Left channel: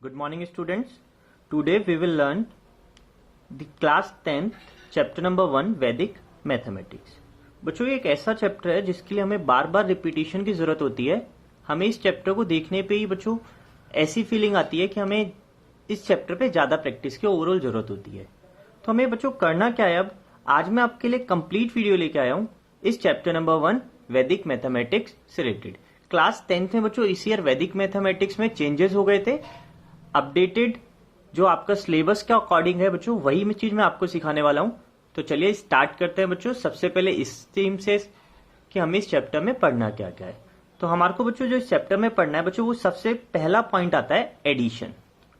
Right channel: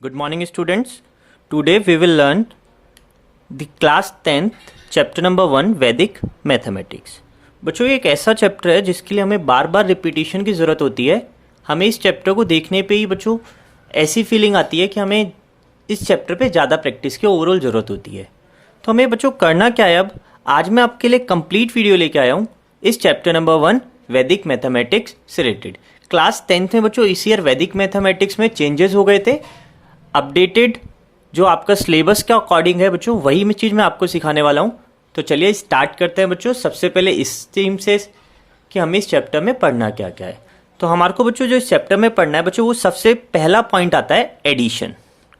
Good morning students. Today we will learn the class 10th chapter number 1 वैदिक mathematics. बच्चों ये एक ऐसा चैप्टर है जिसके लिए हमें बार बार रिपीटिशन की ज़रूरत होती है। हमें इस चैप्टर को देखने पे ही बच्चों ऐसी फीलिंग आती है कि हमें इस चैप्टर पे ज़्यादा प्रैक्टिस की ओवरऑल ज़रूरत होती है। तो हमें बच्चों करना क्या है, अब आज मैं आपके लिए कंप्लीट वीडियो लेके आया हूँ इस चैप्टर नंबर 1 वैदिक मैथमेटिक्स से रिलेटेड। क्लास 10th में बच्चों इस ईयर वैदिक मैथमेटिक्स में चेंजेस हो गए थे। अपडेटेड जो आपका सिलेबस के अकॉर्डिंग है बच्चों वही मैं चीज़ मैं आपको सिखाने वाला हूँ। तो चलिए स्टार्ट करते हैं बच्चों। सबसे पहले इस थीम से कि हमें इस चैप्टर में पढ़ना क्या क्या है। तो हमारे को बच्चों जो इस चैप्टर में पढ़ना है बच्चों, वो सबसे पहला पॉइंट आता है एडिशन।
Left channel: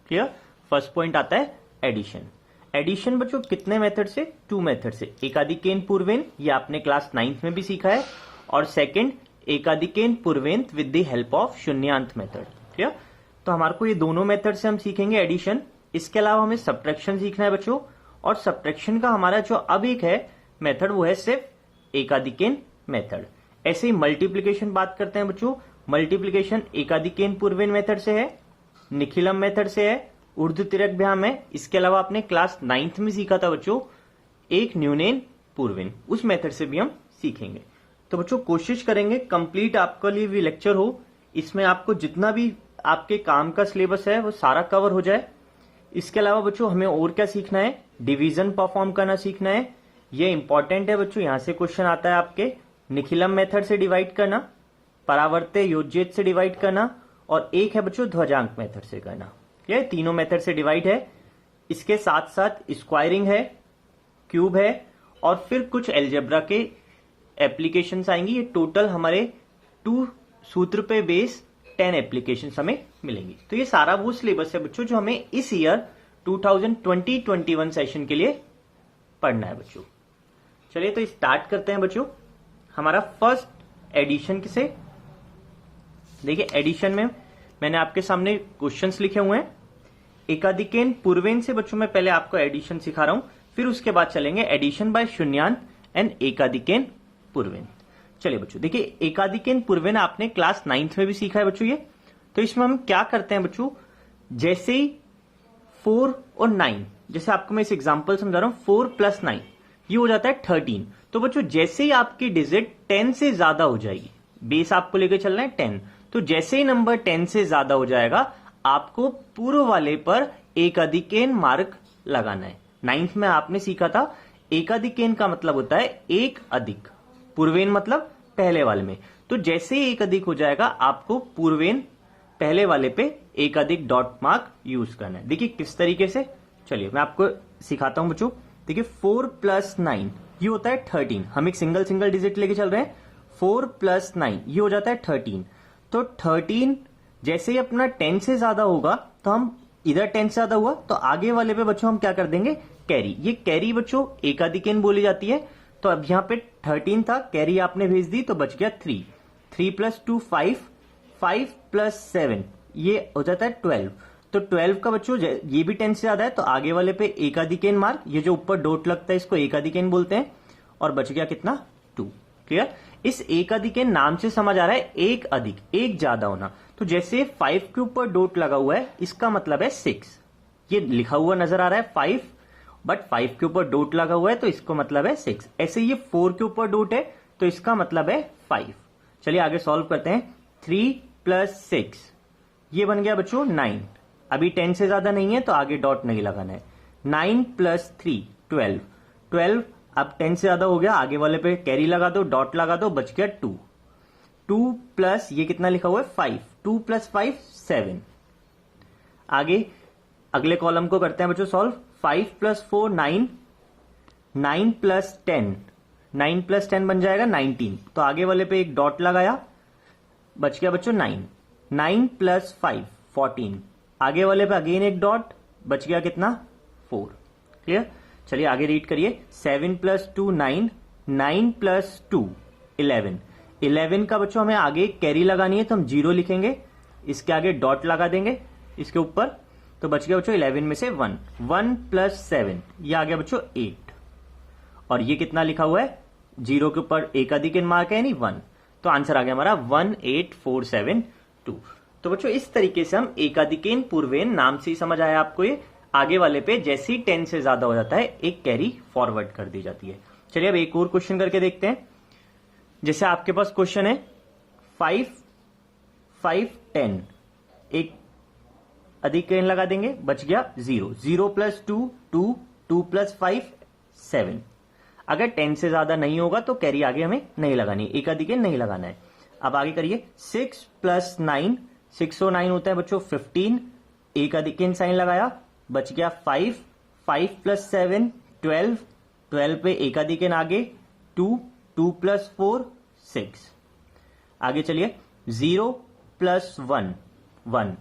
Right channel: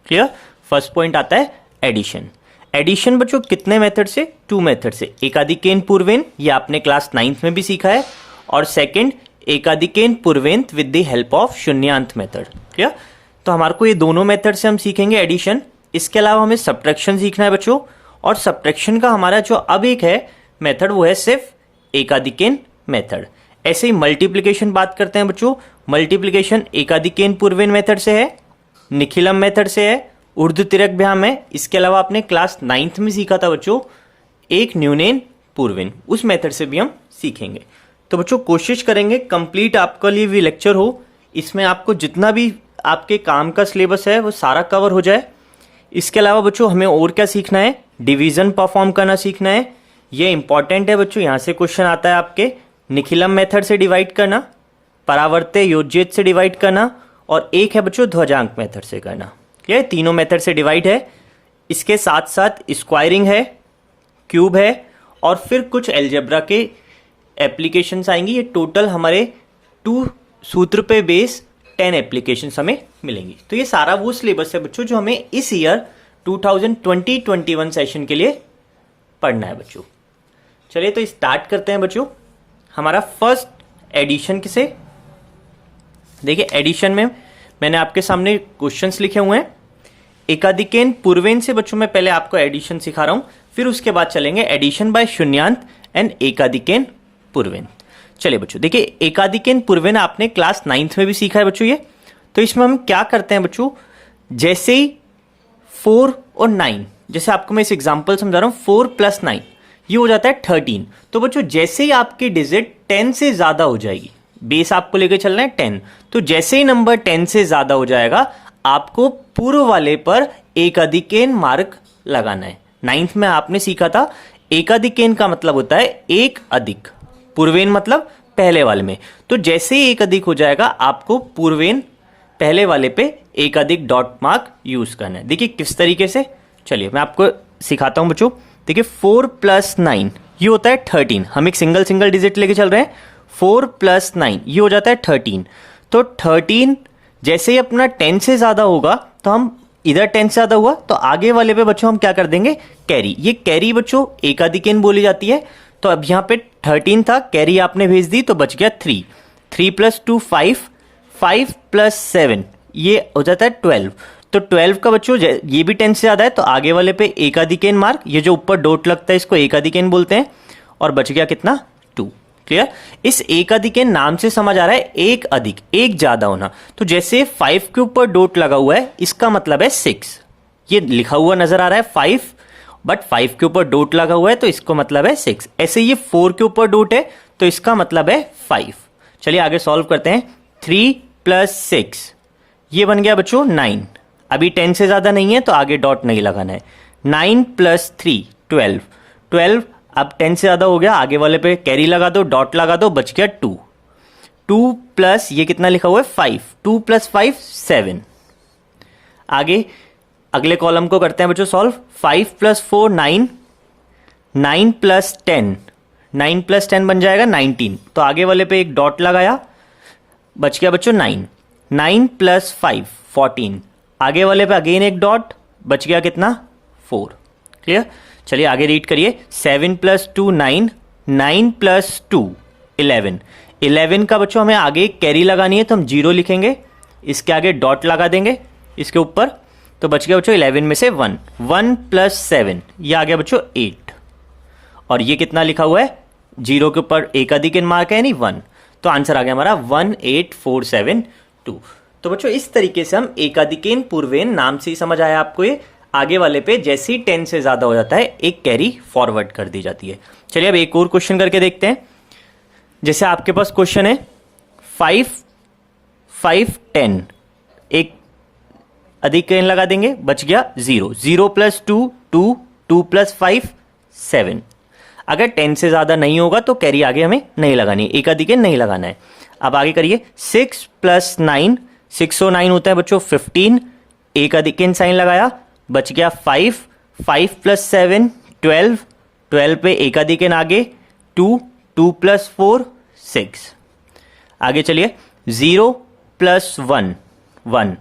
क्लियर? फर्स्ट पॉइंट आता है एडिशन। एडिशन बच्चों कितने मेथड से? 2 मेथड से। एकाधिकेन पूर्वेन, ये आपने क्लास 9th में भी सीखा है, और सेकेंड एकाधिकेन पूर्वेंत विद द हेल्प ऑफ शून्यांत मेथड। क्लियर? तो हमारे को ये दोनों मेथड से हम सीखेंगे एडिशन। इसके अलावा हमें सब्ट्रैक्शन सीखना है बच्चों, और सब्ट्रैक्शन का हमारा जो अब एक है मेथड वो है सिर्फ एकाधिकेन मेथड। ऐसे ही मल्टीप्लिकेशन बात करते हैं बच्चों। मल्टीप्लिकेशन एकाधिकेन पूर्वेन मेथड से है, निखिलम मेथड से है, ऊर्ध्वतिर्यकभ्याम है। इसके अलावा आपने क्लास 9th में सीखा था बच्चों एक न्यूनेन पूर्वेन, उस मेथड से भी हम सीखेंगे। तो बच्चों कोशिश करेंगे कंप्लीट आपके लिए भी लेक्चर हो, इसमें आपको जितना भी आपके काम का सिलेबस है वो सारा कवर हो जाए। इसके अलावा बच्चों हमें और क्या सीखना है? डिवीजन परफॉर्म करना सीखना है। ये इंपॉर्टेंट है बच्चों, यहाँ से क्वेश्चन आता है आपके। निखिलम मेथड से डिवाइड करना, परावर्त्य योज्येत से डिवाइड करना, और एक है बच्चों ध्वजांक मेथड से करना। ये तीनों मेथड से डिवाइड है। इसके साथ साथ स्क्वायरिंग है, क्यूब है, और फिर कुछ एल्जेब्रा के एप्लीकेशंस आएंगी। ये टोटल हमारे 2 सूत्र पे बेस 10 एप्लीकेशंस हमें मिलेंगी। तो ये सारा वो सिलेबस है बच्चों जो हमें इस ईयर 2020-21 सेशन के लिए पढ़ना है बच्चों। चलिए तो स्टार्ट करते हैं बच्चों। हमारा फर्स्ट एडिशन किसे? देखिए एडिशन में मैंने आपके सामने क्वेश्चंस लिखे हुए हैं। एकाधिकेन पूर्वेन से बच्चों मैं पहले आपको एडिशन सिखा रहा हूं, फिर उसके बाद चलेंगे एडिशन बाय शून्यांत एंड एकाधिकेन पूर्वेन। चलिए बच्चों देखिए एकाधिकेन पूर्वेन आपने क्लास 9th में भी सीखा है बच्चों ये। तो इसमें हम क्या करते हैं बच्चों, जैसे ही 4 और 9, जैसे आपको मैं इस एग्जांपल समझा रहा हूं, 4 + 9 ये हो जाता है 13। तो बच्चों जैसे ही आपकी डिजिट 10 से ज्यादा हो जाएगी, बेस आपको लेकर चलना है 10, तो जैसे ही नंबर 10 से ज्यादा हो जाएगा आपको पूर्व वाले पर एकाधिकेन मार्क लगाना है। 9th में आपने सीखा था एकाधिकेन का मतलब होता है एक अधिक, पूर्वेन मतलब पहले वाले में। तो जैसे ही एक अधिक हो जाएगा आपको पूर्वेन पहले वाले पे एक अधिक डॉट मार्क यूज करना है। देखिए किस तरीके से, चलिए मैं आपको सिखाता हूं बच्चों। देखिए 4 + 9 ये होता है 13। हम एक सिंगल डिजिट लेके चल रहे हैं। 4 + 9 ये हो जाता है 13। तो 13 जैसे ही अपना 10 से ज्यादा होगा तो हम इधर 10 से ज्यादा हुआ तो आगे वाले पे बच्चों हम क्या कर देंगे? कैरी। ये कैरी बच्चों एकाधिकेन बोली जाती है। तो अब यहाँ पे 13 था, कैरी आपने भेज दी तो बच गया 3। 3 + 2 5, 5 + 7 ये हो जाता है 12। तो 12 का बच्चों ये भी 10 से ज्यादा है तो आगे वाले पे एकाधिकेन मार्क, ये जो ऊपर डॉट लगता है इसको एकाधिकेन बोलते हैं, और बच गया कितना? 2। क्लियर? इस एकाधिकेन नाम से समझ आ रहा है एक अधिक, एक ज्यादा होना। तो जैसे 5 के ऊपर डॉट लगा हुआ है इसका मतलब है 6। ये लिखा हुआ नजर आ रहा है 5, बट 5 के ऊपर डॉट लगा हुआ है तो इसको मतलब है 6। ऐसे ये 4 के ऊपर डॉट है तो इसका मतलब है 5। चलिए आगे सॉल्व करते हैं। 3 + 6 ये बन गया बच्चों 9। अभी 10 से ज्यादा नहीं है तो आगे डॉट नहीं लगाना है। 9 + 3 12, 12 अब 10 से ज्यादा हो गया, आगे वाले पे कैरी लगा दो, डॉट लगा दो, बच गया 2। 2 प्लस ये कितना लिखा हुआ है 5, 2 + 5 7। आगे अगले कॉलम को करते हैं बच्चों सॉल्व। 5 + 4 9, 9 + 10, 9 + 10 बन जाएगा 19। तो आगे वाले पे एक डॉट लगाया, बच गया बच्चों 9। 9 + 5 14, आगे वाले पे अगेन एक डॉट, बच गया कितना? 4। क्लियर? चलिए आगे रीड करिए। 7 + 2 9, 9 + 2 11। 11 का बच्चों हमें आगे कैरी लगानी है तो हम 0 लिखेंगे, इसके आगे डॉट लगा देंगे इसके ऊपर, तो बच गया बच्चों 11 में से 1। 1 + 7 ये आ गया बच्चों 8। और ये कितना लिखा हुआ है? 0 के ऊपर एकाधिकेन मार्क है यानी 1। तो आंसर आ गया हमारा 18472। तो बच्चों इस तरीके से हम एकाधिकेन पूर्वेन, नाम से ही समझ आया आपको, ये आगे वाले पे जैसे ही 10 से ज्यादा हो जाता है एक कैरी फॉरवर्ड कर दी जाती है। चलिए अब एक और क्वेश्चन करके देखते हैं। जैसे आपके पास क्वेश्चन है 5 5 10, एक अधिकेन लगा देंगे, बच गया 0, 0 + 2 2, 2 + 5 7। अगर 10 से ज्यादा नहीं होगा तो कैरी आगे हमें नहीं लगानी, एक अधिकेन नहीं लगाना है। अब आगे करिए 6 + 9, 6 और 9 होता है बच्चों 15, एक अधिकेन साइन लगाया, बच गया 5, 5 + 7 12, 12 पे एक अधिकेन आगे 2, 2 + 4 6। आगे चलिए 0 + 1 1,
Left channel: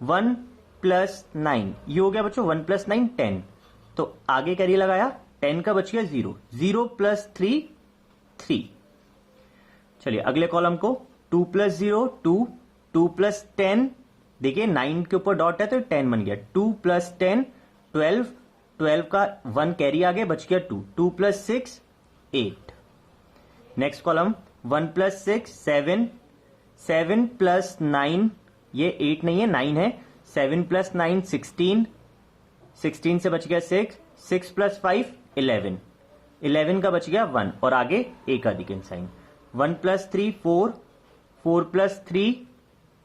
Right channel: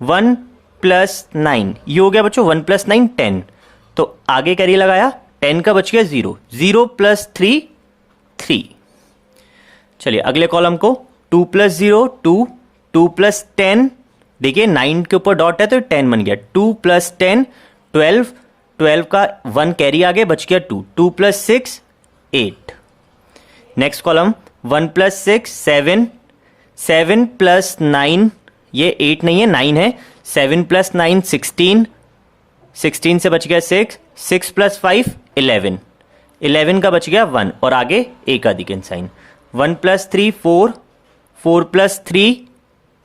1 + 9, ये हो गया बच्चों 1 + 9 10, तो आगे कैरी लगाया, 10 का बच गया 0, 0 + 3 3। चलिए अगले कॉलम को 2 + 0 2, 2 + 10, देखिए 9 के ऊपर डॉट है तो 10 बन गया, 2 + 10 12, 12 का 1 कैरी आगे, बच गया 2, 2 + 6 8। नेक्स्ट कॉलम 1 + 6 7, 7 + 9, ये 8 नहीं है 9 है, 7 + 9 16, 16 से बच गया 6, 6 + 5 11, 11 का बच गया 1 और आगे एक अधिकेन साइन, 1 + 3 4, 4 + 3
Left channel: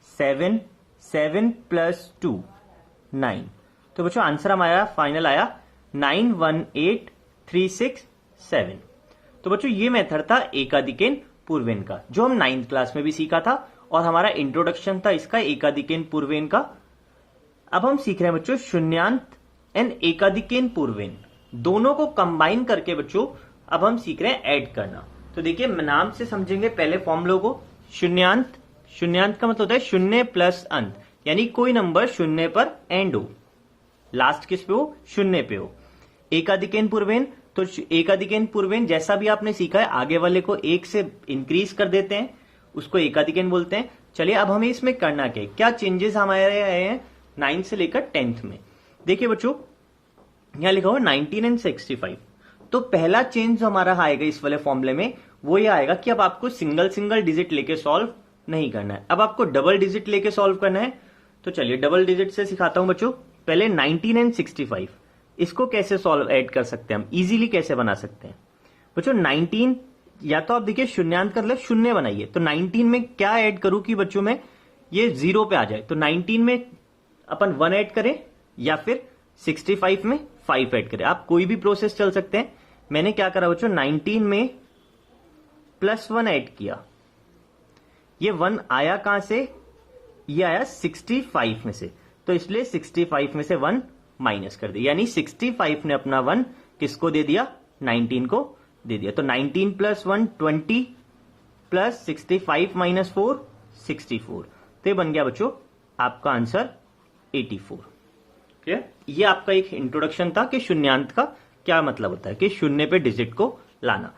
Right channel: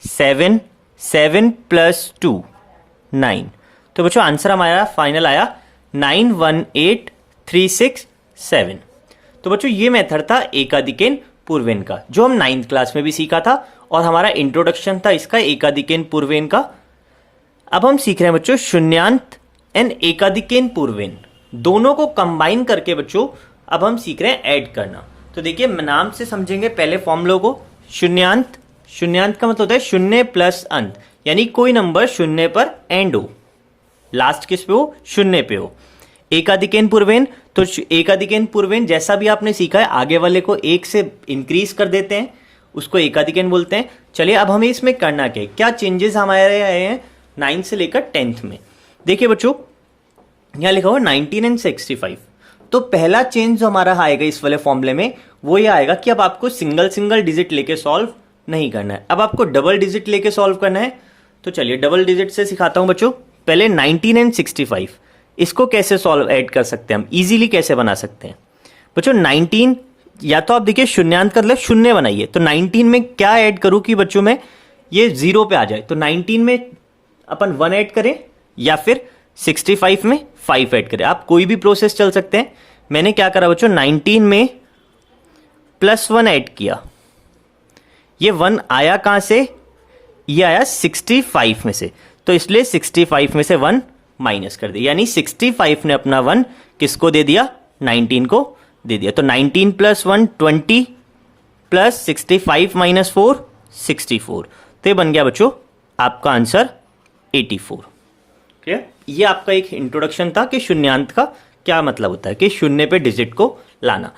7, 7 + 2 9। तो बच्चों आंसर हमारा फाइनल आया 9 1 8 3 6 7। तो बच्चों ये मेथड था एकाधिकेन पूर्वेन का, जो हम 9th क्लास में भी सीखा था और हमारा इंट्रोडक्शन था इसका एकाधिकेन पूर्वेन का। अब हम सीख रहे हैं बच्चों शून्यांत एंड एकाधिकेन पूर्वेन, दोनों को कंबाइन करके बच्चों अब हम सीख रहे हैं ऐड करना। तो देखिए नाम से समझेंगे पहले फॉर्मूला को। शून्यांत, शून्यांत का मतलब होता है शून्य प्लस अंत, यानी कोई नंबर शून्य पर एंड हो, लास्ट किस पे हो, शून्य पे हो। एकाधिकेन पूर्वेन, तो एकाधिकेन पूर्वेन जैसा भी आपने सीखा है आगे वाले को एक से इंक्रीज कर देते हैं, उसको एकाधिकेन बोलते हैं। चलिए अब हमें इसमें करना क्या है, क्या चेंजेस हमारे आए हैं 9 से लेकर 10th में। देखिए बच्चों यहां लिखा हुआ 19 एंड 65, तो पहला चेंज जो हमारा आएगा इस वाले फॉर्मूले में वो ये आएगा कि अब आपको सिंगल सिंगल डिजिट लेके सॉल्व नहीं करना है, अब आपको डबल डिजिट लेके सॉल्व करना है। तो चलिए डबल डिजिट से सिखाता हूं बच्चों। पहले 19 एंड 65, इसको कैसे सॉल्व ऐड कर सकते हैं हम, इजीली कैसे बना सकते हैं बच्चों। 19 या तो आप देखिए शून्यांत का मतलब शून्य बनाइए, तो 19 में क्या ऐड करूं कि बच्चों में ये 0 पे आ जाए, तो 19 में अपन 1 ऐड करें या फिर 65 में 5 ऐड करें, आप कोई भी प्रोसेस चल सकते हैं। मैंने क्या करा बच्चों 19 में +1 ऐड किया, ये 1 आया कहां से, ये आया 65 में से, तो इसलिए 65 में से 1 माइनस कर दिया, यानी 65 ने अपना 1 किसको दे दिया, 19 को दे दिया। तो 19 + 1 20 प्लस 65 - 4 64, तो ये बन गया बच्चों आपका आंसर 84। क्लियर, ये आपका एक इंट्रोडक्शन था कि शून्यांत का क्या मतलब होता है, कि शून्य पे डिजिट को लाना।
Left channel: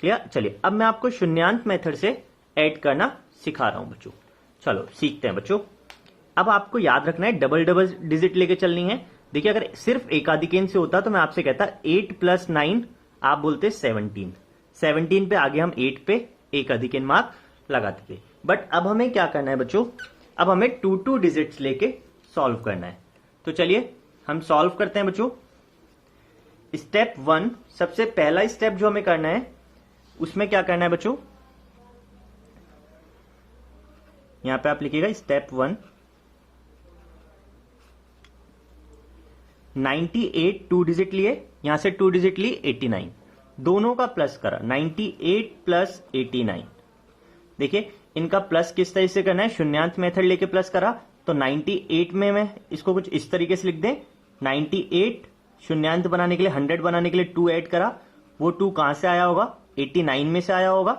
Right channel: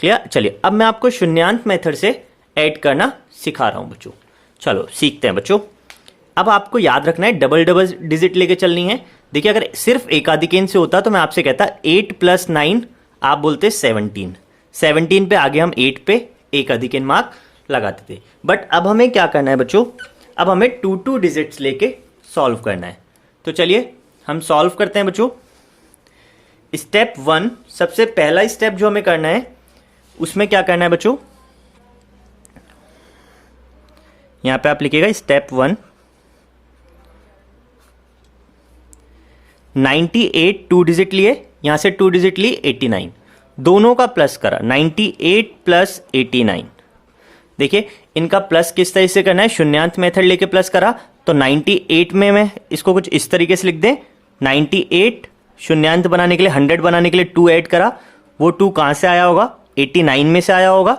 क्लियर, चलिए अब मैं आपको शून्यांत मेथड से ऐड करना सिखा रहा हूं बच्चों। चलो सीखते हैं बच्चों। अब आपको याद रखना है डबल डबल डिजिट लेके चलनी है। देखिए अगर सिर्फ एकाधिकेन से होता तो मैं आपसे कहता 8 + 9 आप बोलते 17, 17 पे आगे हम 8 पे एकाधिकेन मार्क लगाते थे। बट अब हमें क्या करना है बच्चों, अब हमें 2 डिजिट्स लेके सॉल्व करना है। तो चलिए हम सॉल्व करते हैं बच्चों। स्टेप 1, सबसे पहला स्टेप जो हमें करना है उसमें क्या करना है बच्चों, यहां पे आप लिखिएगा स्टेप 1, 98 2 डिजिट लिए, यहां से 2 डिजिट ली 89, दोनों का प्लस करा 98 + 89। देखिए इनका प्लस किस तरह से करना है, शून्यांत मेथड लेके प्लस करा, तो 98 में मैं इसको कुछ इस तरीके से लिख दें, 98 शून्यांत बनाने के लिए 100 बनाने के लिए 2 ऐड करा, वो 2 कहां से आया होगा, 89 में से आया होगा,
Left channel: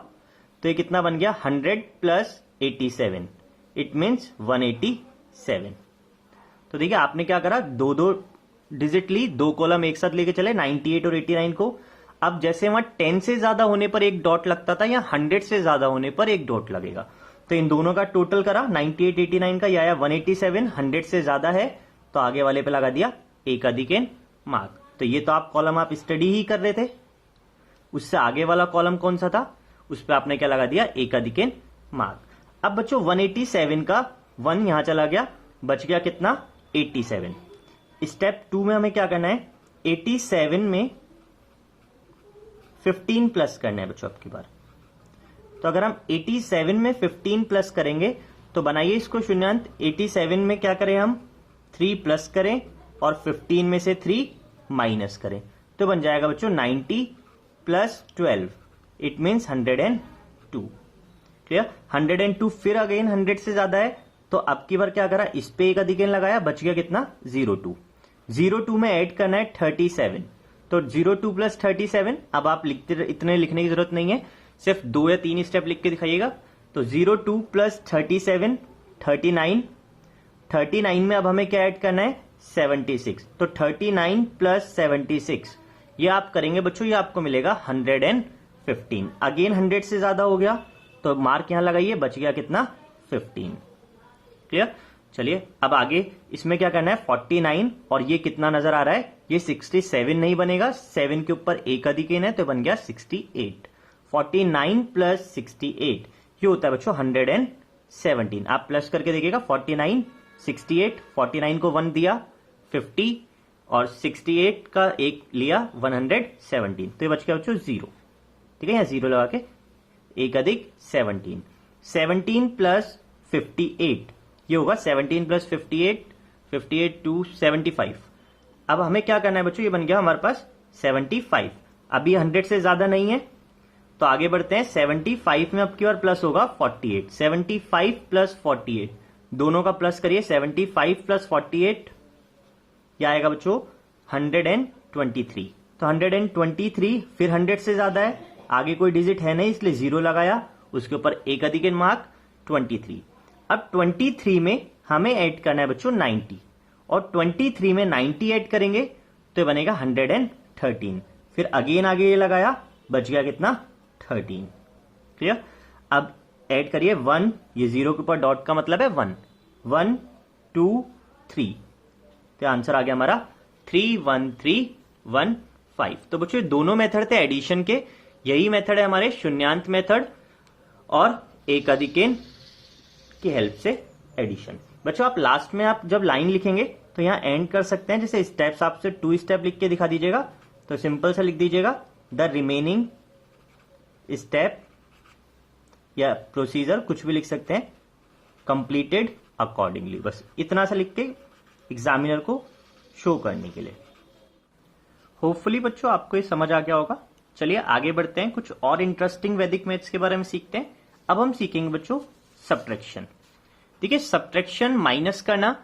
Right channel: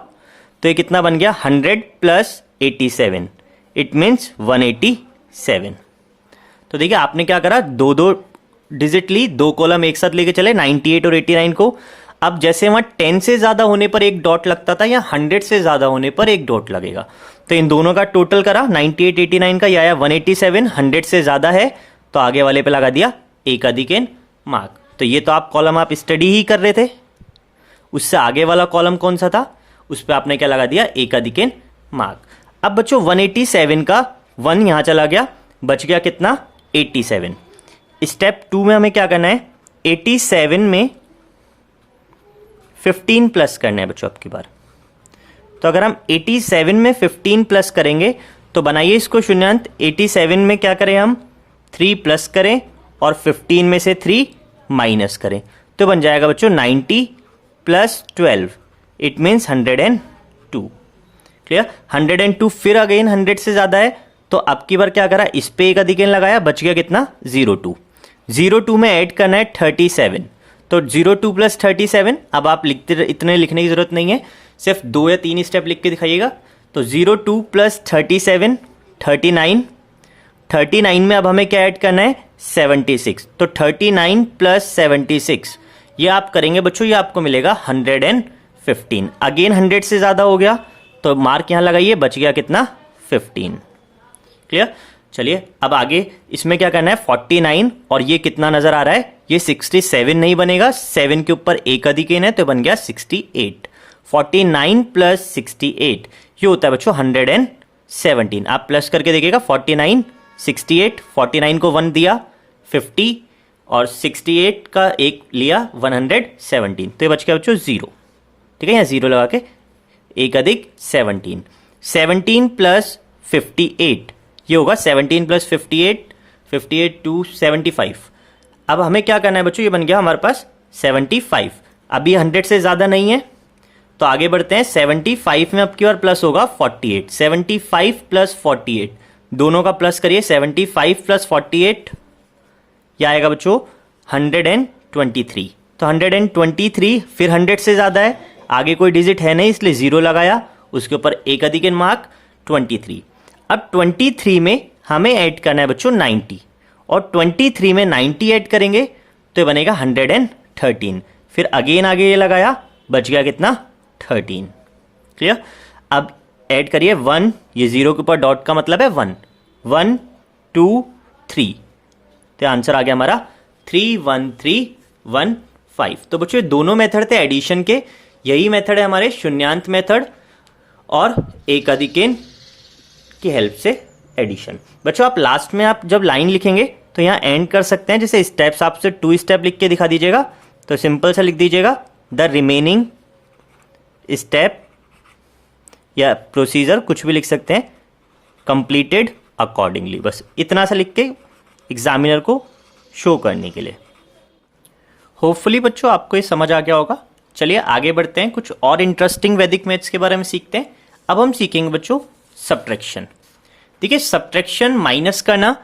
तो ये कितना बन गया 100 + 87, इट मीन्स 187। तो देखिए आपने क्या करा, 2 डिजिट ली, 2 कॉलम एक साथ लेके चले 98 और 89 को। अब जैसे वहां 10 से ज्यादा होने पर एक डॉट लगता था या 100 से ज्यादा होने पर एक डॉट लगेगा, तो इन दोनों का टोटल करा 98 89 का, ये आया 187, 100 से ज्यादा है तो आगे वाले पे लगा दिया एकाधिकेन मार्क। तो ये तो आप कॉलम आप स्टडी ही कर रहे थे, उससे आगे वाला कॉलम कौन सा था, उस पर आपने क्या लगा दिया, एकाधिकेन मार्क। अब बच्चों 187 का 1 यहाँ चला गया, बच गया कितना 87। स्टेप 2 में हमें क्या करना है, 87 में 15 प्लस करना है बच्चों आपकी बार। तो अगर हम 87 में 15 प्लस करेंगे तो बनाइए इसको शून्यांत। 87 में क्या करें हम, 3 प्लस करें और 15 में से 3 माइनस करें, तो बन जाएगा बच्चों 90 प्लस 12, इट मीन्स 102। क्लियर, 102। फिर अगेन 100 से ज़्यादा है तो आपकी बार क्या करा, इस पे एक अधिक n लगाया, बच गया कितना 02। 02 में ऐड करना है 37, तो 02 प्लस 37। अब आप लिखते, इतने लिखने की जरूरत नहीं है, सिर्फ 2 या 3 स्टेप लिख के दिखाइएगा। तो 02 प्लस 37 39, 39 में अब हमें क्या ऐड करना है 76, तो 39 प्लस 76 ये आप करेंगे बच्चों, ये आपको मिलेगा 115। अगेन 100 से ज़्यादा हो गया तो मार्क यहाँ लगाइए, बच गया कितना 15। क्लियर, चलिए अब आगे इसमें क्या करना है 49, और ये कितना नजर आ रहा है, ये 67 नहीं बनेगा, 7 के ऊपर एक अधिक n है तो बन गया 68। 49 प्लस 68 ये होता है बच्चों 117। आप प्लस करके देखिएगा, 49 68, 49 को 1 दिया 50 और 68 का एक लिया 117, तो ये बच गया बच्चों 0। ठीक है, यहाँ 0 लगा के एक अधिक 17, 17 प्लस 58 ये होगा 17 प्लस 58, 58 टू 75। अब हमें क्या करना है बच्चों, ये बन गया हमारे पास 75। अभी 100 से ज़्यादा नहीं है तो आगे बढ़ते हैं। 75 में अब की बार प्लस होगा 48, 75 प्लस 48 दोनों का प्लस करिए, 75 प्लस 48 ये आएगा बच्चों 123। तो 123, फिर 100 से ज़्यादा है, आगे कोई डिजिट है नहीं इसलिए 0 लगाया, उसके ऊपर एक अधिक n मार्क 23। अब 23 में हमें ऐड करना है बच्चों 90, और 23 में 90 ऐड करेंगे तो ये बनेगा 113। फिर अगेन आगे ये लगाया, बच गया कितना 13। क्लियर, अब ऐड करिए 1, ये 0 के ऊपर डॉट का मतलब है 1, 1 2 3, तो आंसर आ गया हमारा 31315। तो बच्चों दोनों मेथड थे एडिशन के, यही मेथड है हमारे शून्यांत मेथड और एक अधिकेन की हेल्प से एडिशन। बच्चों आप लास्ट में आप जब लाइन लिखेंगे तो यहाँ एंड कर सकते हैं, जैसे स्टेप्स आपसे 2 स्टेप लिख के दिखा दीजिएगा, तो सिंपल सा लिख दीजिएगा द रिमेनिंग स्टेप या प्रोसीजर कुछ भी लिख सकते हैं, कंप्लीटेड अकॉर्डिंगली, बस इतना सा लिख के एग्जामिनर को शो करने के लिए। होपफुली बच्चों आपको ये समझ आ गया होगा। चलिए आगे बढ़ते हैं, कुछ और इंटरेस्टिंग वैदिक मैथ्स के बारे में सीखते हैं। अब हम सीखेंगे बच्चों सब्ट्रैक्शन। देखिए सब्ट्रैक्शन माइनस करना,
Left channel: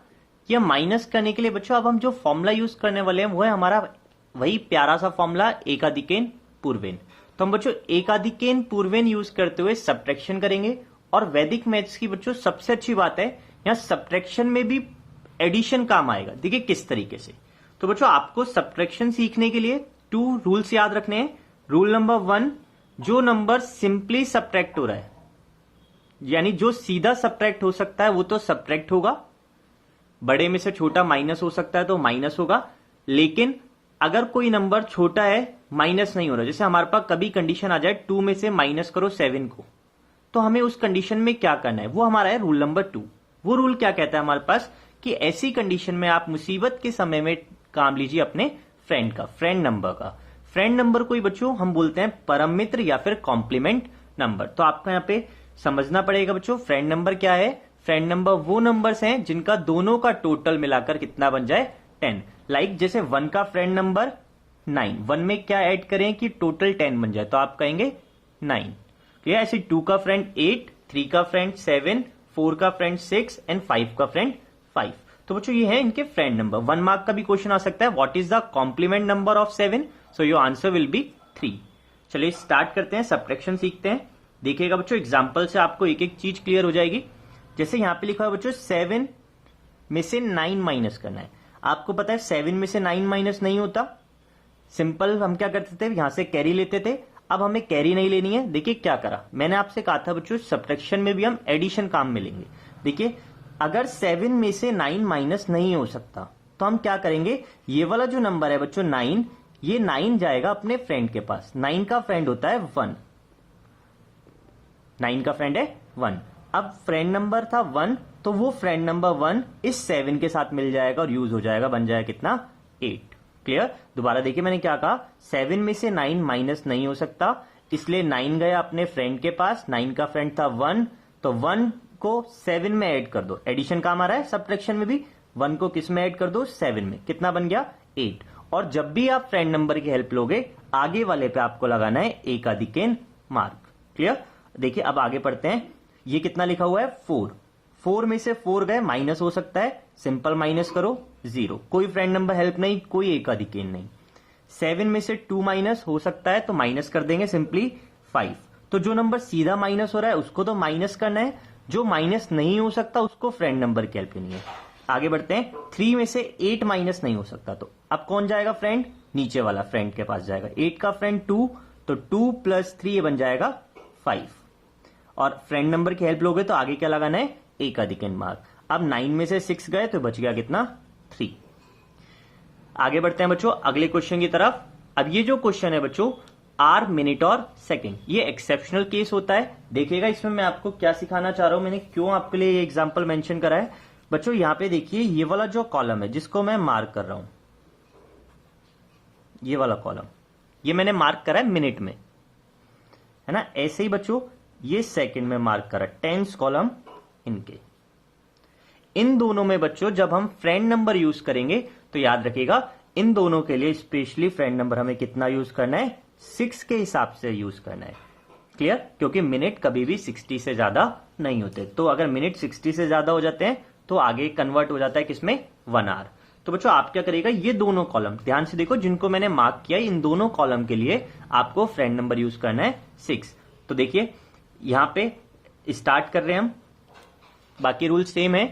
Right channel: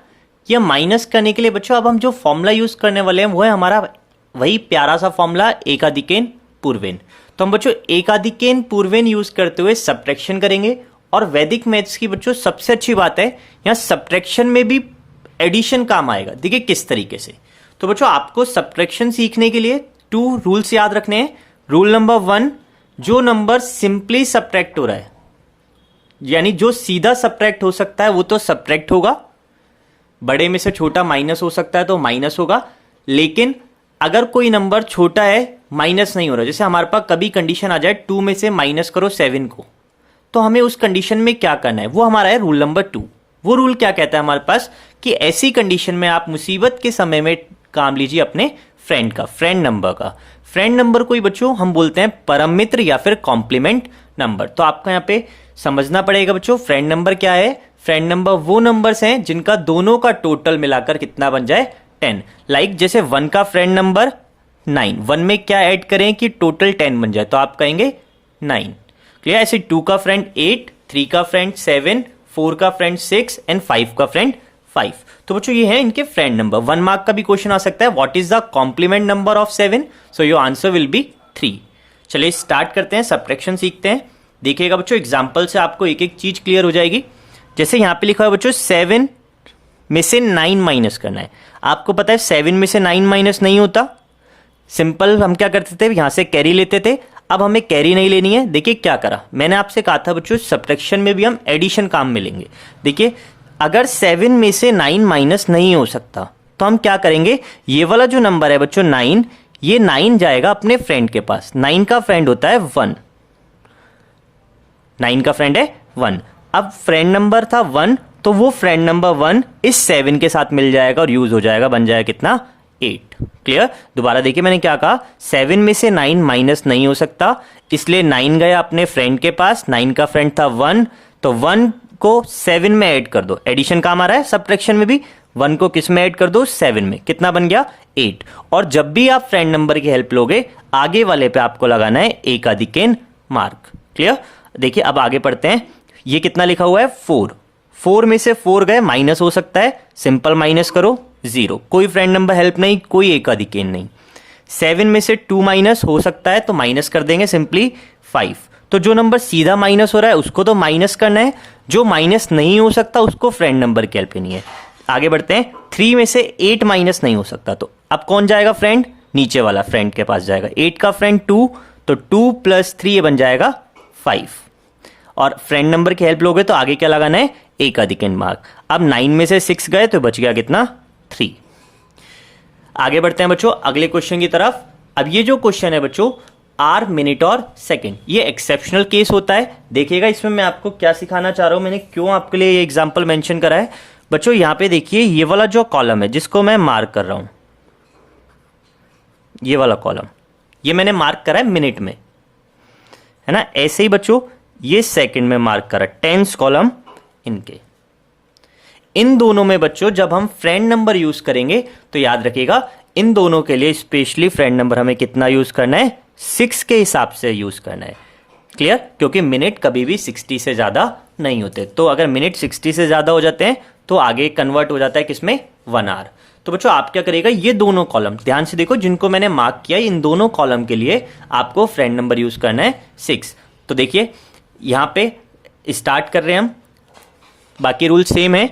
या माइनस करने के लिए बच्चों अब हम जो फॉर्मूला यूज करने वाले हैं वो है हमारा वही प्यारा सा फॉर्मूला एकाधिकेन पूर्वेन। तो हम बच्चों एकाधिकेन पूर्वेन यूज करते हुए सब्ट्रैक्शन करेंगे। और वैदिक मैथ्स की बच्चों सबसे अच्छी बात है यहाँ सब्ट्रैक्शन में भी एडिशन काम आएगा। देखिए किस तरीके से। तो बच्चों आपको सब्ट्रैक्शन सीखने के लिए 2 रूल्स याद रखने हैं। रूल नंबर 1, जो नंबर सिंपली सब्ट्रैक्ट हो रहा है, यानी जो सीधा सब्ट्रैक्ट हो सकता है वो तो सब्ट्रैक्ट होगा, बड़े में से छोटा माइनस हो सकता है तो माइनस होगा। लेकिन अगर कोई नंबर छोटा है माइनस नहीं हो रहा, जैसे हमारे पास कभी कंडीशन आ जाए 2 में से माइनस करो 7 को, तो हमें उस कंडीशन में क्या करना है, वो हमारा है रूल नंबर 2। वो रूल क्या कहता है हमारे पास कि ऐसी कंडीशन में आप मुसीबत के समय में काम लीजिए अपने फ्रेंड का, फ्रेंड नंबर का। फ्रेंड नंबर को ही बच्चों हम बोलते हैं परम मित्र या फिर कॉम्प्लीमेंट नंबर। तो आपको यहाँ पे समझना पड़ेगा बच्चों फ्रेंड नंबर क्या है। फ्रेंड नंबर वो नंबर्स हैं जिनका दोनों का टोटल मिलाकर कितना बन जाए 10। लाइक जैसे 1 का फ्रेंड नंबर 9, 1 में क्या ऐड करें कि टोटल 10 बन जाए, तो आप कहेंगे 9। क्लियर। ऐसे 2 का फ्रेंड 8, 3 का फ्रेंड 7, 4 का फ्रेंड 6 एंड 5 का फ्रेंड 5। तो बच्चों ये है इनके फ्रेंड नंबर। 1 मार्क का भी क्वेश्चन आ सकता है, what is the complement number of 7, so your answer will be 3। चलिए स्टार्ट करते हैं, सब्ट्रैक्शन सीखते हैं। देखिएगा बच्चों एग्जांपल से आपको एक एक चीज क्लियर हो जाएगी। जैसे यहां पे लिखा है बच्चों 7 में से 9 माइनस करना है। आपको पता है 7 में से 9 माइनस नहीं होता। सिंपल हम क्या करते थे, यहां से कैरी लेते थे। अब हमें कैरी नहीं लेनी है। देखिए क्या करा, मैंने आपसे कहा था बच्चों सब्ट्रैक्शन में भी हम एडिशन काम में लेंगे। देखिए अगर 7 में से 9 माइनस नहीं हो सकता तो हम क्या करेंगे, ये वाला जो नंबर है बच्चों 9, ये 9 जाएगा अपने फ्रेंड के पास। 9 का फ्रेंड होता है 1, 9 का फ्रेंड है 1। अब फ्रेंड नंबर था 1, तो वो फ्रेंड नंबर 1 इस 7 के साथ मिल जाएगा और यूज हो जाएगा, बन जाएगा कितना 8। क्लियर? दोबारा देखिए मैंने क्या कहा, 7 में से 9 माइनस नहीं हो सकता, इसलिए 9 गया अपने फ्रेंड के पास, 9 का फ्रेंड था 1, तो 1 को 7 में ऐड कर दो। एडिशन काम आ रहा है सब्ट्रैक्शन में भी, 1 को किस में ऐड कर दो 7 में, कितना बन गया 8। और जब भी आप फ्रेंड नंबर की हेल्प लोगे आगे वाले पे आपको लगाना है एकाधिकेन मार्क। क्लियर? देखिए अब आगे पढ़ते हैं, ये कितना लिखा हुआ है 4, 4 में से 4 गए माइनस हो सकता है, सिंपल माइनस करो 0, कोई फ्रेंड नंबर हेल्प नहीं, कोई एकाधिकेन नहीं। 7 में से 2 माइनस हो सकता है तो माइनस कर देंगे सिंपली 5। तो जो नंबर सीधा माइनस हो रहा है उसको तो माइनस करना है, जो माइनस नहीं हो सकता उसको फ्रेंड नंबर की हेल्प लेनी है। आगे बढ़ते हैं, 3 में से 8 माइनस नहीं हो सकता, तो अब कौन जाएगा फ्रेंड, नीचे वाला फ्रेंड के पास जाएगा। 8 का फ्रेंड 2, तो 2 + 3 ये बन जाएगा 5। और फ्रेंड नंबर की हेल्प लोगे तो आगे क्या लगाना है एकाधिकेन मार्क। अब 9 में से 6 गए तो बच गया कितना 3। आगे बढ़ते हैं बच्चों अगले क्वेश्चन की तरफ। अब ये जो क्वेश्चन है बच्चों आर मिनट और सेकंड, ये एक्सेप्शनल केस होता है। देखिएगा इसमें मैं आपको क्या सिखाना चाह रहा हूं, मैंने क्यों आपके लिए ये एग्जांपल मेंशन करा है। बच्चों यहां पे देखिए ये वाला जो कॉलम है जिसको मैं मार्क कर रहा हूं, ये वाला कॉलम ये मैंने मार्क करा है मिनट में, है ना। ऐसे ही बच्चों ये सेकंड में मार्क करा, टेंस कॉलम इनके। इन दोनों में बच्चों जब हम फ्रेंड नंबर यूज करेंगे तो याद रखिएगा इन दोनों के लिए स्पेशली फ्रेंड नंबर हमें कितना यूज करना है 6 के हिसाब से यूज करना है। क्लियर? क्योंकि मिनट कभी भी 60 से ज्यादा नहीं होते, तो अगर मिनट 60 से ज्यादा हो जाते हैं तो आगे कन्वर्ट हो जाता है किसमें 1 आवर। तो बच्चों आप क्या करिएगा, ये दोनों कॉलम ध्यान से देखो जिनको मैंने मार्क किया, इन दोनों कॉलम के लिए आपको फ्रेंड नंबर यूज करना है 6। तो देखिए यहां पे स्टार्ट कर रहे हैं हम, बाकी रूल सेम है।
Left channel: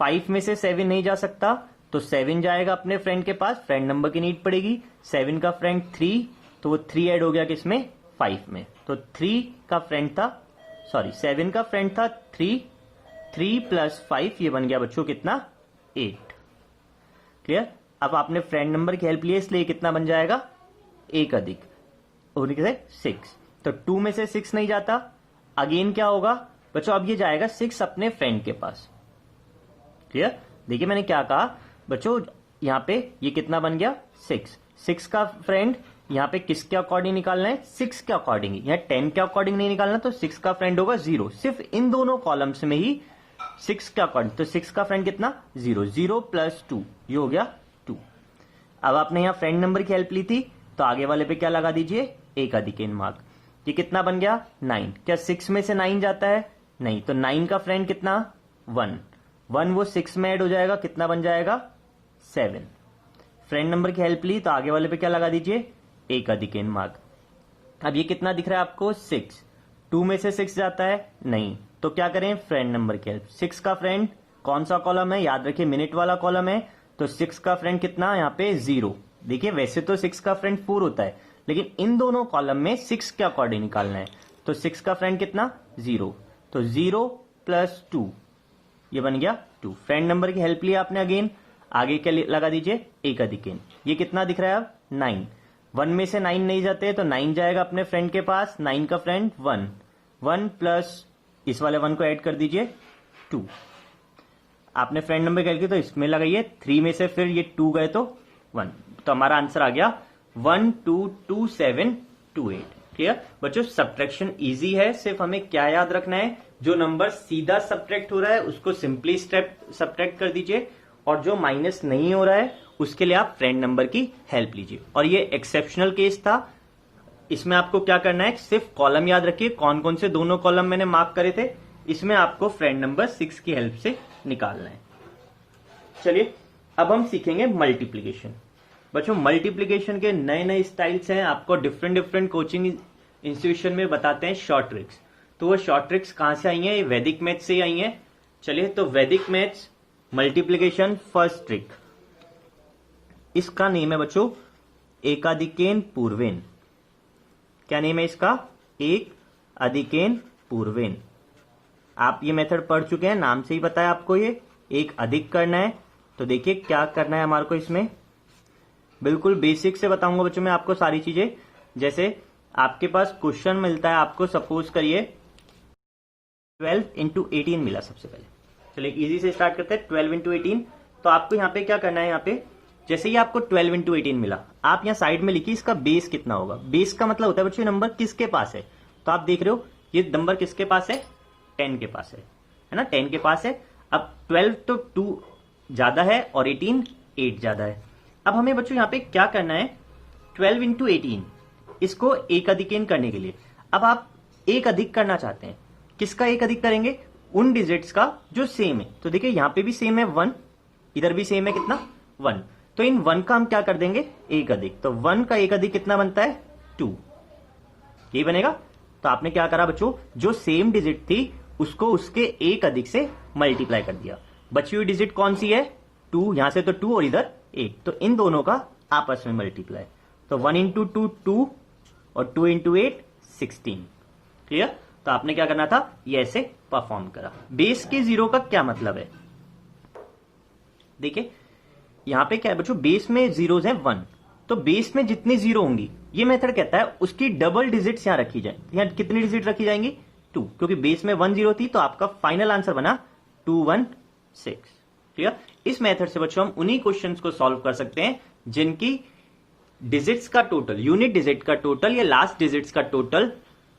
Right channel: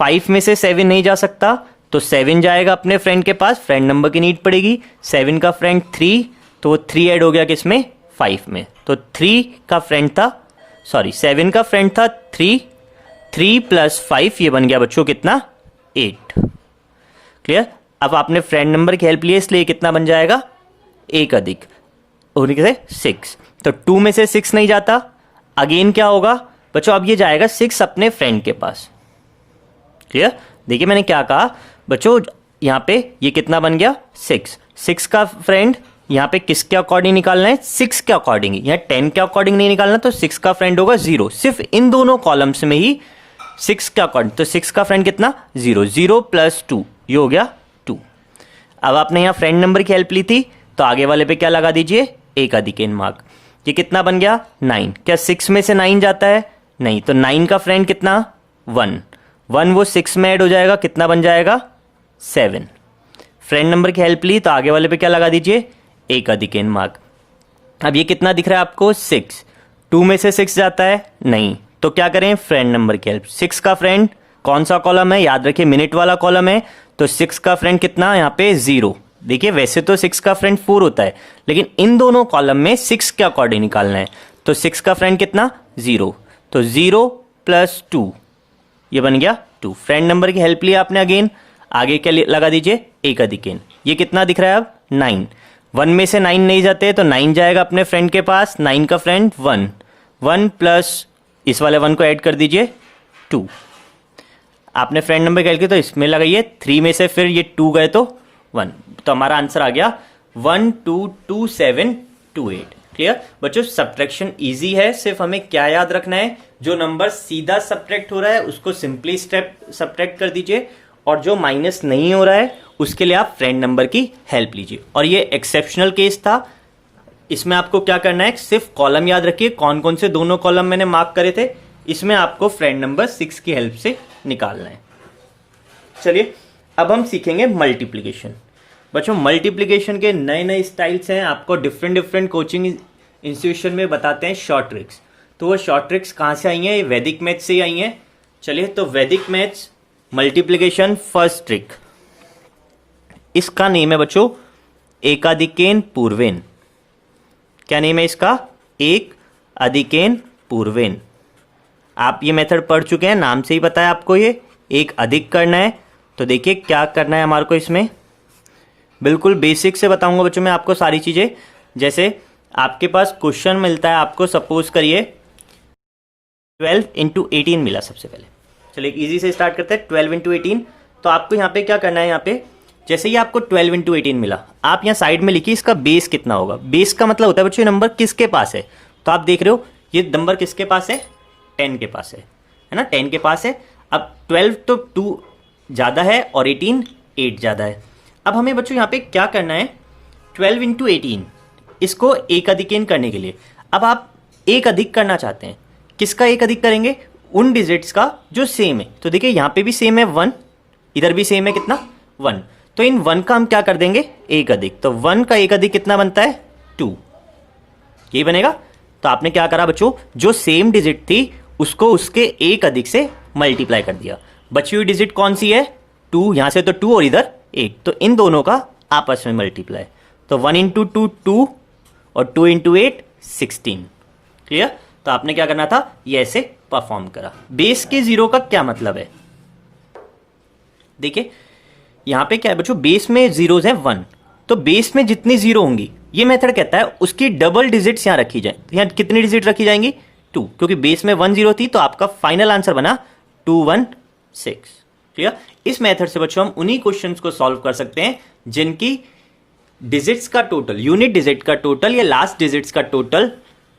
5 में से 7 नहीं जा सकता तो 7 जाएगा अपने फ्रेंड के पास, फ्रेंड नंबर की नीड पड़ेगी। 7 का फ्रेंड 3, तो वो 3 ऐड हो गया किसमें 5 में, तो 3 का फ्रेंड था, सॉरी 7 का फ्रेंड था 3, 3 + 5 ये बन गया बच्चों कितना 8। क्लियर? अब आपने फ्रेंड नंबर की हेल्प ली इसलिए कितना बन जाएगा एक अधिक होने से 6, तो 2 में से 6 नहीं जाता, अगेन क्या होगा बच्चों अब ये जाएगा 6 अपने फ्रेंड के पास। क्लियर? देखिए मैंने क्या कहा बच्चों, यहां पे ये कितना बन गया 6, 6 का फ्रेंड यहां पे किसके अकॉर्डिंग निकालना है 6 के अकॉर्डिंग, यहां 10 के अकॉर्डिंग नहीं निकालना, तो 6 का फ्रेंड होगा 0, सिर्फ इन दोनों कॉलम्स में ही 6 के अकॉर्डिंग, तो 6 का फ्रेंड कितना 0, 0 + 2 ये हो गया 2। अब आपने यहां फ्रेंड नंबर की हेल्प ली थी तो आगे वाले पे क्या लगा दीजिए एकाधिकेन मार्क। ये कितना बन गया 9, क्या 6 में से 9 जाता है नहीं, तो 9 का फ्रेंड कितना 1, 1 वो 6 में ऐड हो जाएगा, कितना बन जाएगा 7। फ्रेंड नंबर की हेल्प ली तो आगे वाले पे क्या लगा दीजिए एकाधिकेन मार्क। अब ये कितना दिख रहा है आपको 6, 2 में से 6 जाता है नहीं, तो क्या करें फ्रेंड नंबर की हेल्प। 6 का फ्रेंड कौन सा कॉलम है, याद रखिए मिनट वाला कॉलम है, तो 6 का फ्रेंड कितना यहाँ पे 0। देखिए वैसे तो 6 का फ्रेंड 4 होता है, लेकिन इन दोनों कॉलम में 6 के अकॉर्डिंग निकालना है, तो 6 का फ्रेंड कितना 0, तो 0 + 2 ये बन गया 2। फ्रेंड नंबर की हेल्प लिया आपने, अगेन आगे क्या लगा दीजिए एकाधिकेन। ये कितना दिख रहा है अब 9, 1 में से 9 नहीं जाते तो 9 जाएगा अपने फ्रेंड के पास, 9 का फ्रेंड 1, 1 + इस वाले 1 को ऐड कर दीजिए 2। आपने फ्रेंड नंबर कैलकुलेट तो इसमें लगाइए, 3 में से फिर ये 2 गए तो 1, तो हमारा आंसर आ गया 1 2 2 7 2 8। क्लियर बच्चों? सब्ट्रैक्शन इजी है, सिर्फ हमें क्या याद रखना है, जो नंबर सीधा सब्ट्रैक्ट हो रहा है उसको सिंपली स्टेप सब्ट्रैक्ट कर दीजिए, और जो माइनस नहीं हो रहा है उसके लिए आप फ्रेंड नंबर की हेल्प लीजिए। और ये एक्सेप्शनल केस था, इसमें आपको क्या करना है सिर्फ कॉलम याद रखिए, कौन कौन से दोनों कॉलम मैंने मार्क करे थे, इसमें आपको फ्रेंड नंबर 6 की हेल्प से निकालना है। चलिए अब हम सीखेंगे मल्टीप्लीकेशन। बच्चों मल्टीप्लीकेशन के नए नए स्टाइल्स हैं, आपको डिफरेंट डिफरेंट कोचिंग इंस्टीट्यूशन में बताते हैं शॉर्ट ट्रिक्स। तो वो शॉर्ट ट्रिक्स कहाँ से आई हैं, ये वैदिक मैथ्स से आई हैं। चलिए तो वैदिक मैथ्स मल्टीप्लीकेशन फर्स्ट ट्रिक, इसका नेम है बच्चों एकाधिकेन पूर्वेन। क्या नेम है इसका, एक अधिकेन पूर्वेन। आप ये मेथड पढ़ चुके हैं, नाम से ही पता है आपको, ये एक अधिक करना है। तो देखिए क्या करना है हमारे को, इसमें बिल्कुल बेसिक से बताऊंगा बच्चों मैं आपको सारी चीजें। जैसे आपके पास क्वेश्चन मिलता है आपको, सपोज करिए 12 × 18 मिला सबसे पहले, चलिए इजी से स्टार्ट करते हैं। 12 इंटू 18, तो आपको यहाँ पे क्या करना है, यहाँ पे जैसे ही आपको 12 इंटू 18 मिला, आप यहाँ साइड में लिखिए इसका बेस कितना होगा। बेस का मतलब होता है बच्चों ये नंबर किसके पास है, तो आप देख रहे हो ये नंबर किसके पास है, 10 के पास है ना, 10 के पास है। अब 12 तो 2 ज़्यादा है और 18 8 ज़्यादा है। अब हमें बच्चों यहाँ पे क्या करना है, 12 इंटू 18 इसको एक अधिकेन करने के लिए, अब आप एक अधिक करना चाहते हैं, किसका एक अधिक करेंगे, उन डिजिट्स का जो सेम है। तो देखिए यहाँ पे भी सेम है 1, इधर भी सेम है कितना 1, तो इन 1 का हम क्या कर देंगे एक अधिक, तो 1 का एक अधिक कितना बनता है 2, ये बनेगा। तो आपने क्या करा बच्चों, जो सेम डिजिट थी उसको उसके एक अधिक से मल्टीप्लाई कर दिया। बची हुई डिजिट कौन सी है 2, यहां से तो 2 और इधर 8, तो इन दोनों का आपस में मल्टीप्लाई, तो 1 इंटू 2 2 और 2 इंटू 8 16। क्लियर। तो आपने क्या करना था, ये ऐसे परफॉर्म करा। बेस के 0 का क्या मतलब है, देखिए यहां पे क्या है बच्चों, बेस में जीरोज है 1, तो बेस में जितनी जीरो होंगी ये मेथड कहता है उसकी डबल डिजिट्स यहां रखी जाए। तो यहां कितनी डिजिट रखी जाएंगी 2, क्योंकि बेस में 1 0 थी, तो आपका फाइनल आंसर बना 216। क्लियर। इस मेथड से बच्चों हम उन्हीं क्वेश्चंस को सॉल्व कर सकते हैं जिनकी डिजिट्स का टोटल, यूनिट डिजिट का टोटल या लास्ट डिजिट्स का टोटल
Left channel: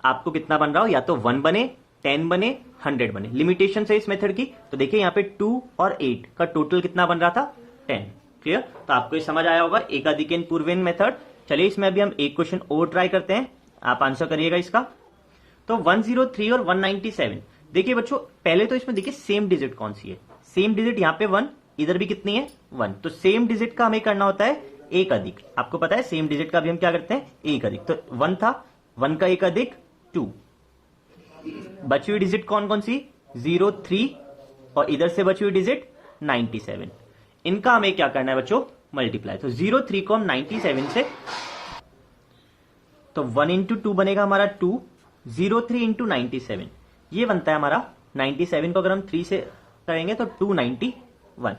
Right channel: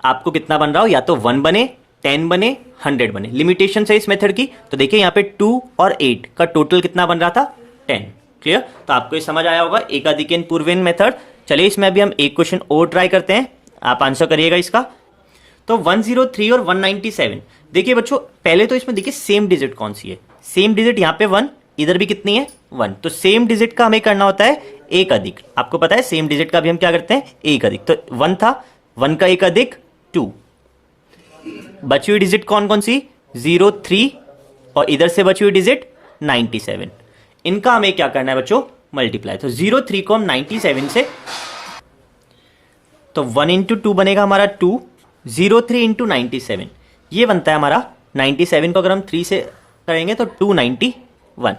आपको कितना बन रहा हो, या तो 1 बने, 10 बने, 100 बने। लिमिटेशन है इस मेथड की, तो देखिए यहाँ पे 2 और 8 का टोटल कितना बन रहा था 10। क्लियर। तो आपको ये समझ आया होगा एकाधिकेन पूर्वेन मेथड। चलिए इसमें अभी हम एक क्वेश्चन और ट्राई करते हैं, आप आंसर करिएगा इसका। तो 103 और 197, देखिए बच्चों पहले तो इसमें देखिए सेम डिजिट कौन सी है, सेम डिजिट यहाँ पे 1, इधर भी कितनी है 1, तो सेम डिजिट का हमें करना होता है एक अधिक। आपको पता है सेम डिजिट का भी हम क्या करते हैं एक अधिक, तो 1 था, 1 का एक अधिक 2। बची हुई डिजिट कौन कौन सी 0 3 और इधर से बची हुई डिजिट 97, इनका हमें क्या करना है बच्चों मल्टीप्लाई। तो 0 3 को हम 97 से, तो 1 इंटू 2 बनेगा हमारा 2, 0 3 इंटू 97 ये बनता है हमारा 97 को अगर हम 3 से करेंगे तो 291।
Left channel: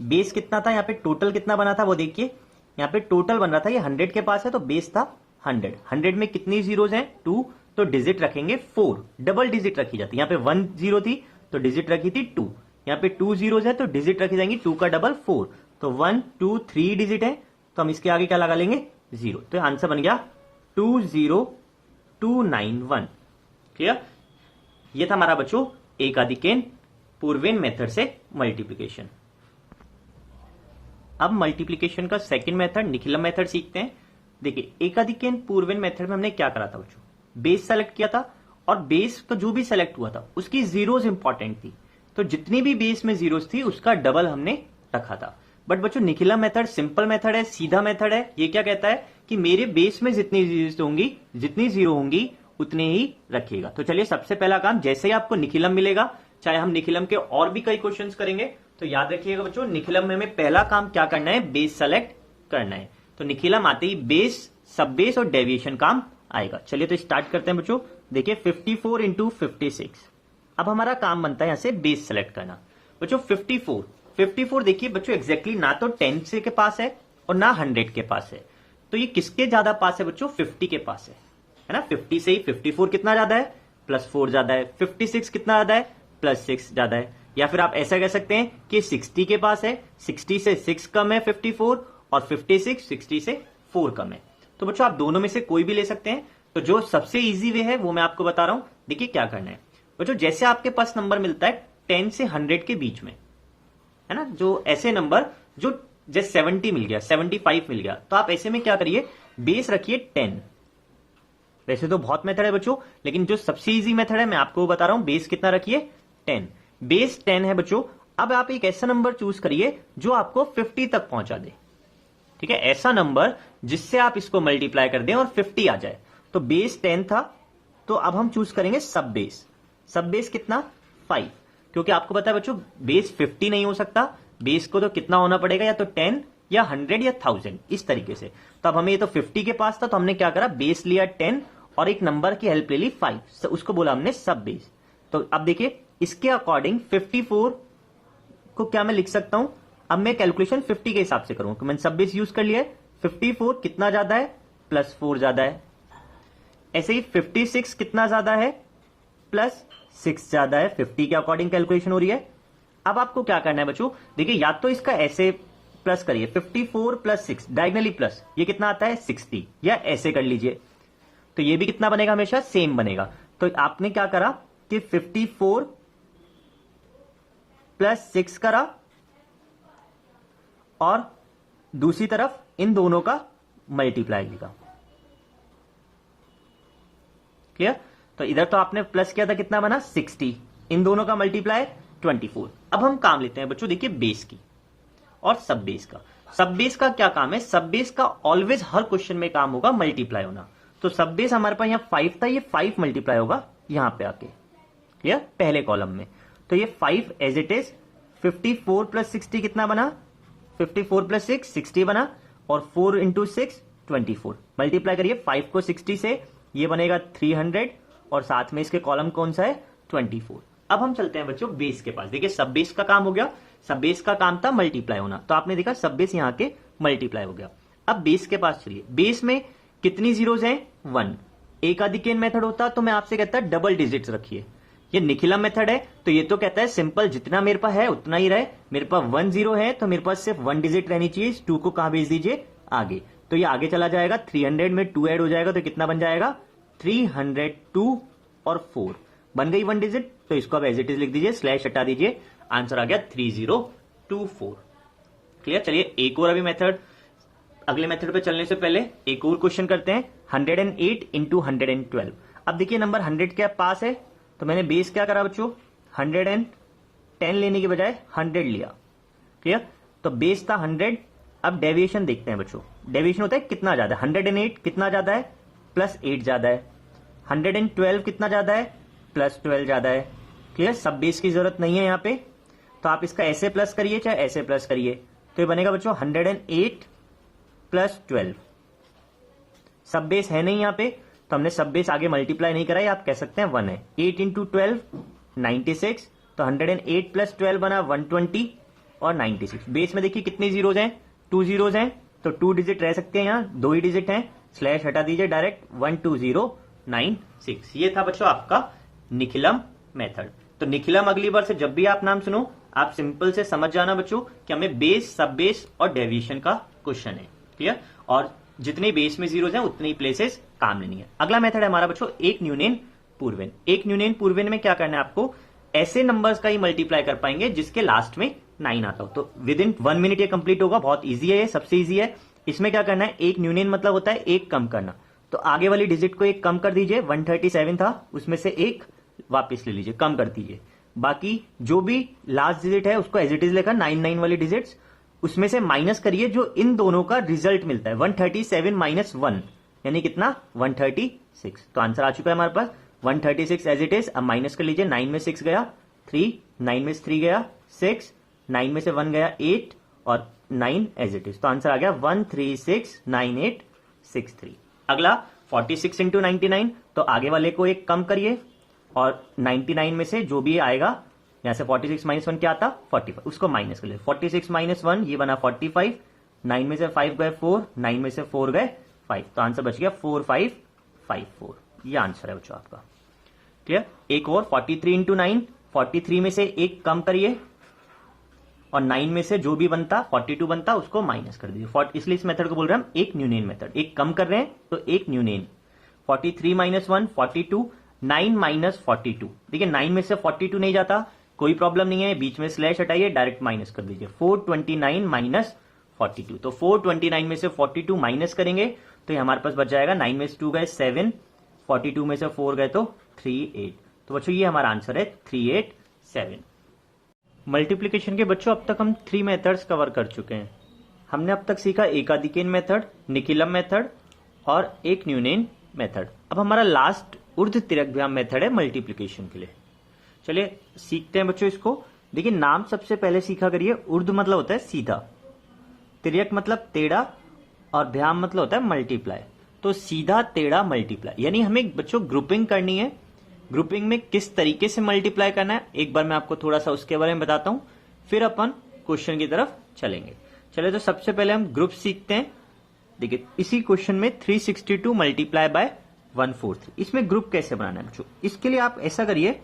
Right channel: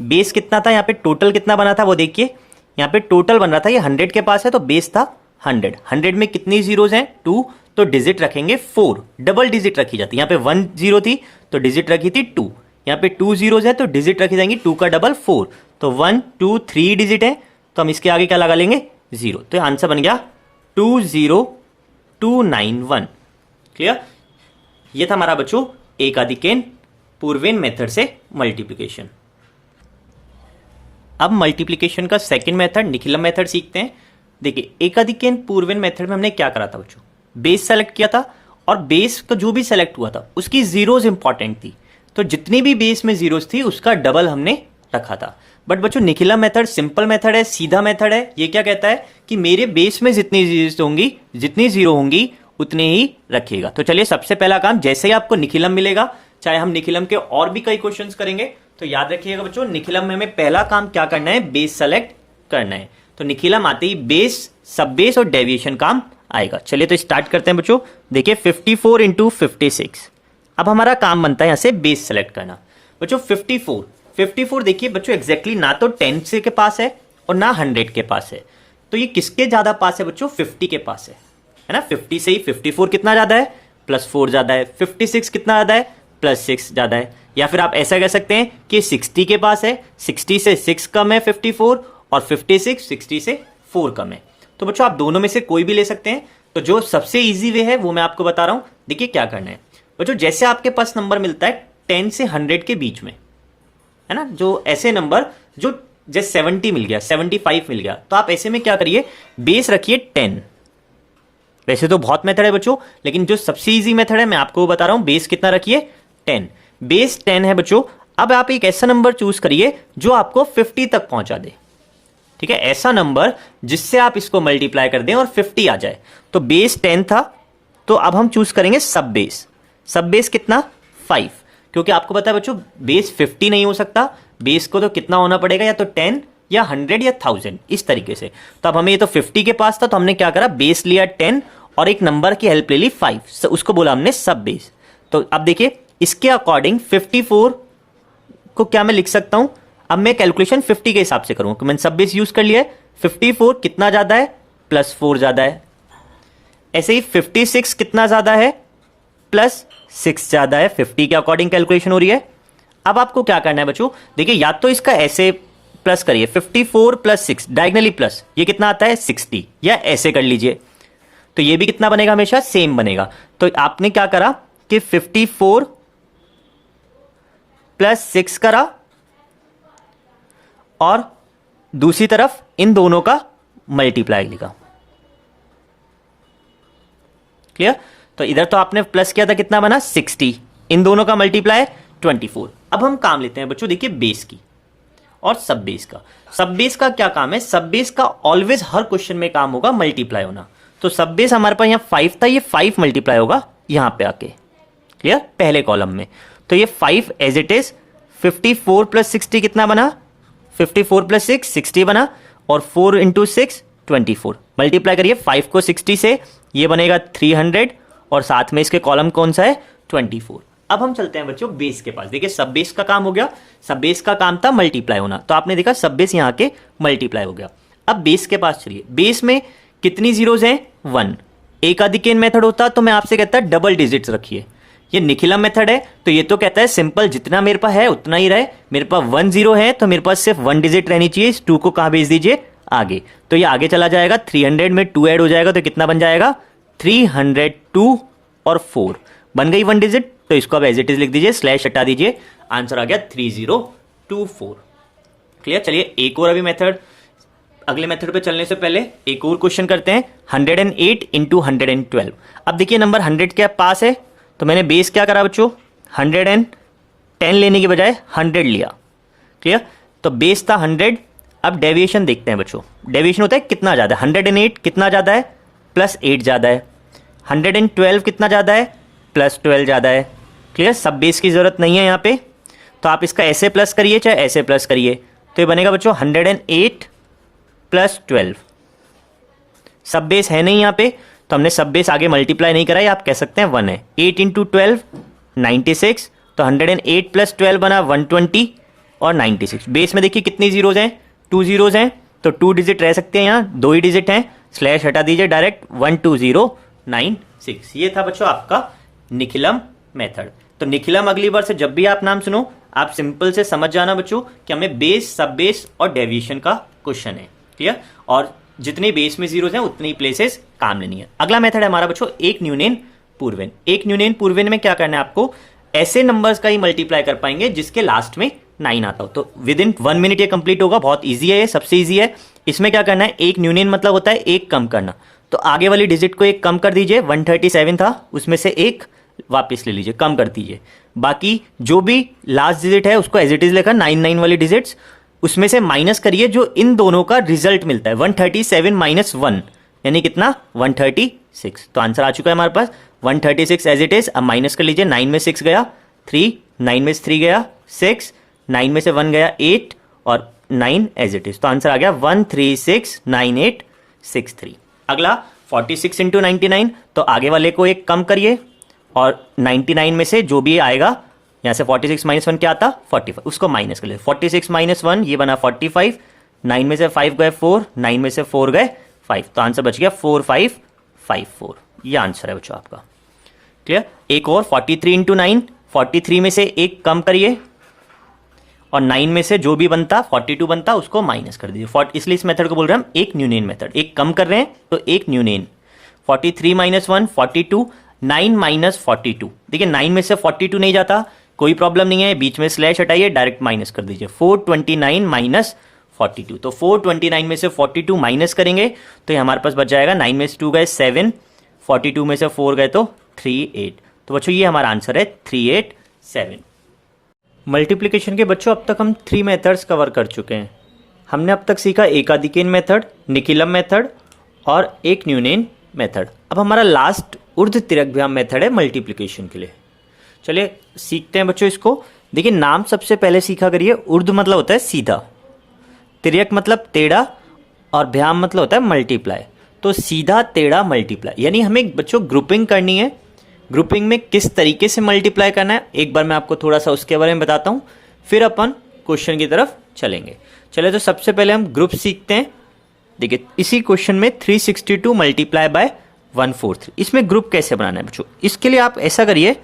बेस कितना था यहाँ पे, टोटल कितना बना था वो देखिए, यहाँ पे टोटल बन रहा था ये 100 के पास है, तो बेस था 100। 100 में कितनी जीरोज हैं 2, तो डिजिट रखेंगे 4, डबल डिजिट रखी जाती है। यहाँ पे 1 0 थी तो डिजिट रखी थी 2, यहाँ पे 2 जीरोज है तो डिजिट रखी जाएंगी 2 का डबल 4, तो 1 2 3 डिजिट है, तो हम इसके आगे क्या लगा लेंगे 0, तो आंसर बन गया 20291। क्लियर। ये था हमारा बच्चों एकाधिकेन पूर्वेन मेथड से मल्टीप्लिकेशन। अब मल्टीप्लिकेशन का सेकंड मेथड निखिलम मेथड सीखते हैं। देखिए एकाधिकेन पूर्वेन मेथड में हमने क्या करा था बच्चों, बेस सेलेक्ट किया था और बेस का जो भी सेलेक्ट हुआ था उसकी जीरोज इंपॉर्टेंट थी, तो जितनी भी बेस में जीरोज थी उसका डबल हमने रखा था। बट बच्चों निखिलम मेथड सिंपल मेथड है, सीधा मेथड है। ये क्या कहता है कि मेरे बेस में जितनी जीरोज होंगी, जितनी जीरो होंगी उतने ही रखिएगा। तो चलिए सबसे पहला काम, जैसे ही आपको निखिलम मिलेगा, चाहे हम निखिलम के और भी कई क्वेश्चंस करेंगे, तो याद रखिएगा बच्चों निखिलम में हमें पहला काम क्या करना है, बेस सेलेक्ट करना है। तो निखिलम आते ही बेस, सब बेस और डेविएशन काम आएगा। चलिए तो स्टार्ट करते हैं बच्चों। देखिए 54 इंटू 56, अब हमारा काम बनता है यहां से बेस सेलेक्ट करना। बच्चों 54 देखिए बच्चों एग्जैक्टली ना तो 10 से के पास है और ना 100 के पास है, तो ये किसके ज्यादा पास है बच्चों, 50 के पास है ना। 50 से ही 54 कितना ज्यादा है, +4 ज्यादा है। 56 कितना ज्यादा है, +6 ज्यादा है। या फिर आप ऐसा कह सकते हैं कि 60 के पास है, 60 से 6 कम है 54, और 56 60 से 4 कम है। तो बच्चों आप दोनों में से कोई भी ले सकते हैं। तो जो सबसे इजी वे है वो मैं आपको बता रहा हूं। देखिए क्या करना है बच्चों, जैसे आपके पास नंबर मिलता है 10 से 100 के बीच में, है ना, जो ऐसे नंबर जो जैसे 70 मिल गया, 75 मिल गया, तो आप ऐसे में क्या करिए, बेस रखिए 10। वैसे तो बहुत मेथड है बच्चों, लेकिन जो सबसे इजी मेथड है मैं आपको बता रहा हूं, बेस कितना रखिए 10। बेस 10 है बच्चों। अब आप एक ऐसा नंबर चूज करिए जो आपको 50 तक पहुंचा दे। ठीक है, ऐसा नंबर जिससे आप इसको मल्टीप्लाई कर दें और 50 आ जाए। तो बेस 10 था, तो अब हम चूज करेंगे सब बेस। सब बेस कितना 5, क्योंकि आपको पता है बच्चों बेस 50 नहीं हो सकता, बेस को तो कितना होना पड़ेगा, या तो 10 या 100 या 1000 इस तरीके से। तो अब हमें ये तो 50 के पास था, तो हमने क्या करा, बेस लिया 10 और एक नंबर की हेल्प ले ली 5, उसको बोला हमने सब बेस। तो अब देखिए इसके अकॉर्डिंग 54 को क्या मैं लिख सकता हूं, अब मैं कैलकुलेशन 50 के हिसाब से करूंगा, मैंने सब बेस यूज कर लिया है। 54 कितना ज्यादा है, +4 ज्यादा है। ऐसे ही 56 कितना ज्यादा है, प्लस 6 ज़्यादा है, 50 के अकॉर्डिंग कैलकुलेशन हो रही है। अब आपको क्या करना है बच्चों, देखिए या तो इसका ऐसे प्लस करिए 54 प्लस 6 डायगनली प्लस, ये कितना आता है 60, या ऐसे कर लीजिए तो ये भी कितना बनेगा, हमेशा सेम बनेगा। तो आपने क्या करा कि 54 प्लस 6 करा और दूसरी तरफ इन दोनों का मल्टीप्लाई लिखा। क्लियर? तो इधर तो आपने प्लस किया था, कितना बना 60, इन दोनों का मल्टीप्लाई 24। अब हम काम लेते हैं बच्चों, देखिए बेस की और सब बेस का। सब बेस का क्या काम है, सब बेस का ऑलवेज हर क्वेश्चन में काम होगा मल्टीप्लाई होना। तो सब बेस हमारे पास यहां 5 था, ये 5 मल्टीप्लाई होगा यहां पे आके। क्लियर? पहले कॉलम में तो ये 5 एज इट इज। 54 प्लस 60 कितना बना, 54 प्लस 6 60 बना, और 4 इंटू 6 24। मल्टीप्लाई करिए 5 को 60 से, ये बनेगा 300, और साथ में इसके कॉलम कौन सा है 24। अब हम चलते हैं बच्चों बेस के पास। देखिए सब बेस का काम हो गया, सब बेस का काम था मल्टीप्लाई होना, तो आपने देखा सब बेस यहाँ के मल्टीप्लाई हो गया। अब बेस के पास चलिए, बेस में कितनी जीरोज हैं 1। एकाधिकेन मेथड होता तो मैं आपसे कहता डबल डिजिट्स रखिए, ये निखिलम मेथड है तो ये तो कहता है सिंपल जितना मेरे पास है उतना ही रहे। मेरे पास 1 0 है तो मेरे पास सिर्फ 1 डिजिट रहनी चाहिए, इस 2 को कहां भेज दीजिए आगे, तो ये आगे चला जाएगा। 300 में 2 ऐड हो जाएगा तो कितना बन जाएगा 302, और 4 बन गई 1 डिजिट, तो इसको अब एज इट इज लिख दीजिए, स्लैश हटा दीजिए, आंसर आ गया 3024। क्लियर? चलिए एक और अभी मेथड, अगले मेथड पे चलने से पहले एक और क्वेश्चन करते हैं। 108 इंटू 112। अब देखिए नंबर 100 के पास है तो मैंने बेस क्या करा बच्चों, 110 लेने की बजाय 100 लिया। क्लियर? तो बेस था 100। अब डेविएशन देखते हैं बच्चों, डेविएशन होता है कितना ज़्यादा है, 108 कितना ज़्यादा है प्लस 8 ज़्यादा है, 112 कितना ज़्यादा है प्लस 12 ज़्यादा है। क्लियर? सब बेस की ज़रूरत नहीं है यहाँ पे, तो आप इसका ऐसे प्लस करिए चाहे ऐसे प्लस करिए, तो ये बनेगा बच्चों 108 प्लस 12। सब बेस है नहीं यहाँ पे तो हमने सब बेस आगे मल्टीप्लाई नहीं करा है, आप कह सकते हैं 1 है। 8 इंटू 12 96, तो 108 प्लस 12 बना 120 और 96। बेस में देखिए कितनी जीरोज हैं, 2 जीरोज हैं, तो 2 डिजिट रह सकते हैं, यहाँ 2 ही डिजिट हैं, स्लैश हटा दीजिए डायरेक्ट 12096। ये था बच्चों आपका निखिलम मेथड। तो निखिलम अगली बार से जब भी आप नाम सुनो आप सिंपल से समझ जाना बच्चों कि हमें बेस, सब बेस और डेविएशन का क्वेश्चन है। क्लियर? और जितनी बेस में जीरोज हैं उतनी प्लेसेस काम लेनी है। अगला मेथड है हमारा बच्चों एक न्यूनेन पूर्वेन। एक न्यूनेन पूर्वेन में क्या करना है आपको, ऐसे नंबर्स का ही मल्टीप्लाई कर पाएंगे जिसके लास्ट में 9 आता हो। तो विद इन 1 मिनट ये कंप्लीट होगा, बहुत ईजी है, ये सबसे ईजी है। इसमें क्या करना है, एक न्यूनेन मतलब होता है एक कम करना, तो आगे वाली डिजिट को एक कम कर दीजिए। 137 था उसमें से एक वापस ले लीजिए, कम कर दीजिए, बाकी जो भी लास्ट डिजिट है उसको एज इट इज लेकर 99 वाली डिजिट्स उसमें से माइनस करिए जो इन दोनों का रिजल्ट मिलता है। 137 माइनस 1 यानी कितना 136। तो आंसर आ चुका है हमारे पास 136 एज इट इज। अब माइनस कर लीजिए, 9 में 6 गया 3, 9 में से 3 गया 6, 9 में से 1 गया 8 और 9 एज इट इज। तो आंसर आ गया 1369863। अगला 46 इंटू 99, तो आगे वाले को एक कम करिए और 99 में से जो भी आएगा, यहाँ से 46 माइनस 1 क्या आता 45, उसको माइनस कर ले। 46 माइनस 1 ये बना 45, 9 में से 5 गए 4, 9 में से 4 गए 5, तो आंसर बच गया 4554। ये आंसर है बच्चों आपका। क्लियर? एक और 43 इंटू 9, 43 में से एक कम करिए और 9 में से जो भी बनता 42 बनता उसको माइनस कर दीजिए। इसलिए इस मेथड को बोल रहे हैं हम एक न्यूनेन मेथड, एक कम कर रहे हैं तो एक न्यूनेन। 43 माइनस 1 42, 9 माइनस 42, देखिए 9 में से 42 नहीं जाता, कोई प्रॉब्लम नहीं है, बीच में स्लैश हटाइए डायरेक्ट माइनस कर दीजिए। 429 माइनस 42, तो 429 में से 42 माइनस करेंगे तो ये हमारे पास बच जाएगा 9 में से 2 गए 7, 42 में से 4 गए तो 38। तो बच्चों ये हमारा आंसर है 387। मल्टीप्लिकेशन के बच्चों अब तक हम 3 मेथड्स कवर कर चुके हैं। हमने अब तक सीखा एकाधिकेन मेथड, निखिलम मेथड और एक न्यूनेन मेथड। अब हमारा लास्ट ऊर्ध्व तिर्यकभ्याम मेथड है मल्टीप्लिकेशन के लिए। चलिए सीखते हैं बच्चों इसको। देखिए नाम सबसे पहले सीखा करिए। ऊर्ध्व मतलब होता है सीधा, तिर्यक मतलब टेढ़ा और भ्याम मतलब होता है मल्टीप्लाई। तो सीधा टेढ़ा मल्टीप्लाई, यानी हमें बच्चों ग्रुपिंग करनी है। ग्रुपिंग में किस तरीके से मल्टीप्लाई करना है एक बार मैं आपको थोड़ा सा उसके बारे में बताता हूँ, फिर अपन क्वेश्चन की तरफ चलेंगे। चलिए तो सबसे पहले हम ग्रुप सीखते हैं। देखिए इसी क्वेश्चन में 362 मल्टीप्लाई बाय 143। इसमें ग्रुप कैसे बनाना है बच्चों, इसके लिए आप ऐसा करिए,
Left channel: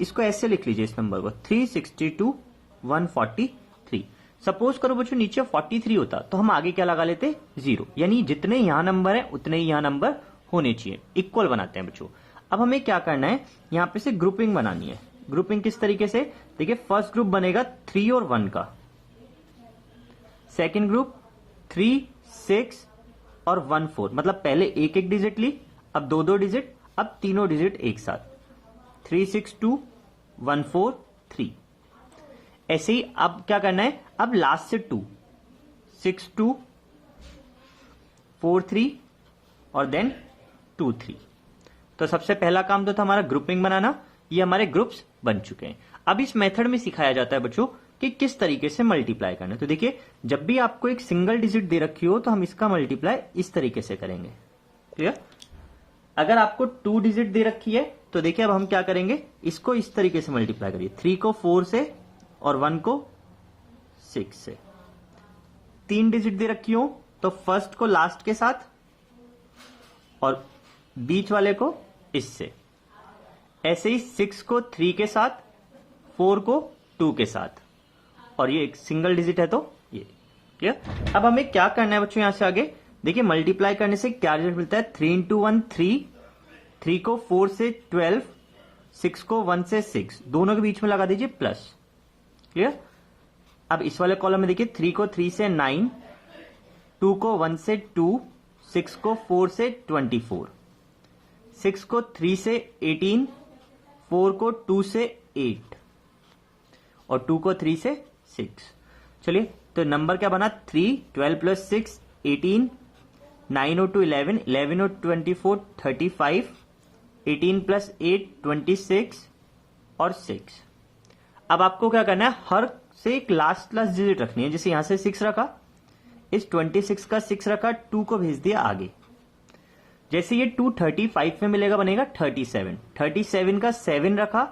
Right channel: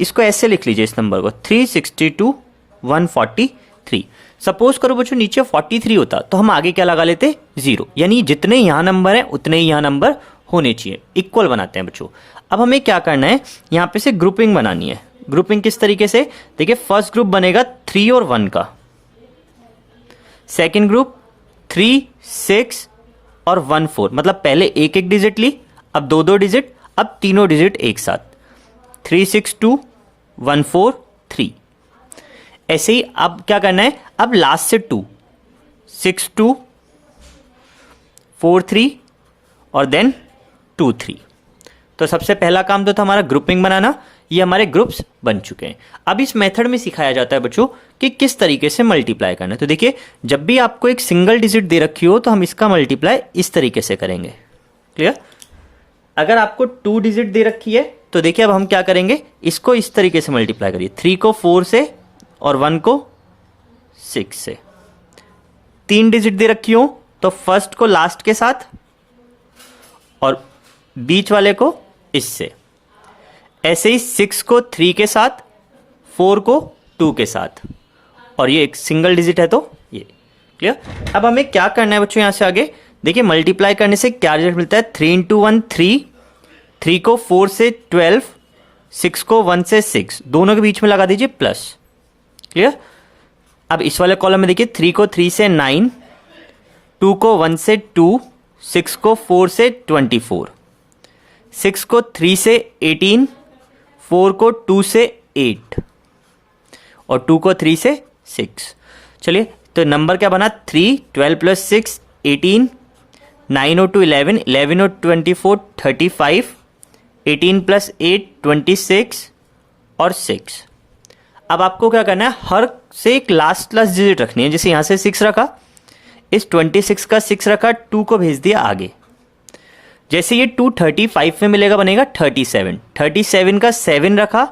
इसको ऐसे लिख लीजिए इस नंबर को 362 143। सपोज करो बच्चों नीचे 43 होता तो हम आगे क्या लगा लेते 0, यानी जितने यहाँ नंबर हैं उतने ही यहाँ नंबर होने चाहिए, इक्वल बनाते हैं बच्चों। अब हमें क्या करना है, यहाँ पे से ग्रुपिंग बनानी है। ग्रुपिंग किस तरीके से, देखिए फर्स्ट ग्रुप बनेगा 3 और 1 का, सेकेंड ग्रुप 3 6 और 1 4, मतलब पहले एक एक डिजिट ली, अब दो दो डिजिट, अब तीनों डिजिट एक साथ 3 6 2 1 4 3। ऐसे ही अब क्या करना है, अब लास्ट से 2 6 2 4 3 और देन 2 3। तो सबसे पहला काम तो था हमारा ग्रुपिंग बनाना, ये हमारे ग्रुप्स बन चुके हैं। अब इस मेथड में सिखाया जाता है बच्चों कि किस तरीके से मल्टीप्लाई करना है। तो देखिए जब भी आपको एक सिंगल डिजिट दे रखी हो तो हम इसका मल्टीप्लाई इस तरीके से करेंगे, क्लियर। अगर आपको 2 डिजिट दे रखी है तो देखिए अब हम क्या करेंगे, इसको इस तरीके से मल्टीप्लाई करिए, 3 को 4 से और 1 को 6 से। 3 डिजिट दे रखी हो तो फर्स्ट को लास्ट के साथ और बीच वाले को इससे। ऐसे ही 6 को 3 के साथ, 4 को 2 के साथ, और ये एक सिंगल डिजिट है तो ये, क्लियर। अब हमें क्या करना है बच्चों, यहां से आगे देखिए मल्टीप्लाई करने से क्या रिजल्ट मिलता है, 3 इंटू 1 3, 3 को 4 से 12, 6 को 1 से 6, दोनों के बीच में लगा दीजिए प्लस, क्लियर। अब इस वाले कॉलम में देखिए 3 को 3 से 9, 2 को 1 से 2, 6 को 4 से 24, 6 को 3 से 18, 4 को 2 से 8 और 2 को 3 से 6। चलिए तो नंबर क्या बना, 3 12 प्लस 6 18, 9 और 2 11, 11 और 24 35, 18 प्लस 8 26 और 6। अब आपको क्या करना है, हर से एक लास्ट डिजिट रखनी है। जैसे यहाँ से 6 रखा, इस 26 का 6 रखा, 2 को भेज दिया आगे। जैसे ये 2 35 में मिलेगा बनेगा 37, 37 का 7 रखा,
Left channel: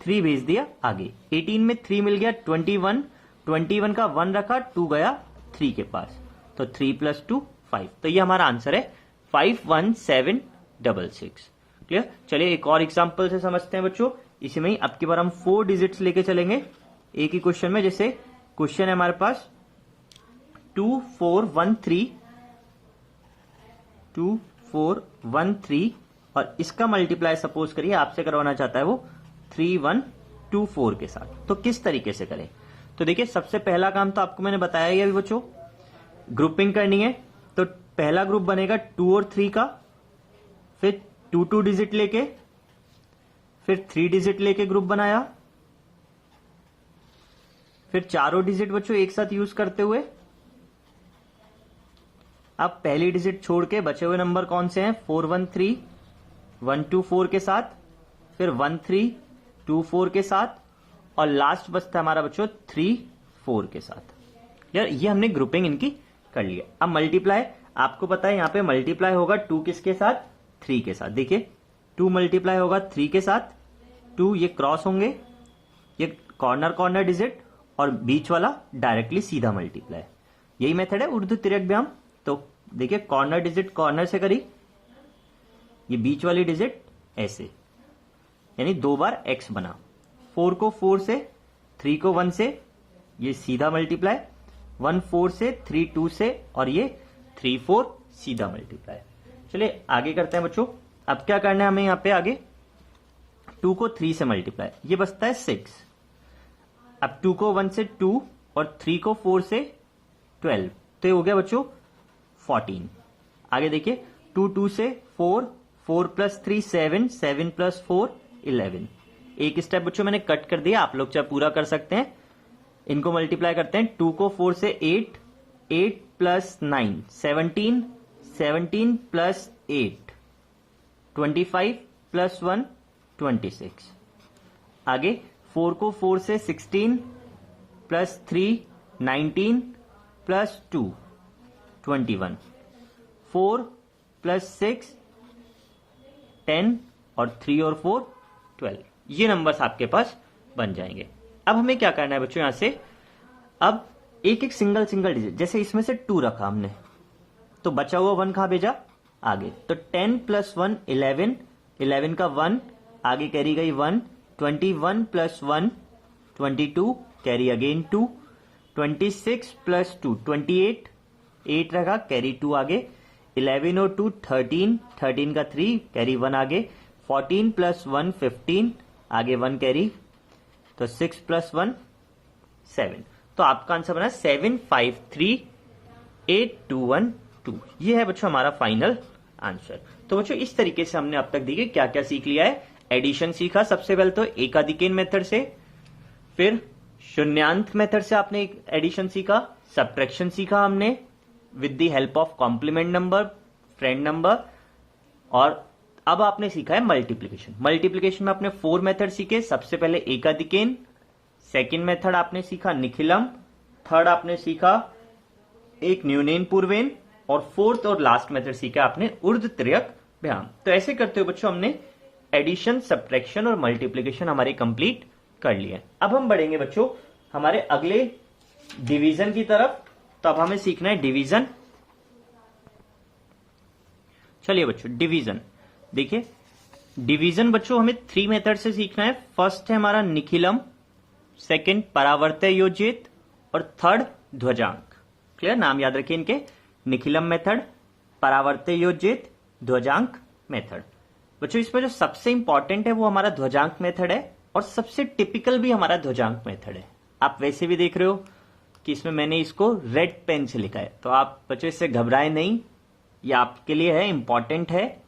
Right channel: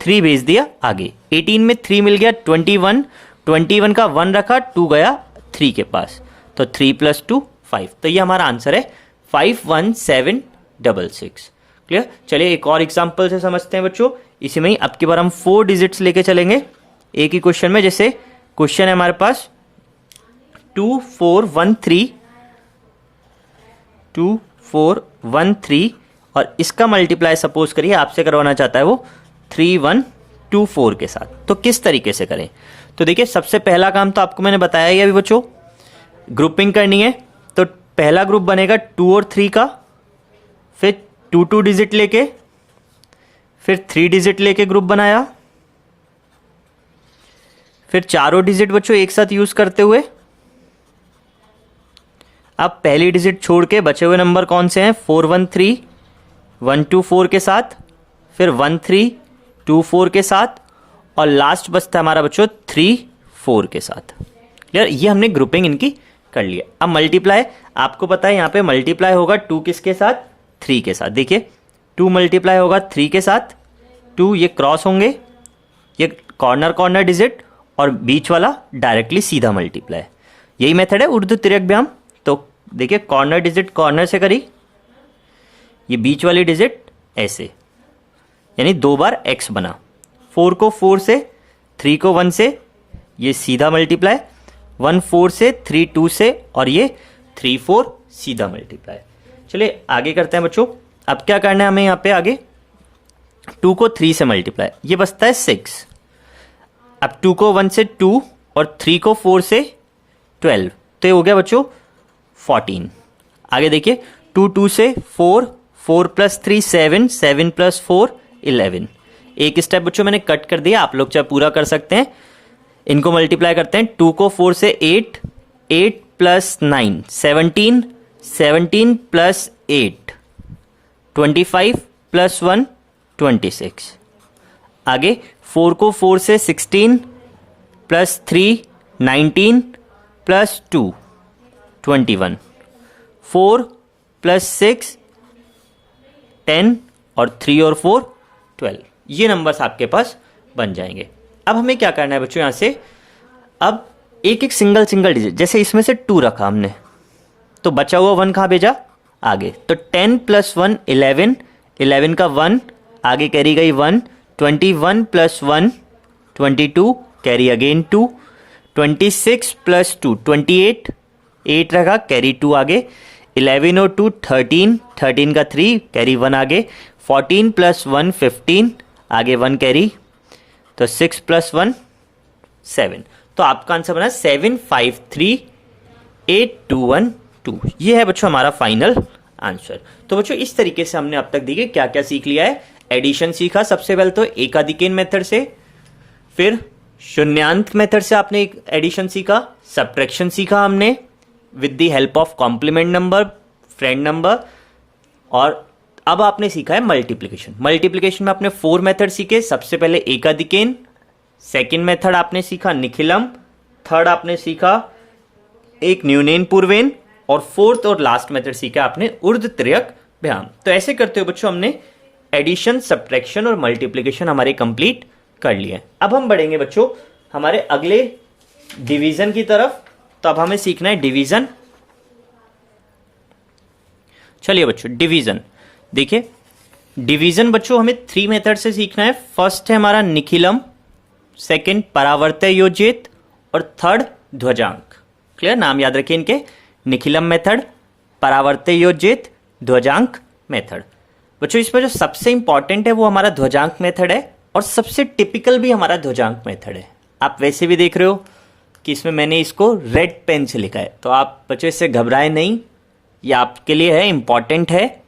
3 भेज दिया आगे। 18 में 3 मिल गया 21, 21 का 1 रखा, 2 गया 3 के पास, तो 3 प्लस 2 5। तो ये हमारा आंसर है 51766, क्लियर। चलिए एक और एग्जांपल से समझते हैं बच्चों। इसी में ही अब की बार हम 4 डिजिट्स लेके चलेंगे एक ही क्वेश्चन में। जैसे क्वेश्चन है हमारे पास 2413 2413 और इसका मल्टीप्लाई सपोज करिए आपसे करवाना चाहता है वो 3124 के साथ। तो किस तरीके से करें, तो देखिए सबसे पहला काम तो आपको मैंने बताया ही अभी बच्चों, ग्रुपिंग करनी है। तो पहला ग्रुप बनेगा 2 और 3 का, फिर 2 डिजिट लेके, फिर 3 डिजिट लेके ग्रुप बनाया, फिर चारों डिजिट बच्चों एक साथ यूज करते हुए। अब पहली डिजिट छोड़ के बचे हुए नंबर कौन से हैं, 413 124 के साथ, फिर 1324 के साथ, और लास्ट बचता है हमारा बच्चों 34 के साथ। यार ये हमने ग्रुपिंग इनकी कर लिया। अब मल्टीप्लाई आपको पता है यहाँ पे मल्टीप्लाई होगा 2 किसके साथ, 3 के साथ। देखिए 2 मल्टीप्लाई होगा 3 के साथ, 2 ये क्रॉस होंगे, ये कॉर्नर डिजिट, और बीच वाला डायरेक्टली सीधा मल्टीप्लाई। यही मेथड है उर्दू तिर्यक व्यायाम। तो देखिए कॉर्नर डिजिट कॉर्नर से करी, ये बीच वाली डिजिट ऐसे, यानी 2 बार x बना। 4 को 4 से, 3 को 1 से, ये सीधा मल्टीप्लाई, 1 4 से, 3 2 से, और ये 3 4 सीधा मल्टीप्लाई। चलिए आगे करते हैं बच्चों। अब क्या करना है हमें यहाँ पे आगे, 2 को 3 से मल्टीप्लाई, ये बचता है 6। अब 2 को 1 से 2 और 3 को 4 से 12, तो ये हो गया बच्चों 14। आगे देखिए 2 2 से 4, 4 प्लस 3 7, 7 प्लस 4 11। एक स्टेप बच्चों मैंने कट कर दिया, आप लोग चाहे पूरा कर सकते हैं। इनको मल्टीप्लाई करते हैं, 2 को 4 से 8, 8 प्लस 9 17, 17 प्लस 8 25 प्लस 1 26। आगे 4 को 4 से 16 प्लस 3 19 प्लस 2 21, 4 प्लस 6 10 और 3 और 4 12। ये नंबर्स आपके पास बन जाएंगे। अब हमें क्या करना है बच्चों, यहाँ से अब एक एक सिंगल डिजिट, जैसे इसमें से 2 रखा हमने, तो बचा हुआ 1 कहाँ भेजा आगे, तो 10 + 1 11, 11 का 1 आगे कैरी गई 1, 21 + 1 22 कैरी अगेन 2, 26 + 2 28, 8 रखा कैरी 2 आगे, 11 और 2 13, 13 का 3 कैरी 1 आगे, 14 + 1 15 आगे 1 कैरी, तो 6 + 1 7। तो आपका आंसर बना 7 5 3 8 2 1 2। ये है बच्चों हमारा फाइनल आंसर। तो बच्चों इस तरीके से हमने अब तक देखिए क्या क्या सीख लिया है। एडिशन सीखा सबसे पहले तो एकाधिकेन मेथड से, फिर शून्यांक मेथड से आपने एक एडिशन सीखा, सब्ट्रैक्शन सीखा हमने with the help of complement number, friend number, और अब आपने सीखा है मल्टीप्लिकेशन। मल्टीप्लिकेशन में आपने 4 मेथड सीखे। सबसे पहले एकाधिकेन, सेकेंड मेथड आपने सीखा निखिलम, थर्ड आपने सीखा एक न्यूनेन पूर्वेन, और फोर्थ और लास्ट मेथड सीखा आपने ऊर्ध्व तिर्यक व्यायाम। तो ऐसे करते हुए बच्चों हमने एडिशन, सब्ट्रैक्शन और मल्टीप्लिकेशन हमारे कंप्लीट कर लिए। अब हम बढ़ेंगे बच्चों हमारे अगले डिवीजन की तरफ। तो अब हमें सीखना है डिवीजन। चलिए बच्चों डिवीजन देखिए, डिवीजन बच्चों हमें 3 मेथड से सीखना है। फर्स्ट है हमारा निखिलम, सेकंड परावर्तय योजित, और थर्ड ध्वजांक। क्लियर, नाम याद रखिए इनके, निखिलम मेथड, परावर्तय योजित, ध्वजांक मेथड। बच्चों इसमें जो सबसे इंपॉर्टेंट है वो हमारा ध्वजांक मेथड है, और सबसे टिपिकल भी हमारा ध्वजांक मेथड है। आप वैसे भी देख रहे हो कि इसमें मैंने इसको रेड पेन से लिखा है, तो आप बच्चों इससे घबराए नहीं, ये आपके लिए है, इंपॉर्टेंट है,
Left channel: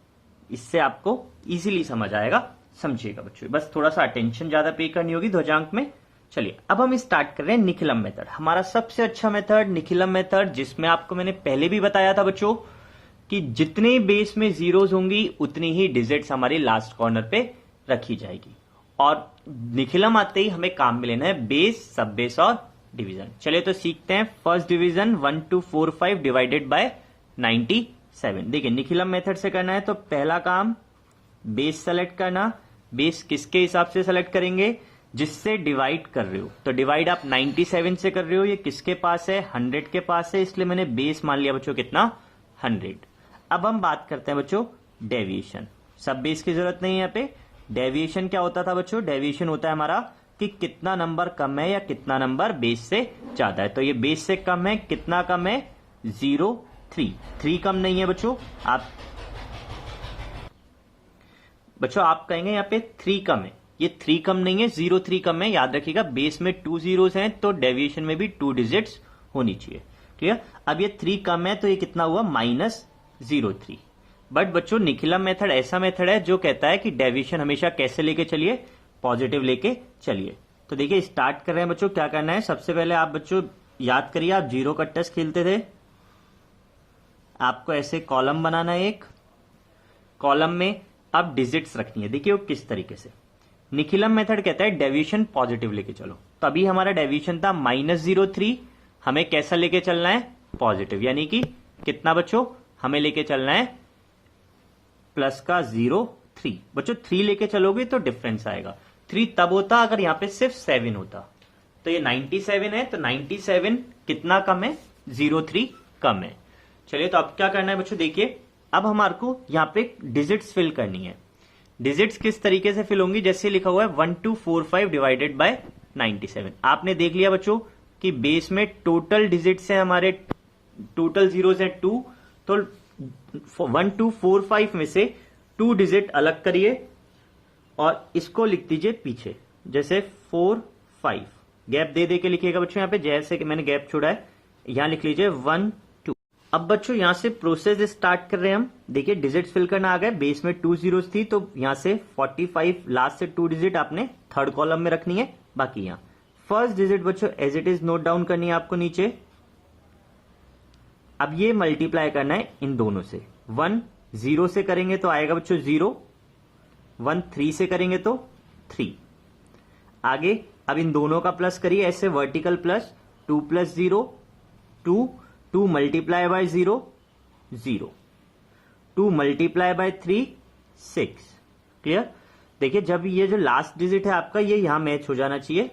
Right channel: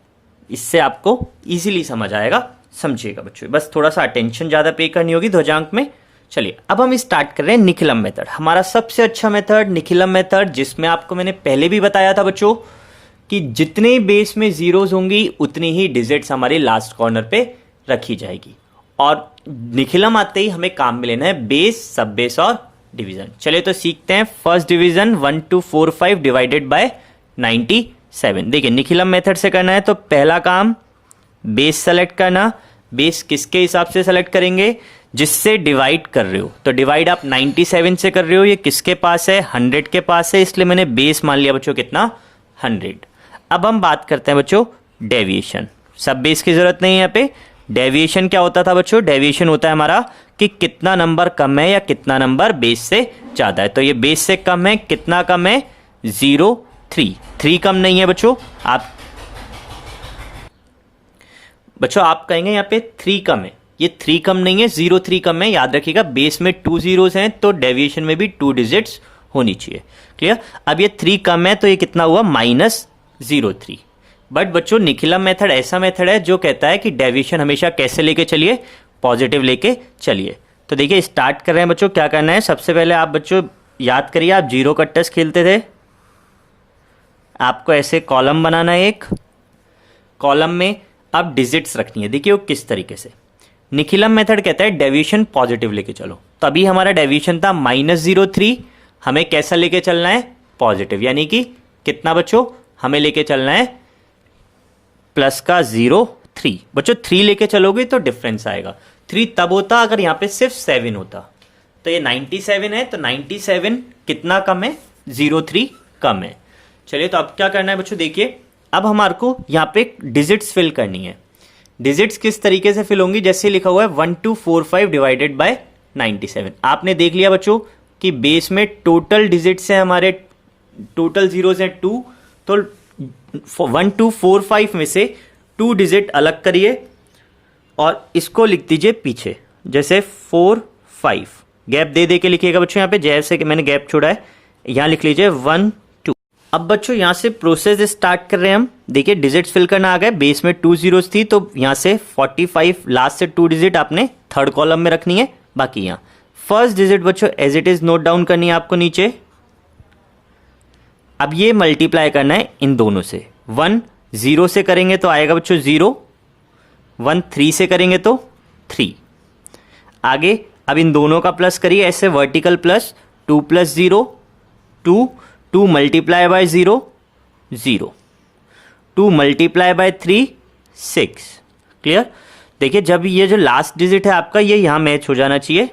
इससे आपको इजीली समझ आएगा, समझिएगा बच्चों। बस थोड़ा सा अटेंशन ज़्यादा पे करनी होगी ध्वजांक में। चलिए अब हम स्टार्ट कर रहे हैं निखिलम मेथड, हमारा सबसे अच्छा मेथड निखिलम मेथड, जिसमें आपको मैंने पहले भी बताया था बच्चों कि जितने बेस में जीरोज होंगी उतनी ही डिजिट्स हमारी लास्ट कॉर्नर पे रखी जाएगी। और निखिलम आते ही हमें काम में लेना है बेस, सब बेस और डिवीजन। चलिए तो सीखते हैं फर्स्ट डिवीजन 1 2 4 5 डिवाइडेड बाय 97। देखिए निखिलम मेथड से करना है तो पहला काम बेस सेलेक्ट करना। बेस किसके हिसाब से सेलेक्ट करेंगे, जिससे डिवाइड कर रहे हो। तो डिवाइड आप 97 से कर रहे हो, ये किसके पास है, 100 के पास है, इसलिए मैंने बेस मान लिया बच्चों कितना, 100। अब हम बात करते हैं बच्चों डेविएशन। सब बेस की जरूरत नहीं है यहाँ पे। डेविएशन क्या होता था बच्चों, डेविएशन होता है हमारा कि कितना नंबर कम है या कितना नंबर बेस से ज्यादा है। तो ये बेस से कम है, कितना कम है, 0 3, 3 कम नहीं है बच्चों। आप कहेंगे यहाँ पे 3 कम है, ये 3 कम नहीं है, 0 3 कम है। याद रखिएगा बेस में 2 जीरोस हैं तो डेविएशन में भी 2 डिजिट्स होनी चाहिए। क्लियर, अब ये 3 कम है तो ये कितना हुआ, -03। बट बच्चों निखिलम मेथड ऐसा मेथड है जो कहता है कि डेविएशन हमेशा कैसे लेके चलिए, पॉजिटिव लेके चलिए। तो देखिए स्टार्ट कर रहे हैं बच्चों, क्या करना है, सबसे पहले आप बच्चों याद करिए, आप जीरो कट्टस खेलते थे। आपको ऐसे कॉलम बनाना है, एक कॉलम में आप डिजिट्स रखनी है। देखिए वो किस तरीके से, निखिलम मेथड कहता है डेविएशन पॉजिटिव लेके चलो। तभी हमारा डेविएशन था -03, हमें कैसा लेके चलना है, पॉजिटिव, यानी कि कितना बच्चों, हमें लेके चलना है प्लस का 03। बच्चों 3 लेके चलोगे तो डिफरेंस आएगा। 3 तब होता अगर यहाँ पे सिर्फ 7 होता। तो ये 97 है, तो 97 कितना कम है, 03 कम है। चलिए तो अब क्या करना है बच्चों, देखिए अब हमारे को यहाँ पे डिजिट्स फिल करनी है। डिजिट्स किस तरीके से फिल होंगी, जैसे लिखा हुआ है 1 2 4 5 डिवाइडेड बाय 97। आपने देख लिया बच्चों कि बेस में टोटल डिजिट्स हैं हमारे, टोटल जीरोस हैं 2, तो 1 2 4 5 में से 2 डिजिट अलग करिए और इसको लिख दीजिए पीछे, जैसे 4 5 गैप दे दे के लिखिएगा बच्चों। यहाँ पे जैसे कि मैंने गैप छोड़ा है, यहाँ लिख लीजिए 1 2। अब बच्चों यहाँ से प्रोसेस स्टार्ट कर रहे हैं हम। देखिए डिजिट्स फिल करना आ गया, बेस में 2 जीरोस थी तो यहाँ से 45 लास्ट से 2 डिजिट आपने थर्ड कॉलम में रखनी है। बाकी यहाँ फर्स्ट डिजिट बच्चों as it is note down करनी है आपको नीचे। अब ये मल्टीप्लाई करना है इन दोनों से, 1 0 से करेंगे तो आएगा बच्चों 0, 1 3 से करेंगे तो 3। आगे अब इन दोनों का प्लस करिए ऐसे vertical plus, 2 + 0 2, 2 multiply by 0 0, 2 multiply by 3 6। Clear, देखिए जब ये जो लास्ट डिजिट है आपका ये यहां मैच हो जाना चाहिए।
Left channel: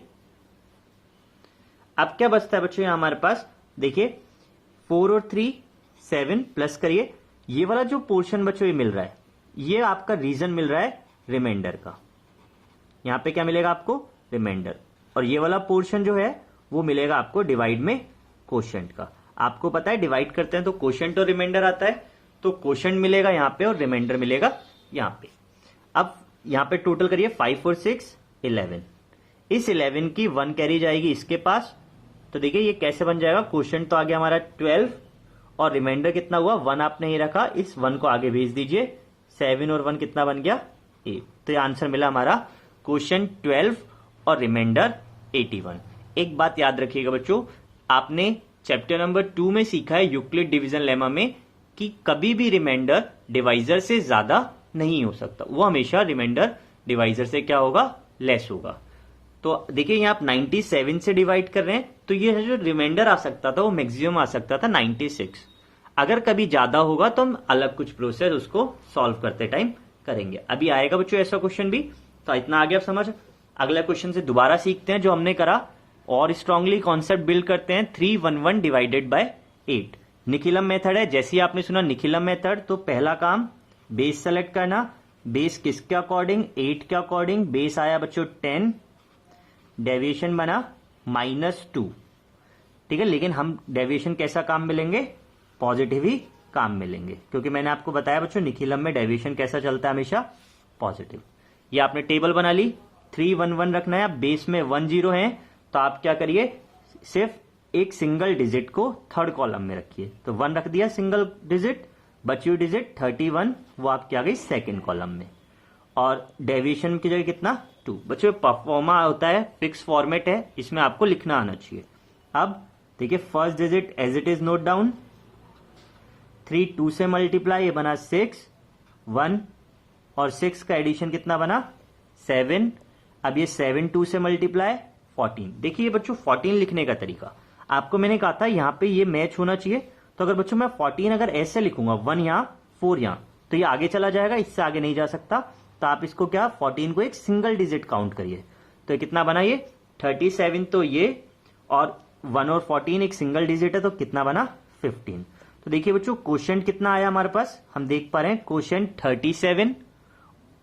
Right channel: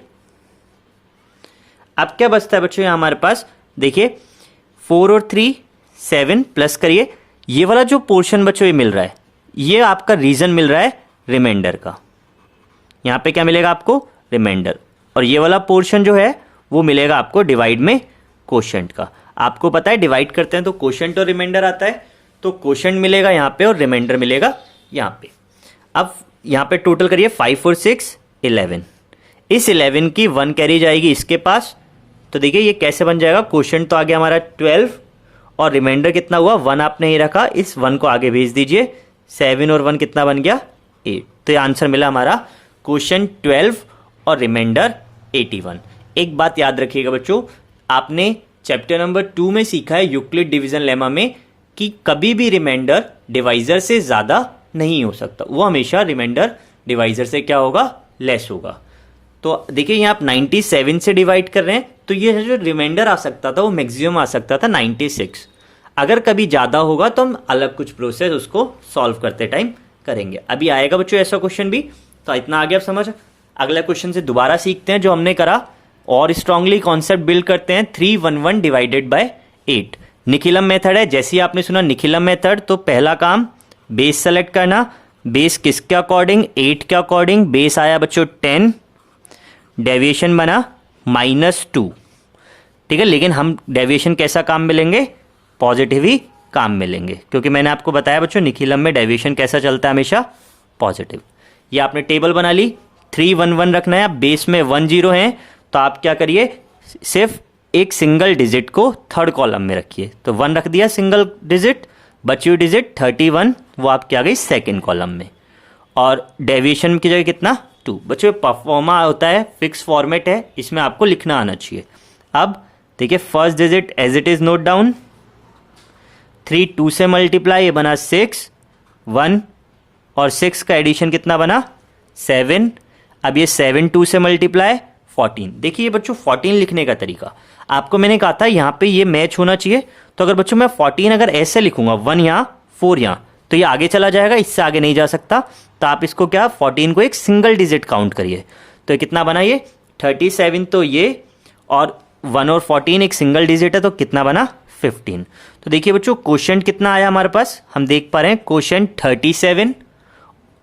अब क्या बचता है बच्चों यहाँ हमारे पास, देखिए 4 और 3 7 प्लस करिए, ये वाला जो पोर्शन बच्चों ये मिल रहा है, ये आपका रीजन मिल रहा है रिमाइंडर का। यहाँ पे क्या मिलेगा आपको, रिमाइंडर। और ये वाला पोर्शन जो है वो मिलेगा आपको डिवाइड में कोशेंट का। आपको पता है डिवाइड करते हैं तो कोशेंट और रिमाइंडर आता है, तो कोशेंट मिलेगा यहाँ पे और रिमाइंडर मिलेगा यहाँ पे। अब यहाँ पे टोटल करिए 5 और 6 11। इस 11 की 1 कैरी जाएगी इसके पास, तो देखिए ये कैसे बन जाएगा, कोशेंट तो आ गया हमारा 12 और रिमाइंडर कितना हुआ 1 आपने ही रखा, इस 1 को आगे भेज दीजिए, 7 और 1 कितना बन गया 8। तो ये आंसर मिला हमारा कोशेंट 12 और रिमाइंडर 81। एक बात याद रखिएगा बच्चों, आपने चैप्टर नंबर 2 में सीखा है यूक्लिड डिवीजन लेमा में कि कभी भी रिमाइंडर डिवाइजर से ज्यादा नहीं हो सकता, वो हमेशा रिमाइंडर डिवाइजर से क्या होगा, लेस होगा। तो देखिए यहाँ आप 97 से डिवाइड कर रहे हैं, तो ये जो रिमाइंडर आ सकता था वो मैक्सिमम आ सकता था 96। अगर कभी ज्यादा होगा तो हम अलग कुछ प्रोसेस उसको सॉल्व करते टाइम करेंगे। अभी आएगा बच्चों ऐसा क्वेश्चन भी, तो इतना आ गया आप समझ। अगला क्वेश्चन से दोबारा सीखते हैं जो हमने करा और स्ट्रांगली कॉन्सेप्ट बिल्ड करते हैं। 311 डिवाइडेड बाय 8 निखिलम मेथड है। जैसे ही आपने सुना निखिलम मेथड, तो पहला काम बेस सेलेक्ट करना। बेस किसके अकॉर्डिंग, 8 के अकॉर्डिंग। बेस आया बच्चों 10, डेविएशन बना -2, ठीक है। लेकिन हम डेविएशन कैसा काम मिलेंगे, पॉजिटिव ही काम मिलेंगे, क्योंकि मैंने आपको बताया बच्चों निखिलम में डेविएशन कैसा चलता है, हमेशा पॉजिटिव। ये आपने टेबल बना ली, 311 रखना है। अब बेस में 1 0 है, तो आप क्या करिए, सिर्फ एक सिंगल डिजिट को थर्ड कॉलम में रखिए। तो 1 रख दिया सिंगल डिजिट, बची हुई डिजिट 31 वो आपकी आ गई सेकेंड कॉलम में। और डेविएशन की जगह कितना 2। बच्चों परफॉर्मा होता है, फिक्स फॉर्मेट है, इसमें आपको लिखना आना चाहिए। अब देखिए first digit as it is note down, 3 2 से मल्टीप्लाई, ये बना 6, 1 और 6 का एडिशन कितना बना 7। अब ये 7 2 से मल्टीप्लाई 14। देखिए बच्चों 14 लिखने का तरीका आपको मैंने कहा था यहाँ पे ये मैच होना चाहिए। तो अगर बच्चों मैं 14 अगर ऐसे लिखूंगा, 1 यहाँ 4 यहाँ, तो ये आगे चला जाएगा, इससे आगे नहीं जा सकता। तो आप इसको क्या 14 को एक सिंगल डिजिट काउंट करिए, तो कितना बना ये 37। तो ये और 1 और 14 एक सिंगल डिजिट है, तो कितना बना 15। तो देखिए बच्चों कोशेंट कितना आया हमारे पास, हम देख पा रहे हैं कोशेंट 37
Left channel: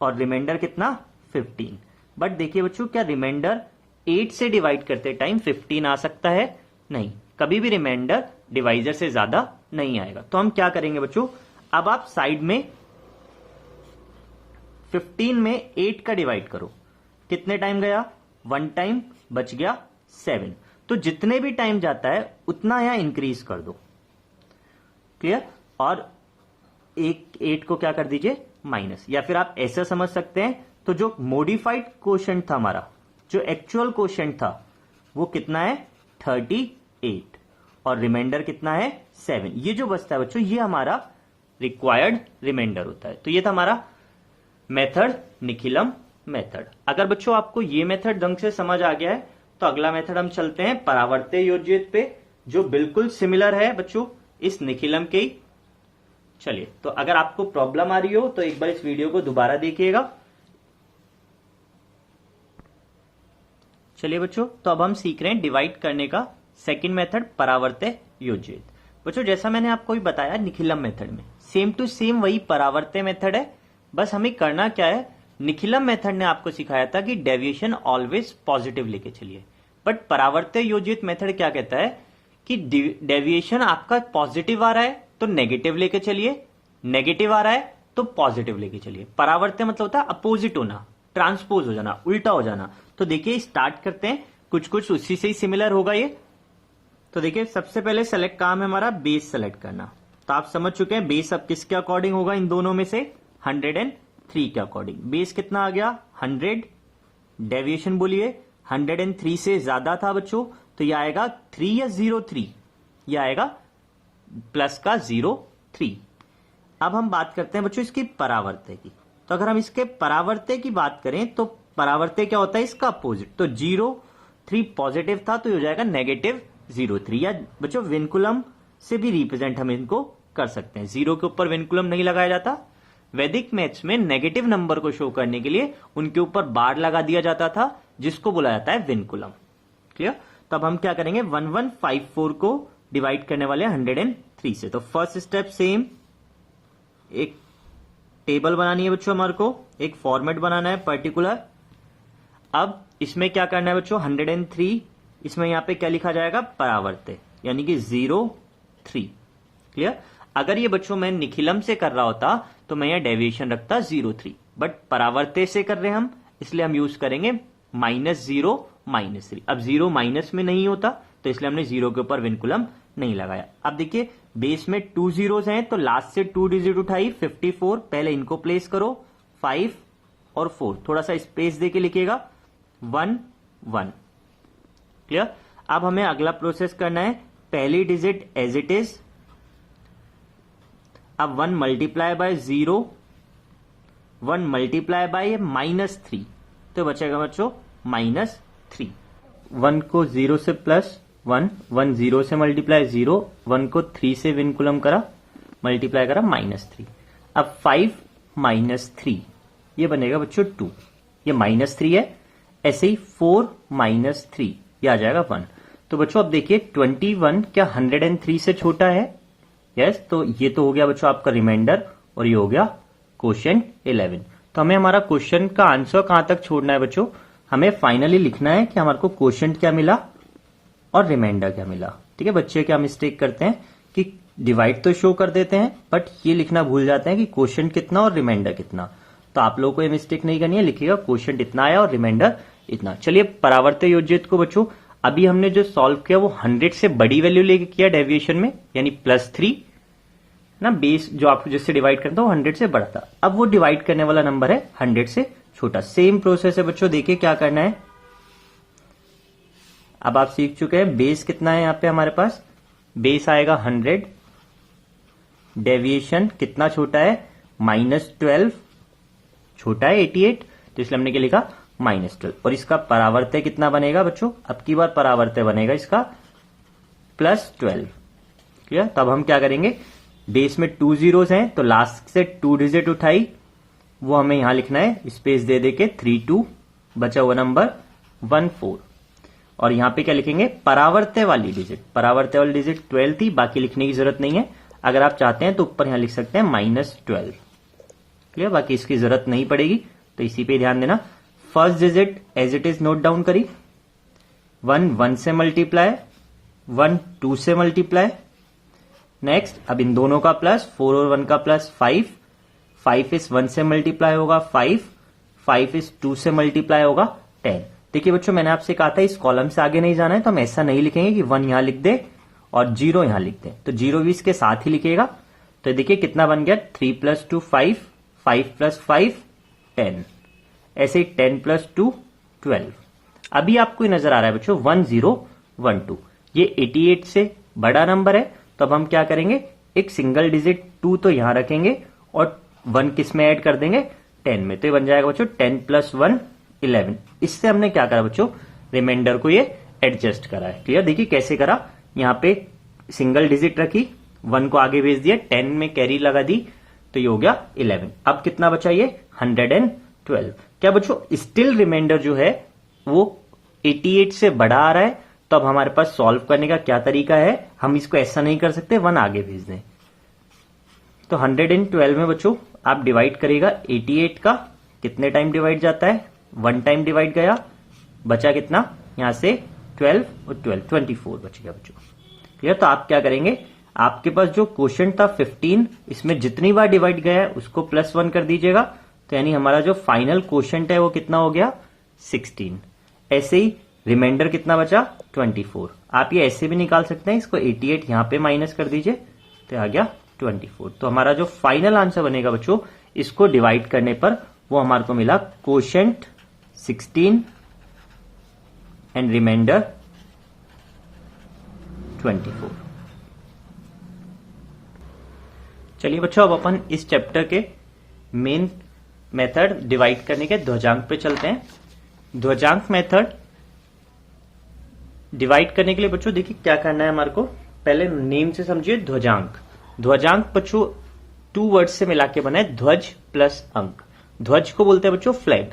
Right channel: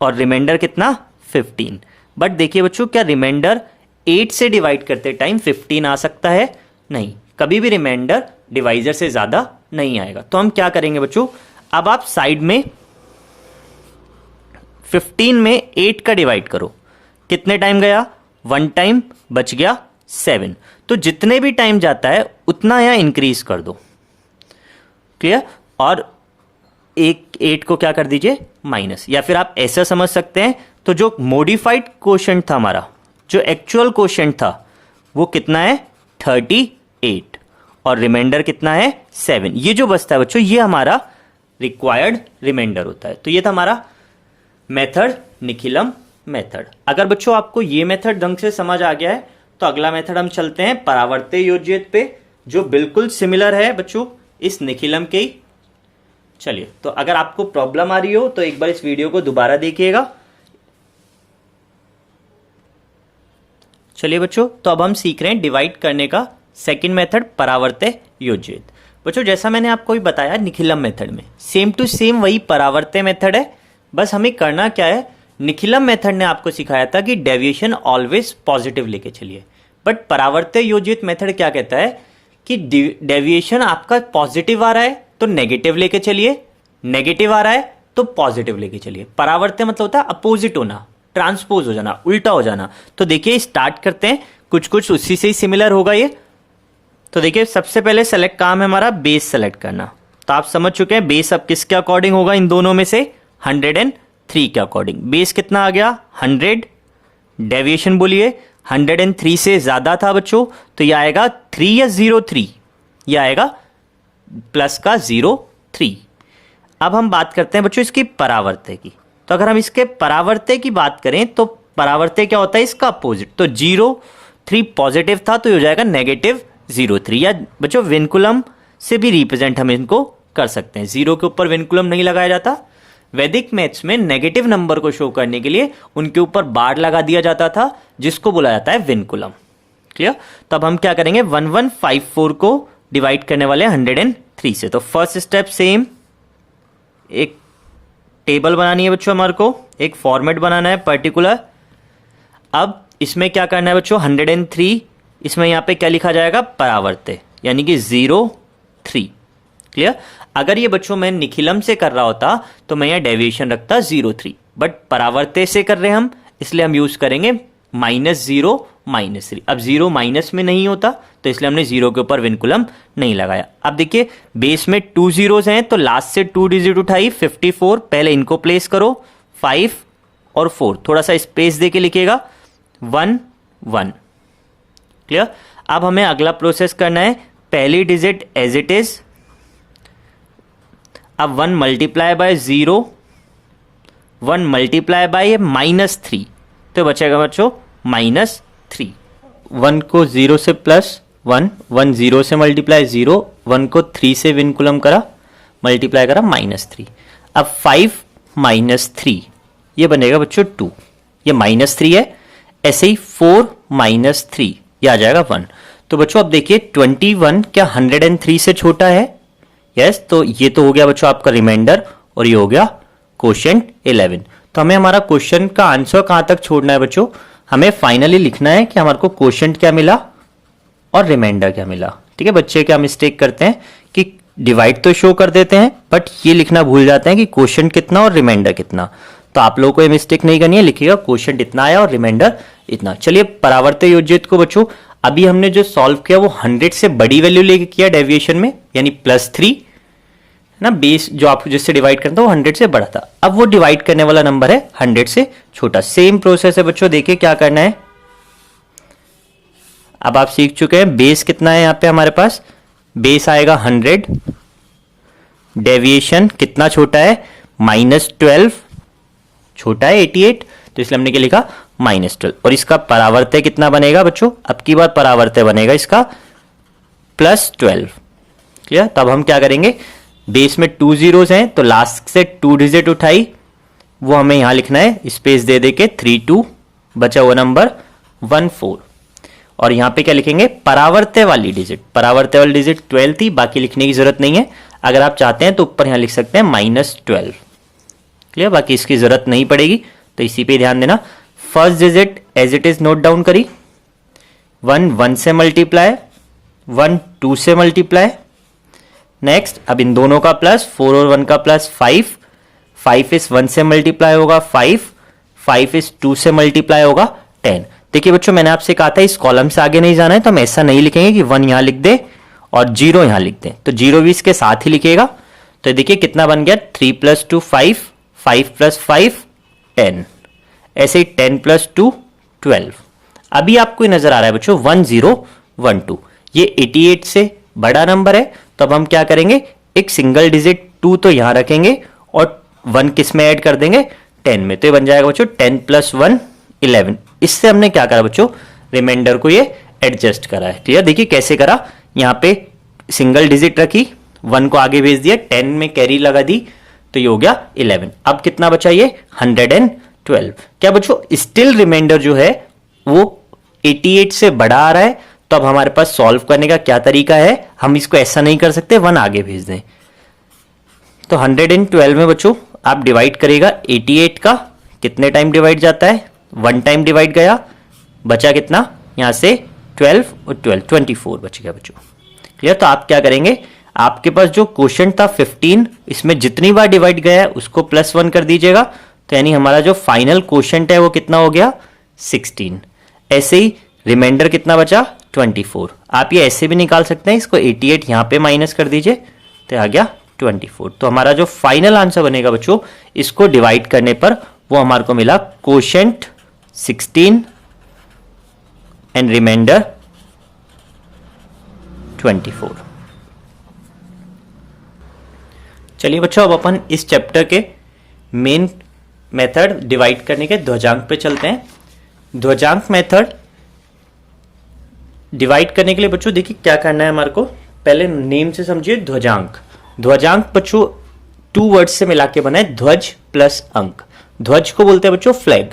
और रिमाइंडर कितना 15। बट देखिए बच्चों क्या रिमाइंडर 8 से डिवाइड करते टाइम 15 आ सकता है, नहीं, कभी भी रिमाइंडर डिवाइजर से ज्यादा नहीं आएगा। तो हम क्या करेंगे बच्चों, अब आप साइड में 15 में 8 का डिवाइड करो, कितने टाइम गया 1 टाइम, बच गया 7। तो जितने भी टाइम जाता है उतना यहां इंक्रीज कर दो, क्लियर। और एक 8 को क्या कर दीजिए माइनस, या फिर आप ऐसा समझ सकते हैं, तो जो मॉडिफाइड कोशेंट था हमारा, जो एक्चुअल कोशेंट था वो कितना है 38 और रिमाइंडर कितना है 7। ये जो बचता है बच्चों ये हमारा रिक्वायर्ड रिमाइंडर होता है। तो ये था हमारा मेथड निखिलम मेथड। अगर बच्चों आपको ये मेथड ढंग से समझ आ गया है, तो अगला मेथड हम चलते हैं परावर्त्य योज्यित पे, जो बिल्कुल सिमिलर है बच्चों इस निखिलम के ही। चलिए, तो अगर आपको प्रॉब्लम आ रही हो तो एक बार इस वीडियो को दोबारा देखिएगा। चलिए बच्चों, तो अब हम सीख रहे हैं डिवाइड करने का सेकंड मेथड परावर्त्य योज्यित। बच्चों जैसा मैंने आपको भी बताया निखिलम मेथड में सेम टू सेम वही परावर्त्य मेथड है, बस हमें करना क्या है, निखिलम मेथड ने आपको सिखाया था कि डेविएशन ऑलवेज पॉजिटिव लेके चलिए, बट परावर्त्य योज्यित मेथड क्या कहता है कि डेविएशन आपका पॉजिटिव आ रहा है तो नेगेटिव लेके चलिए, नेगेटिव आ रहा है तो पॉजिटिव लेके चलिए। परावर्त्य मतलब होता है अपोजिट होना, ट्रांसपोज हो जाना, उल्टा हो जाना। तो देखिए स्टार्ट करते हैं, कुछ कुछ उसी से ही सिमिलर होगा ये। तो देखिए सबसे पहले सेलेक्ट काम है हमारा बेस सेलेक्ट करना। तो आप समझ चुके हैं बेस अब किसके अकॉर्डिंग होगा, इन दोनों में से 103 के अकॉर्डिंग। बेस कितना आ गया 100, डेविएशन बोलिए 103 से ज्यादा था बच्चों, तो ये आएगा 3 या 03, ये आएगा प्लस का 03। अब हम बात करते हैं बच्चों इसकी परावर्त्य की। तो अगर हम इसके परावर्त्य की बात करें तो परावर्त्य क्या होता है इसका अपोजिट। तो 03 पॉजिटिव था तो ये हो जाएगा -03, या बच्चों विनकुलम से भी रिप्रेजेंट हम इनको कर सकते हैं। 0 के ऊपर विनकुलम नहीं लगाया जाता। वैदिक मैथ्स में नेगेटिव नंबर को शो करने के लिए उनके ऊपर बार लगा दिया जाता था, जिसको बोला जाता है विनकुलम, क्लियर। तो अब हम क्या करेंगे 1154 को डिवाइड करने वाले 103 से। तो फर्स्ट स्टेप सेम, एक टेबल बनानी है बच्चों, हमारे को एक फॉर्मेट बनाना है पर्टिकुलर। अब इसमें क्या करना है बच्चों, 103, इसमें यहाँ पे क्या लिखा जाएगा, परावर्त्य, यानी कि 0 3। क्लियर। अगर ये बच्चों मैं निखिलम से कर रहा होता तो मैं यहाँ डेविएशन रखता 0 3, बट परावर्त्य से कर रहे हैं हम, इसलिए हम यूज करेंगे -0 -3। अब 0 माइनस में नहीं होता तो इसलिए हमने 0 के ऊपर विनकुलम नहीं लगाया। अब देखिए बेस में 2 zeros हैं तो लास्ट से 2 डिजिट उठाई 54, पहले इनको प्लेस करो 5 और 4, थोड़ा सा स्पेस दे के लिखिएगा 1 1। क्लियर। अब हमें अगला प्रोसेस करना है, पहली डिजिट एज इट इज, अब 1 मल्टीप्लाई बाय 0, 1 मल्टीप्लाई बाय -3, तो बचेगा बच्चों -3। 1 को 0 से +1, 1 0 से मल्टीप्लाई 0, 1 को 3 से विनकुलम करा, मल्टीप्लाई करा -3। अब 5 -3 ये बनेगा बच्चों 2, ये -3 है। ऐसे ही 4 -3 ये आ जाएगा 1। तो बच्चों अब देखिए 21 क्या 103 से छोटा है? यस, तो ये तो हो गया बच्चों आपका रिमाइंडर और ये हो गया क्वोशिएंट 11। तो हमें हमारा क्वेश्चन का आंसर कहां तक छोड़ना है बच्चों, हमें फाइनली लिखना है कि हमारे को क्वोशिएंट क्या मिला और रिमाइंडर क्या मिला। ठीक है, बच्चे क्या मिस्टेक करते हैं कि डिवाइड तो शो कर देते हैं बट ये लिखना भूल जाते हैं कि क्वोशिएंट कितना और रिमाइंडर कितना। तो आप लोगों को ये मिस्टेक नहीं करनी है, लिखिएगा क्वोशिएंट इतना आया और रिमाइंडर इतना। चलिए परावर्त्य योजित को बच्चों अभी हमने जो सॉल्व किया वो 100 से बड़ी वैल्यू लेके किया डेविएशन में, यानी +3 ना, बेस जो आप जिससे डिवाइड करता है वो 100 से बड़ा था। अब वो डिवाइड करने वाला नंबर है 100 से छोटा। सेम प्रोसेस है बच्चों, देखिए क्या करना है। अब आप सीख चुके हैं बेस कितना है, यहाँ पे हमारे पास बेस आएगा 100, डेविएशन कितना छोटा है -12, छोटा है 88, तो इसलिए हमने क्या लिखा -12। और इसका परावर्त्य कितना बनेगा बच्चों, अब की बार परावर्त्य बनेगा इसका +12। क्लियर। तब हम क्या करेंगे, बेस में 2 zeros हैं तो लास्ट से 2 डिजिट उठाई, वो हमें यहां लिखना है स्पेस दे दे के 32, बचा हुआ नंबर 14। और यहां पे क्या लिखेंगे, परावर्त्य वाली डिजिट, परावर्त्य वाली डिजिट 12 थी, बाकी लिखने की जरूरत नहीं है। अगर आप चाहते हैं तो ऊपर यहां लिख सकते हैं -12। क्लियर, बाकी इसकी जरूरत नहीं पड़ेगी, तो इसी पे ध्यान देना। First digit as it is note down करी, 1 1 से मल्टीप्लाई, 1 2 से मल्टीप्लाई। नेक्स्ट अब इन दोनों का प्लस, 4 और 1 का प्लस 5, 5 इस 1 से मल्टीप्लाई होगा 5, 5 इस 2 से मल्टीप्लाई होगा 10। देखिए बच्चों मैंने आपसे कहा था इस कॉलम से आगे नहीं जाना है, तो हम ऐसा नहीं लिखेंगे कि 1 यहां लिख दे और 0 यहां लिख दे, तो 0 भी इसके साथ ही लिखेगा। तो देखिए कितना बन गया, 3 + 2 5, 5 + 5 10, ऐसे ही 10 + 2 12। अभी आपको नजर आ रहा है बच्चों 1012, ये 88 से बड़ा नंबर है, तो अब हम क्या करेंगे, एक सिंगल डिजिट 2 तो यहां रखेंगे और 1 किस में ऐड कर देंगे, 10 में। तो ये बन जाएगा बच्चों 10 + 1 11। इससे हमने क्या करा बच्चों, रिमाइंडर को ये एडजस्ट करा है। क्लियर। देखिए कैसे करा, यहाँ पे सिंगल डिजिट रखी, 1 को आगे भेज दिया, 10 में कैरी लगा दी, तो ये हो गया 11। अब कितना बचा, ये 112। क्या बच्चों स्टिल रिमाइंडर जो है वो 88 से बड़ा आ रहा है, तो अब हमारे पास सॉल्व करने का क्या तरीका है, हम इसको ऐसा नहीं कर सकते 1 आगे भेज दें। तो 112 में बच्चों आप डिवाइड करेगा 88 का, कितने टाइम डिवाइड जाता है, 1 टाइम डिवाइड गया, बचा कितना यहां से 12 और 12 24 बच गया बच्चों। क्लियर। तो आप क्या करेंगे, आपके पास जो क्वोशिएंट था 15, इसमें जितनी बार डिवाइड गया है उसको +1 कर दीजिएगा, तो यानी हमारा जो फाइनल क्वोशिएंट है वो कितना हो गया 16। ऐसे ही रिमाइंडर कितना बचा 24। आप ये ऐसे भी निकाल सकते हैं, इसको 88 यहां पे माइनस कर दीजिए, तो आ गया 24। तो हमारा जो फाइनल आंसर बनेगा बच्चों, इसको डिवाइड करने पर वो हमारे को मिला क्वोशिएंट 16 एंड रिमाइंडर 24। चलिए बच्चों अब अपन इस चैप्टर के मेन मेथड डिवाइड करने के ध्वजांक पे चलते हैं। ध्वजांक मेथड डिवाइड करने के लिए बच्चों देखिए क्या करना है हमारे को, पहले नेम से समझिए ध्वजांक। ध्वजांक बच्चों 2 वर्ड्स से मिला के बना है, ध्वज प्लस अंक। ध्वज को बोलते हैं बच्चों फ्लैग,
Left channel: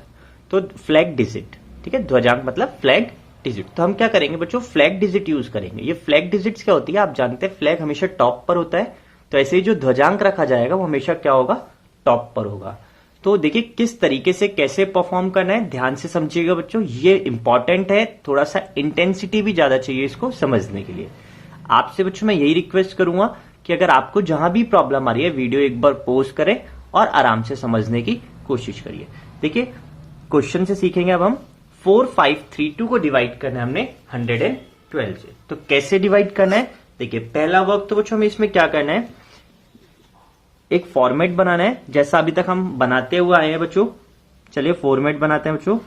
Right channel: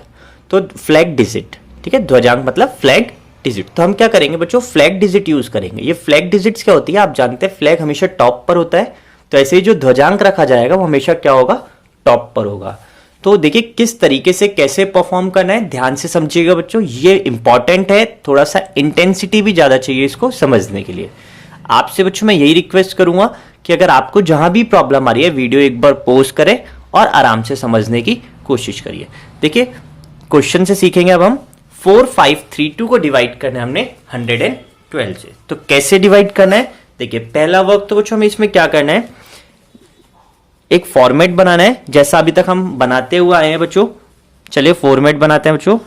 तो फ्लैग डिजिट। ठीक है, ध्वजांक मतलब फ्लैग डिजिट। तो हम क्या करेंगे बच्चों, फ्लैग डिजिट यूज करेंगे। ये फ्लैग डिजिट्स क्या होती है आप जानते हैं, फ्लैग हमेशा टॉप पर होता है, तो ऐसे ही जो ध्वजांक रखा जाएगा वो हमेशा क्या होगा, टॉप पर होगा। तो देखिए किस तरीके से कैसे परफॉर्म करना है, ध्यान से समझिएगा बच्चों, ये इंपॉर्टेंट है, थोड़ा सा इंटेंसिटी भी ज्यादा चाहिए इसको समझने के लिए। आपसे बच्चों मैं यही रिक्वेस्ट करूंगा कि अगर आपको जहां भी प्रॉब्लम आ रही है वीडियो एक बार पॉज करें और आराम से समझने की कोशिश करिए। देखिए क्वेश्चन से सीखेंगे अब हम 4532 को डिवाइड करना है हमने 112 से। तो कैसे डिवाइड करना है, देखिए पहला वर्क तो बच्चों हमें इसमें क्या करना है, एक फॉर्मेट बनाना है जैसा अभी तक हम बनाते हुए आए हैं बच्चों। चलिए फॉर्मेट बनाते हैं बच्चों।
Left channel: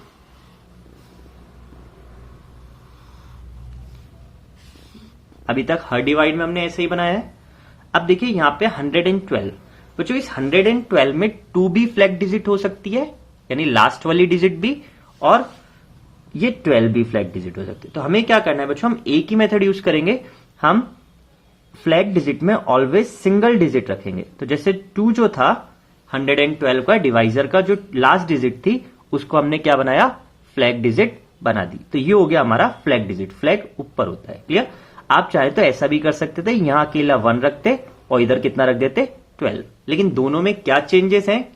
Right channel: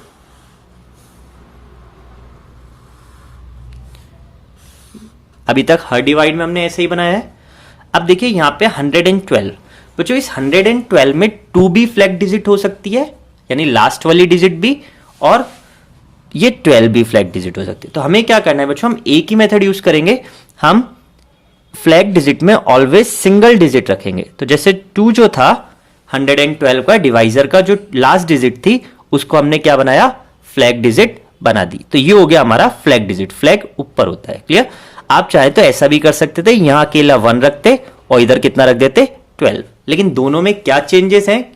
अभी तक हर डिवाइड में हमने ऐसे ही बनाया है। अब देखिए यहां पे 112 बच्चों, इस 112 में 2 भी फ्लैग डिजिट हो सकती है, यानी लास्ट वाली डिजिट भी, और ये 12 भी फ्लैग डिजिट हो सकती है। तो हमें क्या करना है बच्चों, हम एक ही मेथड यूज करेंगे, हम फ्लैग डिजिट में ऑलवेज सिंगल डिजिट रखेंगे। तो जैसे 2 जो था 112 का डिवाइजर का जो लास्ट डिजिट थी उसको हमने क्या बनाया, फ्लैग डिजिट बना दी। तो ये हो गया हमारा फ्लैग डिजिट, फ्लैग ऊपर होता है, क्लियर। आप चाहे तो ऐसा भी कर सकते थे, यहां अकेला 1 रखते और इधर कितना रख देते 12, लेकिन दोनों में क्या चेंजेस हैं,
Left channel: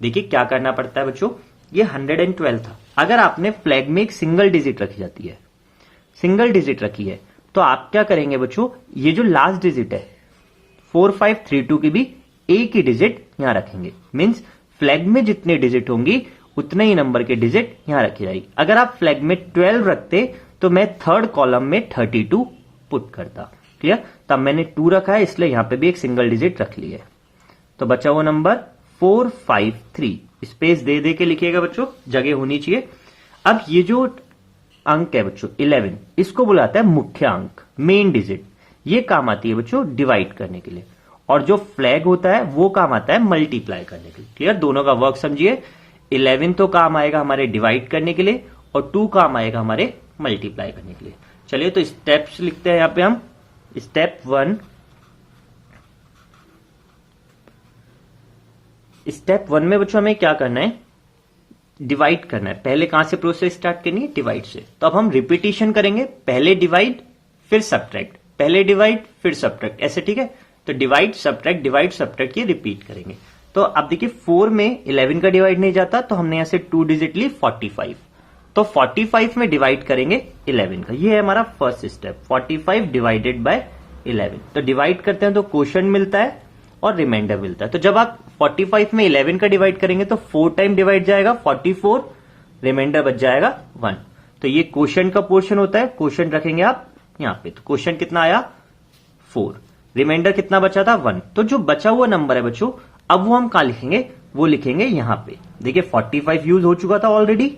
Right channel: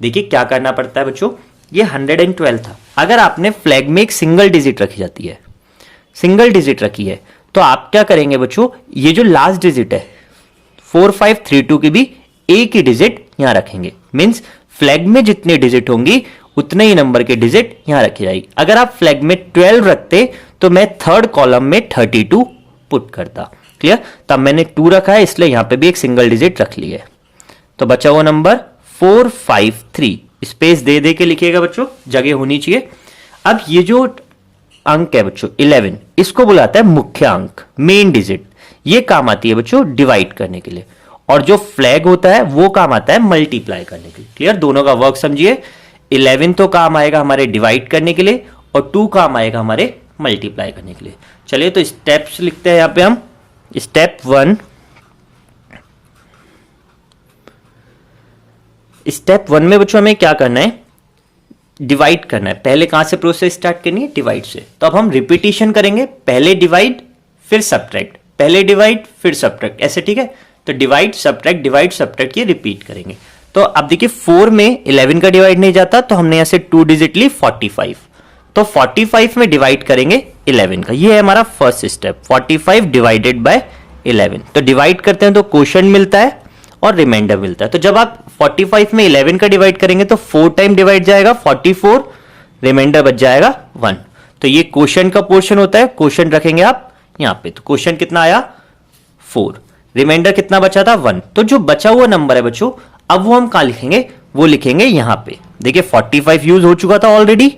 देखिए क्या करना पड़ता है बच्चों। ये 112 था, अगर आपने फ्लैग में एक सिंगल डिजिट रखी जाती है, सिंगल डिजिट रखी है, तो आप क्या करेंगे बच्चों, ये जो लास्ट डिजिट है 4532 की भी एक ही डिजिट यहां रखेंगे। मींस फ्लैग में जितने डिजिट होंगी उतने ही नंबर के डिजिट यहां रखी जाएगी। अगर आप फ्लैग में 12 रखते तो मैं थर्ड कॉलम में 32 पुट करता, क्लियर। तब मैंने 2 रखा है इसलिए यहां पे भी एक सिंगल डिजिट रख ली है। तो बचा हुआ नंबर 453, स्पेस दे दे के लिखिएगा बच्चों, जगह होनी चाहिए। अब ये जो अंक है बच्चों 11, इसको बुलाता है मुख्य अंक, मेन डिजिट। ये काम आती है बच्चों डिवाइड करने के लिए, और जो फ्लैग होता है वो काम आता है मल्टीप्लाई करने के लिए, क्लियर। दोनों का वर्क समझिए, 11 तो काम आएगा हमारे डिवाइड करने के लिए और 2 काम आएगा हमारे मल्टीप्लाई करने के लिए। चलिए तो स्टेप्स लिखते हैं यहां पे हम। स्टेप 1, स्टेप 1 में बच्चों हमें क्या करना है, डिवाइड करना है। पहले कहां से प्रोसेस स्टार्ट करनी है, डिवाइड से। तो अब हम रिपीटिशन करेंगे, पहले डिवाइड फिर सब्ट्रैक्ट, पहले डिवाइड फिर सब्ट्रैक्ट, ऐसे, ठीक है। तो डिवाइड सब्ट्रैक्ट ये रिपीट करेंगे। तो अब देखिए 4 में 11 का डिवाइड नहीं जाता, तो हमने यहां से 2 डिजिट ली 45, तो 45 में डिवाइड करेंगे 11 का। ये है हमारा फर्स्ट स्टेप, 45 डिवाइडेड बाय 11। तो डिवाइड करते हैं तो क्वोशंट मिलता है और रिमाइंडर मिलता है। तो जब आप 45 में 11 का डिवाइड करेंगे तो 4 टाइम डिवाइड जाएगा 44, रिमाइंडर बच जाएगा 1। तो ये क्वोशंट का पोर्शन होता है, क्वोशंट रखेंगे आप यहां पे। तो क्वोशंट कितना आया 4, रिमाइंडर कितना बचा था 1। तो जो बचा हुआ नंबर है बच्चों, अब वो हम कहां लिखेंगे, वो लिखेंगे यहां पे। देखिए 45 यूज हो चुका था ऑलरेडी,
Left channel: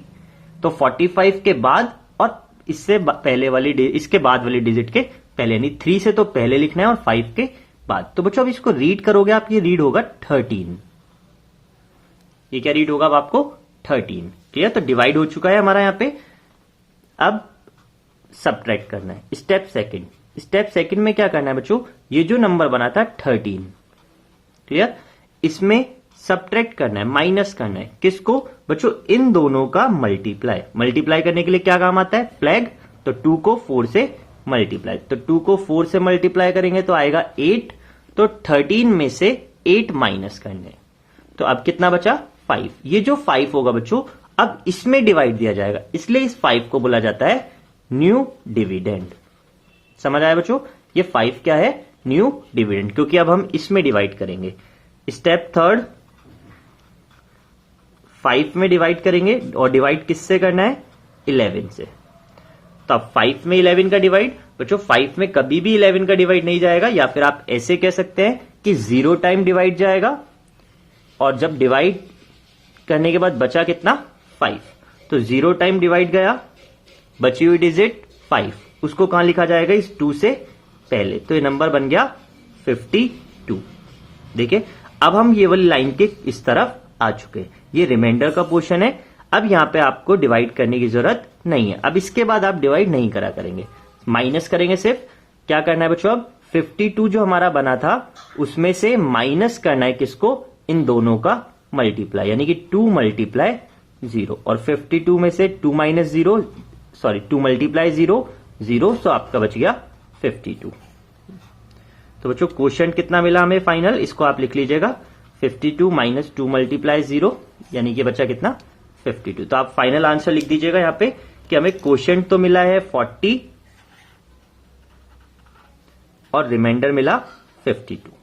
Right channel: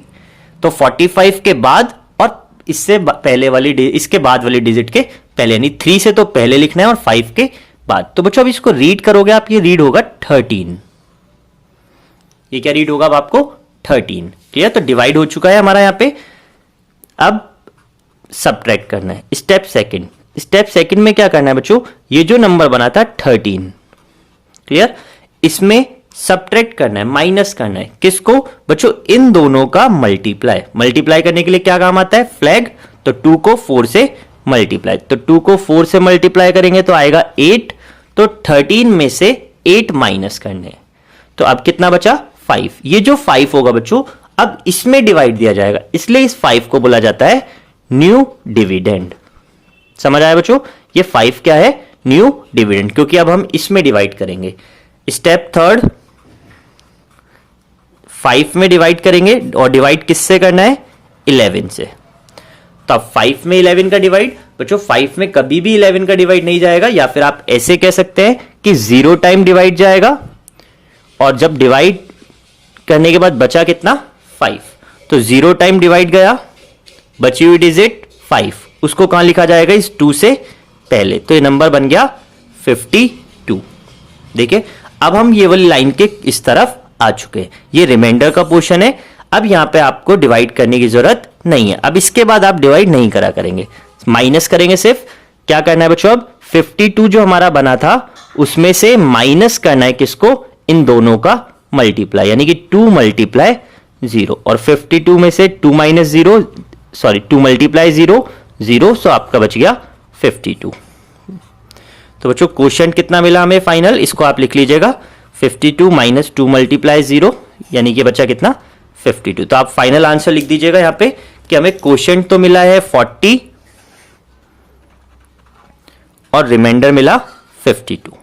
तो 45 के बाद और इससे पहले वाली इसके बाद वाली डिजिट के पहले, यानी 3 से तो पहले लिखना है और 5 के बाद। तो बच्चों अब इसको रीड करोगे आप, ये रीड होगा 13। ये क्या रीड होगा अब आपको 13, क्लियर। तो डिवाइड हो चुका है हमारा यहां पे। अब सब्ट्रैक्ट करना है, स्टेप सेकंड। स्टेप सेकंड में क्या करना है बच्चों, ये जो नंबर बना था 13, क्लियर, इसमें सब्ट्रैक्ट करना है, माइनस करना है। किसको बच्चों, इन दोनों का मल्टीप्लाई। मल्टीप्लाई करने के लिए क्या काम आता है, फ्लैग। तो 2 को 4 से मल्टीप्लाई, तो 2 को 4 से मल्टीप्लाई करेंगे तो आएगा 8। तो 13 में से 8 माइनस करने हैं, तो अब कितना बचा 5। ये जो 5 होगा बच्चों, अब इसमें डिवाइड दिया जाएगा, इसलिए इस 5 को बोला जाता है न्यू डिविडेंड। समझ आया बच्चों, ये 5 क्या है, न्यू डिविडेंड, क्योंकि अब हम इसमें डिवाइड करेंगे। स्टेप थर्ड, 5 में डिवाइड करेंगे, और डिवाइड किससे करना है, 11 से। तो अब 5 में 11 का डिवाइड, बच्चों 5 में कभी भी 11 का डिवाइड नहीं जाएगा, या फिर आप ऐसे कह सकते हैं कि 0 टाइम डिवाइड जाएगा, और जब डिवाइड करने के बाद बचा कितना 5, तो 0 टाइम डिवाइड गया, बची हुई डिजिट 5, उसको कहां लिखा जाएगा, इस 2 से पहले। तो ये नंबर बन गया 52। देखिए अब हम ये वाली लाइन के इस तरफ आ चुके हैं, ये रिमाइंडर का पोर्शन है। अब यहां पे आपको डिवाइड करने की जरूरत नहीं है, अब इसके बाद आप डिवाइड नहीं करा करेंगे, माइनस करेंगे सिर्फ। क्या करना है बच्चों, अब 52 जो हमारा बना था उसमें से माइनस करना है किसको, इन दोनों का मल्टीप्लाई, यानी कि 2 मल्टीप्लाई 0, और 52 में से 2 माइनस 0, सॉरी 2 मल्टीप्लाई 0, 0, सो आपका बच गया 52। तो बच्चों क्वोशंट कितना मिला हमें फाइनल, इसको आप लिख लीजिएगा 52 माइनस 2 मल्टीप्लाई 0, यानी कि बच्चा कितना 52। तो आप फाइनल आंसर लिख दीजिएगा यहां पे कि हमें क्वोशंट तो मिला है 40 और रिमाइंडर मिला 52।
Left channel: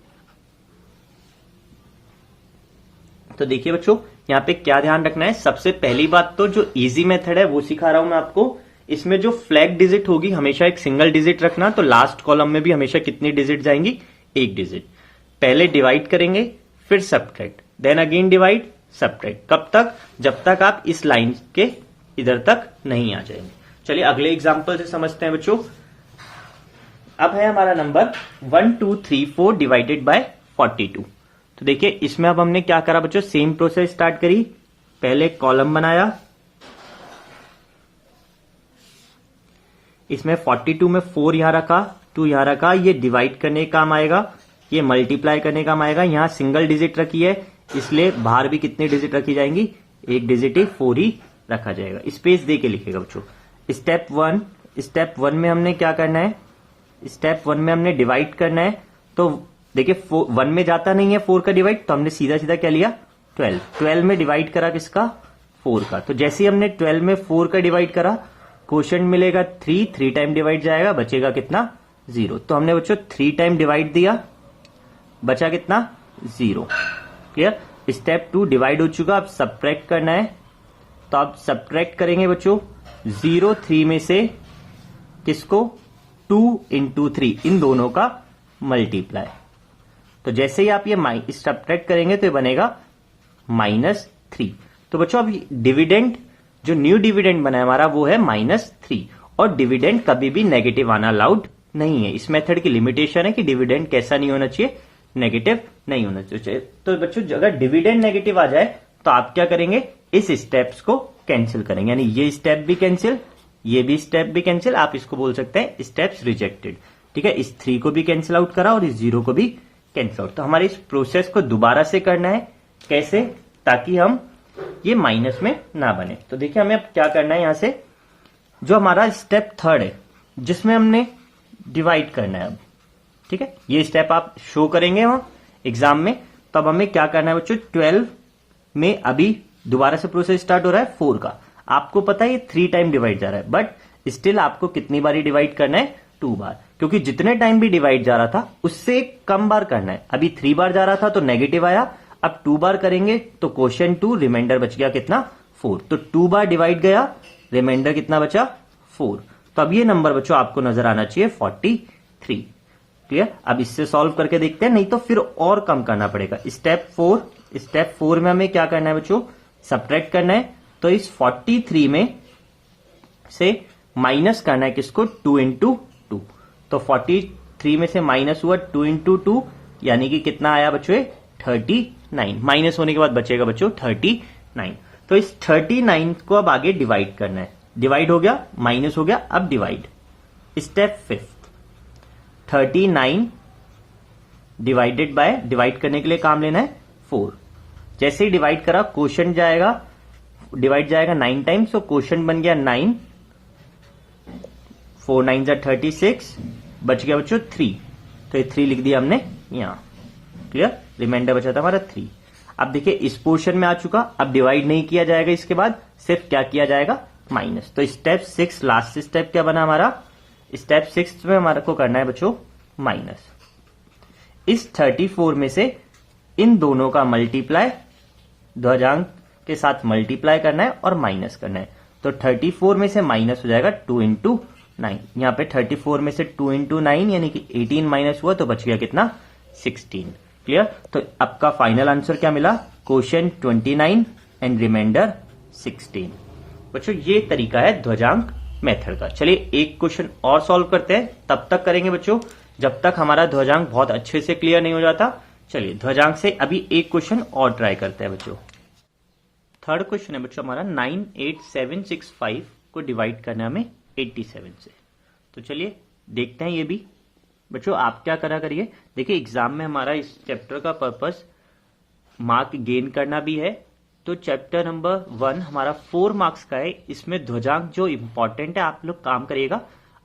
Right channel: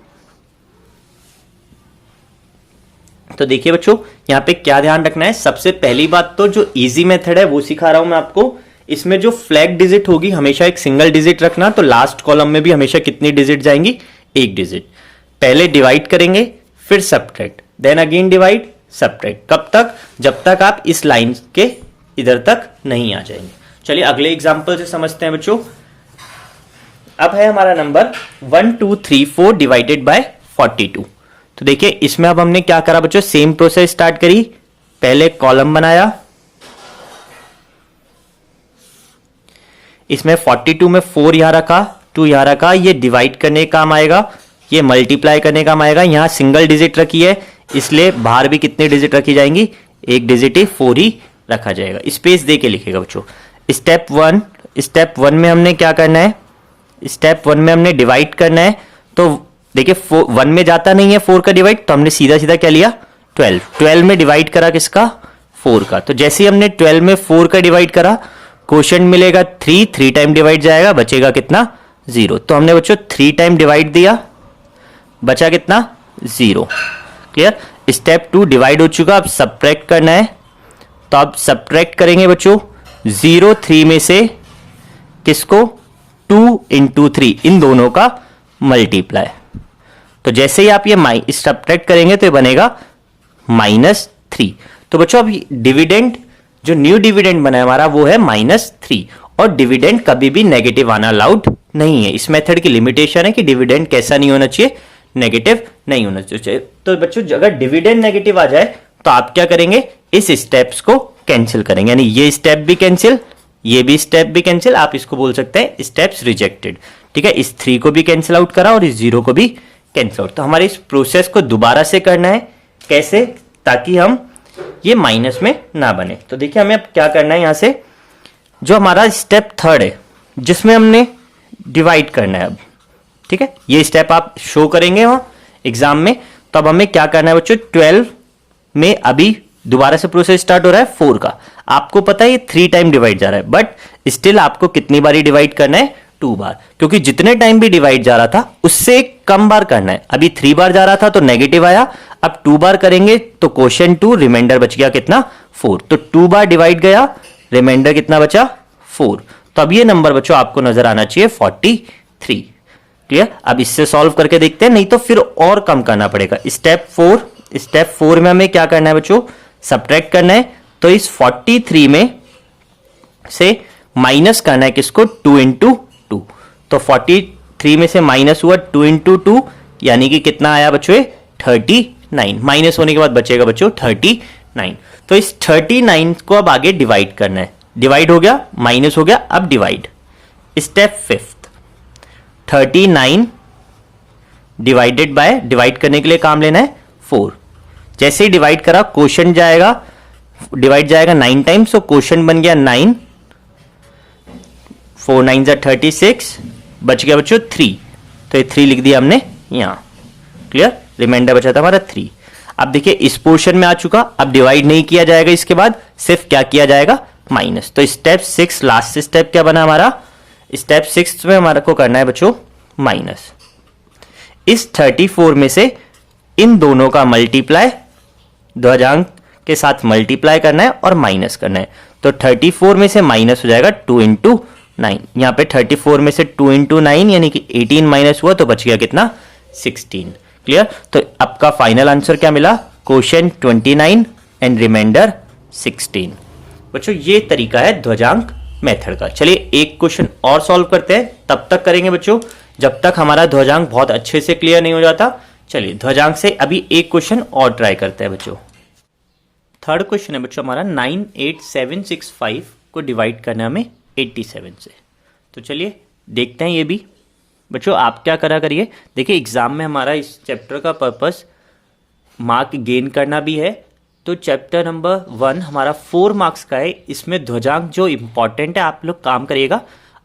तो देखिए बच्चों यहां पे क्या ध्यान रखना है, सबसे पहली बात तो जो इजी मेथड है वो सिखा रहा हूं मैं आपको। इसमें जो फ्लैग डिजिट होगी हमेशा एक सिंगल डिजिट रखना, तो लास्ट कॉलम में भी हमेशा कितनी डिजिट जाएंगी, एक डिजिट। पहले डिवाइड करेंगे, फिर subtract, then again divide subtract. कब तक, जब तक आप इस लाइन के इधर तक नहीं आ जाएंगे। चलिए अगले एग्जांपल से समझते हैं बच्चों। अब है हमारा नंबर 1 2 3 4 डिवाइडेड बाय 42। तो देखिए इसमें अब हमने क्या करा बच्चों, सेम प्रोसेस स्टार्ट करी। पहले कॉलम बनाया, इसमें 42 में 4 यहां रखा, 2 यहां रखा, ये डिवाइड करने का काम आएगा, ये मल्टीप्लाई करने का काम आएगा। यहां सिंगल डिजिट रखी है इसलिए बाहर भी कितने डिजिट रखी जाएंगी, एक डिजिट ही 4 ही रखा जाएगा। स्पेस दे के लिखेगा बच्चों। स्टेप वन में हमने क्या करना है, स्टेप 1 में हमने डिवाइड करना है। तो देखिए 1 में जाता नहीं है 4 का डिवाइड, तो हमने सीधा सीधा क्या लिया 12 में डिवाइड करा किसका, 4 का। तो जैसे ही हमने 12 में 4 का डिवाइड करा, क्वोशंट मिलेगा 3 टाइम डिवाइड जाएगा, बचेगा कितना 0। तो हमने बच्चों 3 टाइम डिवाइड दिया, बचा कितना 0। क्लियर। स्टेप 2 डिवाइड हो चुका, अब सब्ट्रैक्ट करना है। तो अब सब्ट्रैक्ट करेंगे बच्चों 0 3 में से किसको, 2 इंटू 3, इन दोनों का मल्टीप्लाई। तो जैसे ही आप ये सब्ट्रैक्ट करेंगे तो ये बनेगा -3। तो बच्चों अब डिविडेंड, जो न्यू डिविडेंड बना है हमारा वो है -3, और डिविडेंड कभी भी नेगेटिव आना अलाउड नहीं है। इस मेथड की लिमिटेशन है कि डिविडेंड कैसा नहीं होना चाहिए, नेगेटिव नहीं होना चाहिए। तो बच्चों अगर डिविडेंड नेगेटिव आ जाए तो आप क्या करेंगे, इस स्टेप्स को कैंसिल करेंगे, यानी ये स्टेप भी कैंसिल, ये भी स्टेप भी कैंसिल। आप इसको बोल सकते हैं स्टेप्स रिजेक्टेड। ठीक है, इस 3 को भी कैंसिल आउट करा और इस 0 को भी कैंसिल आउट। तो हमारे इस प्रोसेस को दोबारा से करना है, कैसे, ताकि हम ये माइनस में ना बने। तो देखिए हमें अब क्या करना है, यहां से जो हमारा स्टेप 3 है जिसमें हमने डिवाइड करना है अब, ठीक है, ये स्टेप आप शो करेंगे वहां एग्जाम में। तो अब हमें क्या करना है बच्चों, 12 में अभी दोबारा से प्रोसेस स्टार्ट हो रहा है 4 का। आपको पता है ये 3 टाइम डिवाइड जा रहा है, बट स्टिल आपको कितनी बारी डिवाइड करना है, 2 बार, क्योंकि जितने टाइम भी डिवाइड जा रहा था उससे कम बार करना है। अभी 3 बार जा रहा था तो नेगेटिव आया, अब 2 बार करेंगे तो क्वोशंट 2, रिमाइंडर बच गया कितना 4। तो 2 बार डिवाइड गया, रिमाइंडर कितना बचा 4। तो अब ये नंबर बच्चों आपको नजर आना चाहिए 43। क्लियर। अब इससे सॉल्व करके देखते हैं, नहीं तो फिर और कम करना पड़ेगा। स्टेप 4 में हमें क्या करना है बच्चों, सब्ट्रैक्ट करना है। तो इस 43 में से माइनस करना है किसको, 2 इंटू 2। तो 43 में से माइनस हुआ 2 इंटू 2, यानी कि कितना आया बच्चों 39। माइनस होने के बाद बचेगा बच्चों 39। तो इस 39 को अब आगे डिवाइड करना है। डिवाइड हो गया, माइनस हो गया, अब divide. Step 5 39 divided by, divide करने के लिए काम लेना है 4। जैसे ही डिवाइड करा क्वोशंट जाएगा, डिवाइड जाएगा 9 टाइम्स, तो क्वोशंट बन गया 9, 4 9 जा 36, बच गया बच्चों 3। तो ये 3 लिख दिया हमने यहां। क्लियर। रिमाइंडर बचा था हमारा 3। अब देखिए इस पोर्शन में आ चुका, अब डिवाइड नहीं किया जाएगा, इसके बाद सिर्फ क्या किया जाएगा, माइनस। तो स्टेप 6 लास्ट स्टेप क्या बना हमारा, स्टेप 6 में हमारा को करना है बच्चों माइनस। इस 34 में से इन दोनों का मल्टीप्लाई, ध्वजांक के साथ मल्टीप्लाई करना है और माइनस करना है। तो 34 में से माइनस हो जाएगा 2 इंटू 9। यहां पे 34 में से 2 इंटू 9 यानी कि 18 माइनस हुआ, तो बच गया कितना 16। क्लियर। तो आपका फाइनल आंसर क्या मिला, क्वोशंट 29 एंड रिमाइंडर 16। बच्चों ये तरीका है ध्वजांक मेथड का। चलिए एक क्वेश्चन और सॉल्व करते हैं, तब तक करेंगे बच्चों जब तक हमारा ध्वजांक बहुत अच्छे से क्लियर नहीं हो जाता। चलिए ध्वजांक से अभी एक क्वेश्चन और ट्राई करते हैं बच्चों। थर्ड क्वेश्चन है बच्चों हमारा 98765 को डिवाइड करना है हमें 87 से। तो चलिए देखते हैं ये भी। बच्चों आप क्या करा करिए, देखिए एग्जाम में हमारा इस चैप्टर का पर्पस मार्क गेन करना भी है। तो चैप्टर नंबर 1 हमारा 4 मार्क्स का है। इसमें ध्वजांक जो इम्पॉर्टेंट है आप लोग काम करिएगा।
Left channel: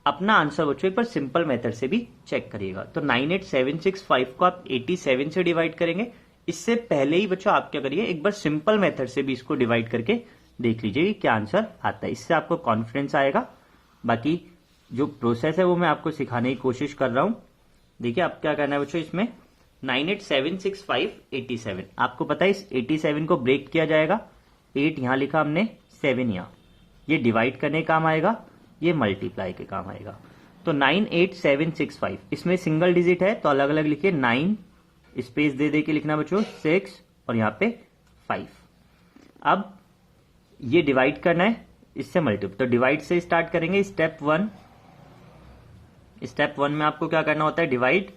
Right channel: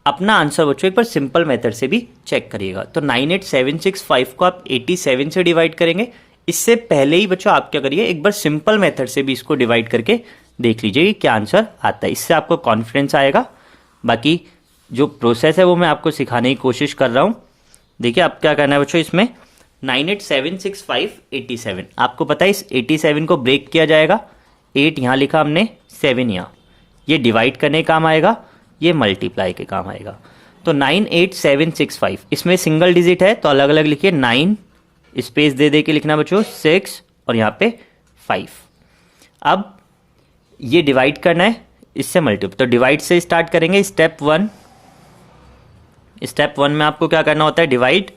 अपना आंसर बच्चों एक बार सिंपल मेथड से भी चेक करिएगा। तो 98765 को आप 87 से डिवाइड करेंगे। इससे पहले ही बच्चों आप क्या करिए, एक बार सिंपल मेथड से भी इसको डिवाइड करके देख लीजिए कि क्या आंसर आता है। इससे आपको कॉन्फिडेंस आएगा। बाकी जो प्रोसेस है वो मैं आपको सिखाने की कोशिश कर रहा हूँ। देखिए आप क्या करना है बच्चों, इसमें 98765 आपको पता है इस 87 को ब्रेक किया जाएगा। 8 यहाँ लिखा हमने, 7 यहाँ, ये डिवाइड करने काम आएगा, ये मल्टीप्लाई के काम आएगा। तो 98765 इसमें सिंगल डिजिट है तो अलग अलग लिखिए, 9 स्पेस दे दे के लिखना बच्चों, 6 और यहाँ पे 5। अब ये डिवाइड करना है इससे मल्टीप्लाई, तो डिवाइड से स्टार्ट करेंगे। स्टेप वन में आपको क्या करना होता है, डिवाइड।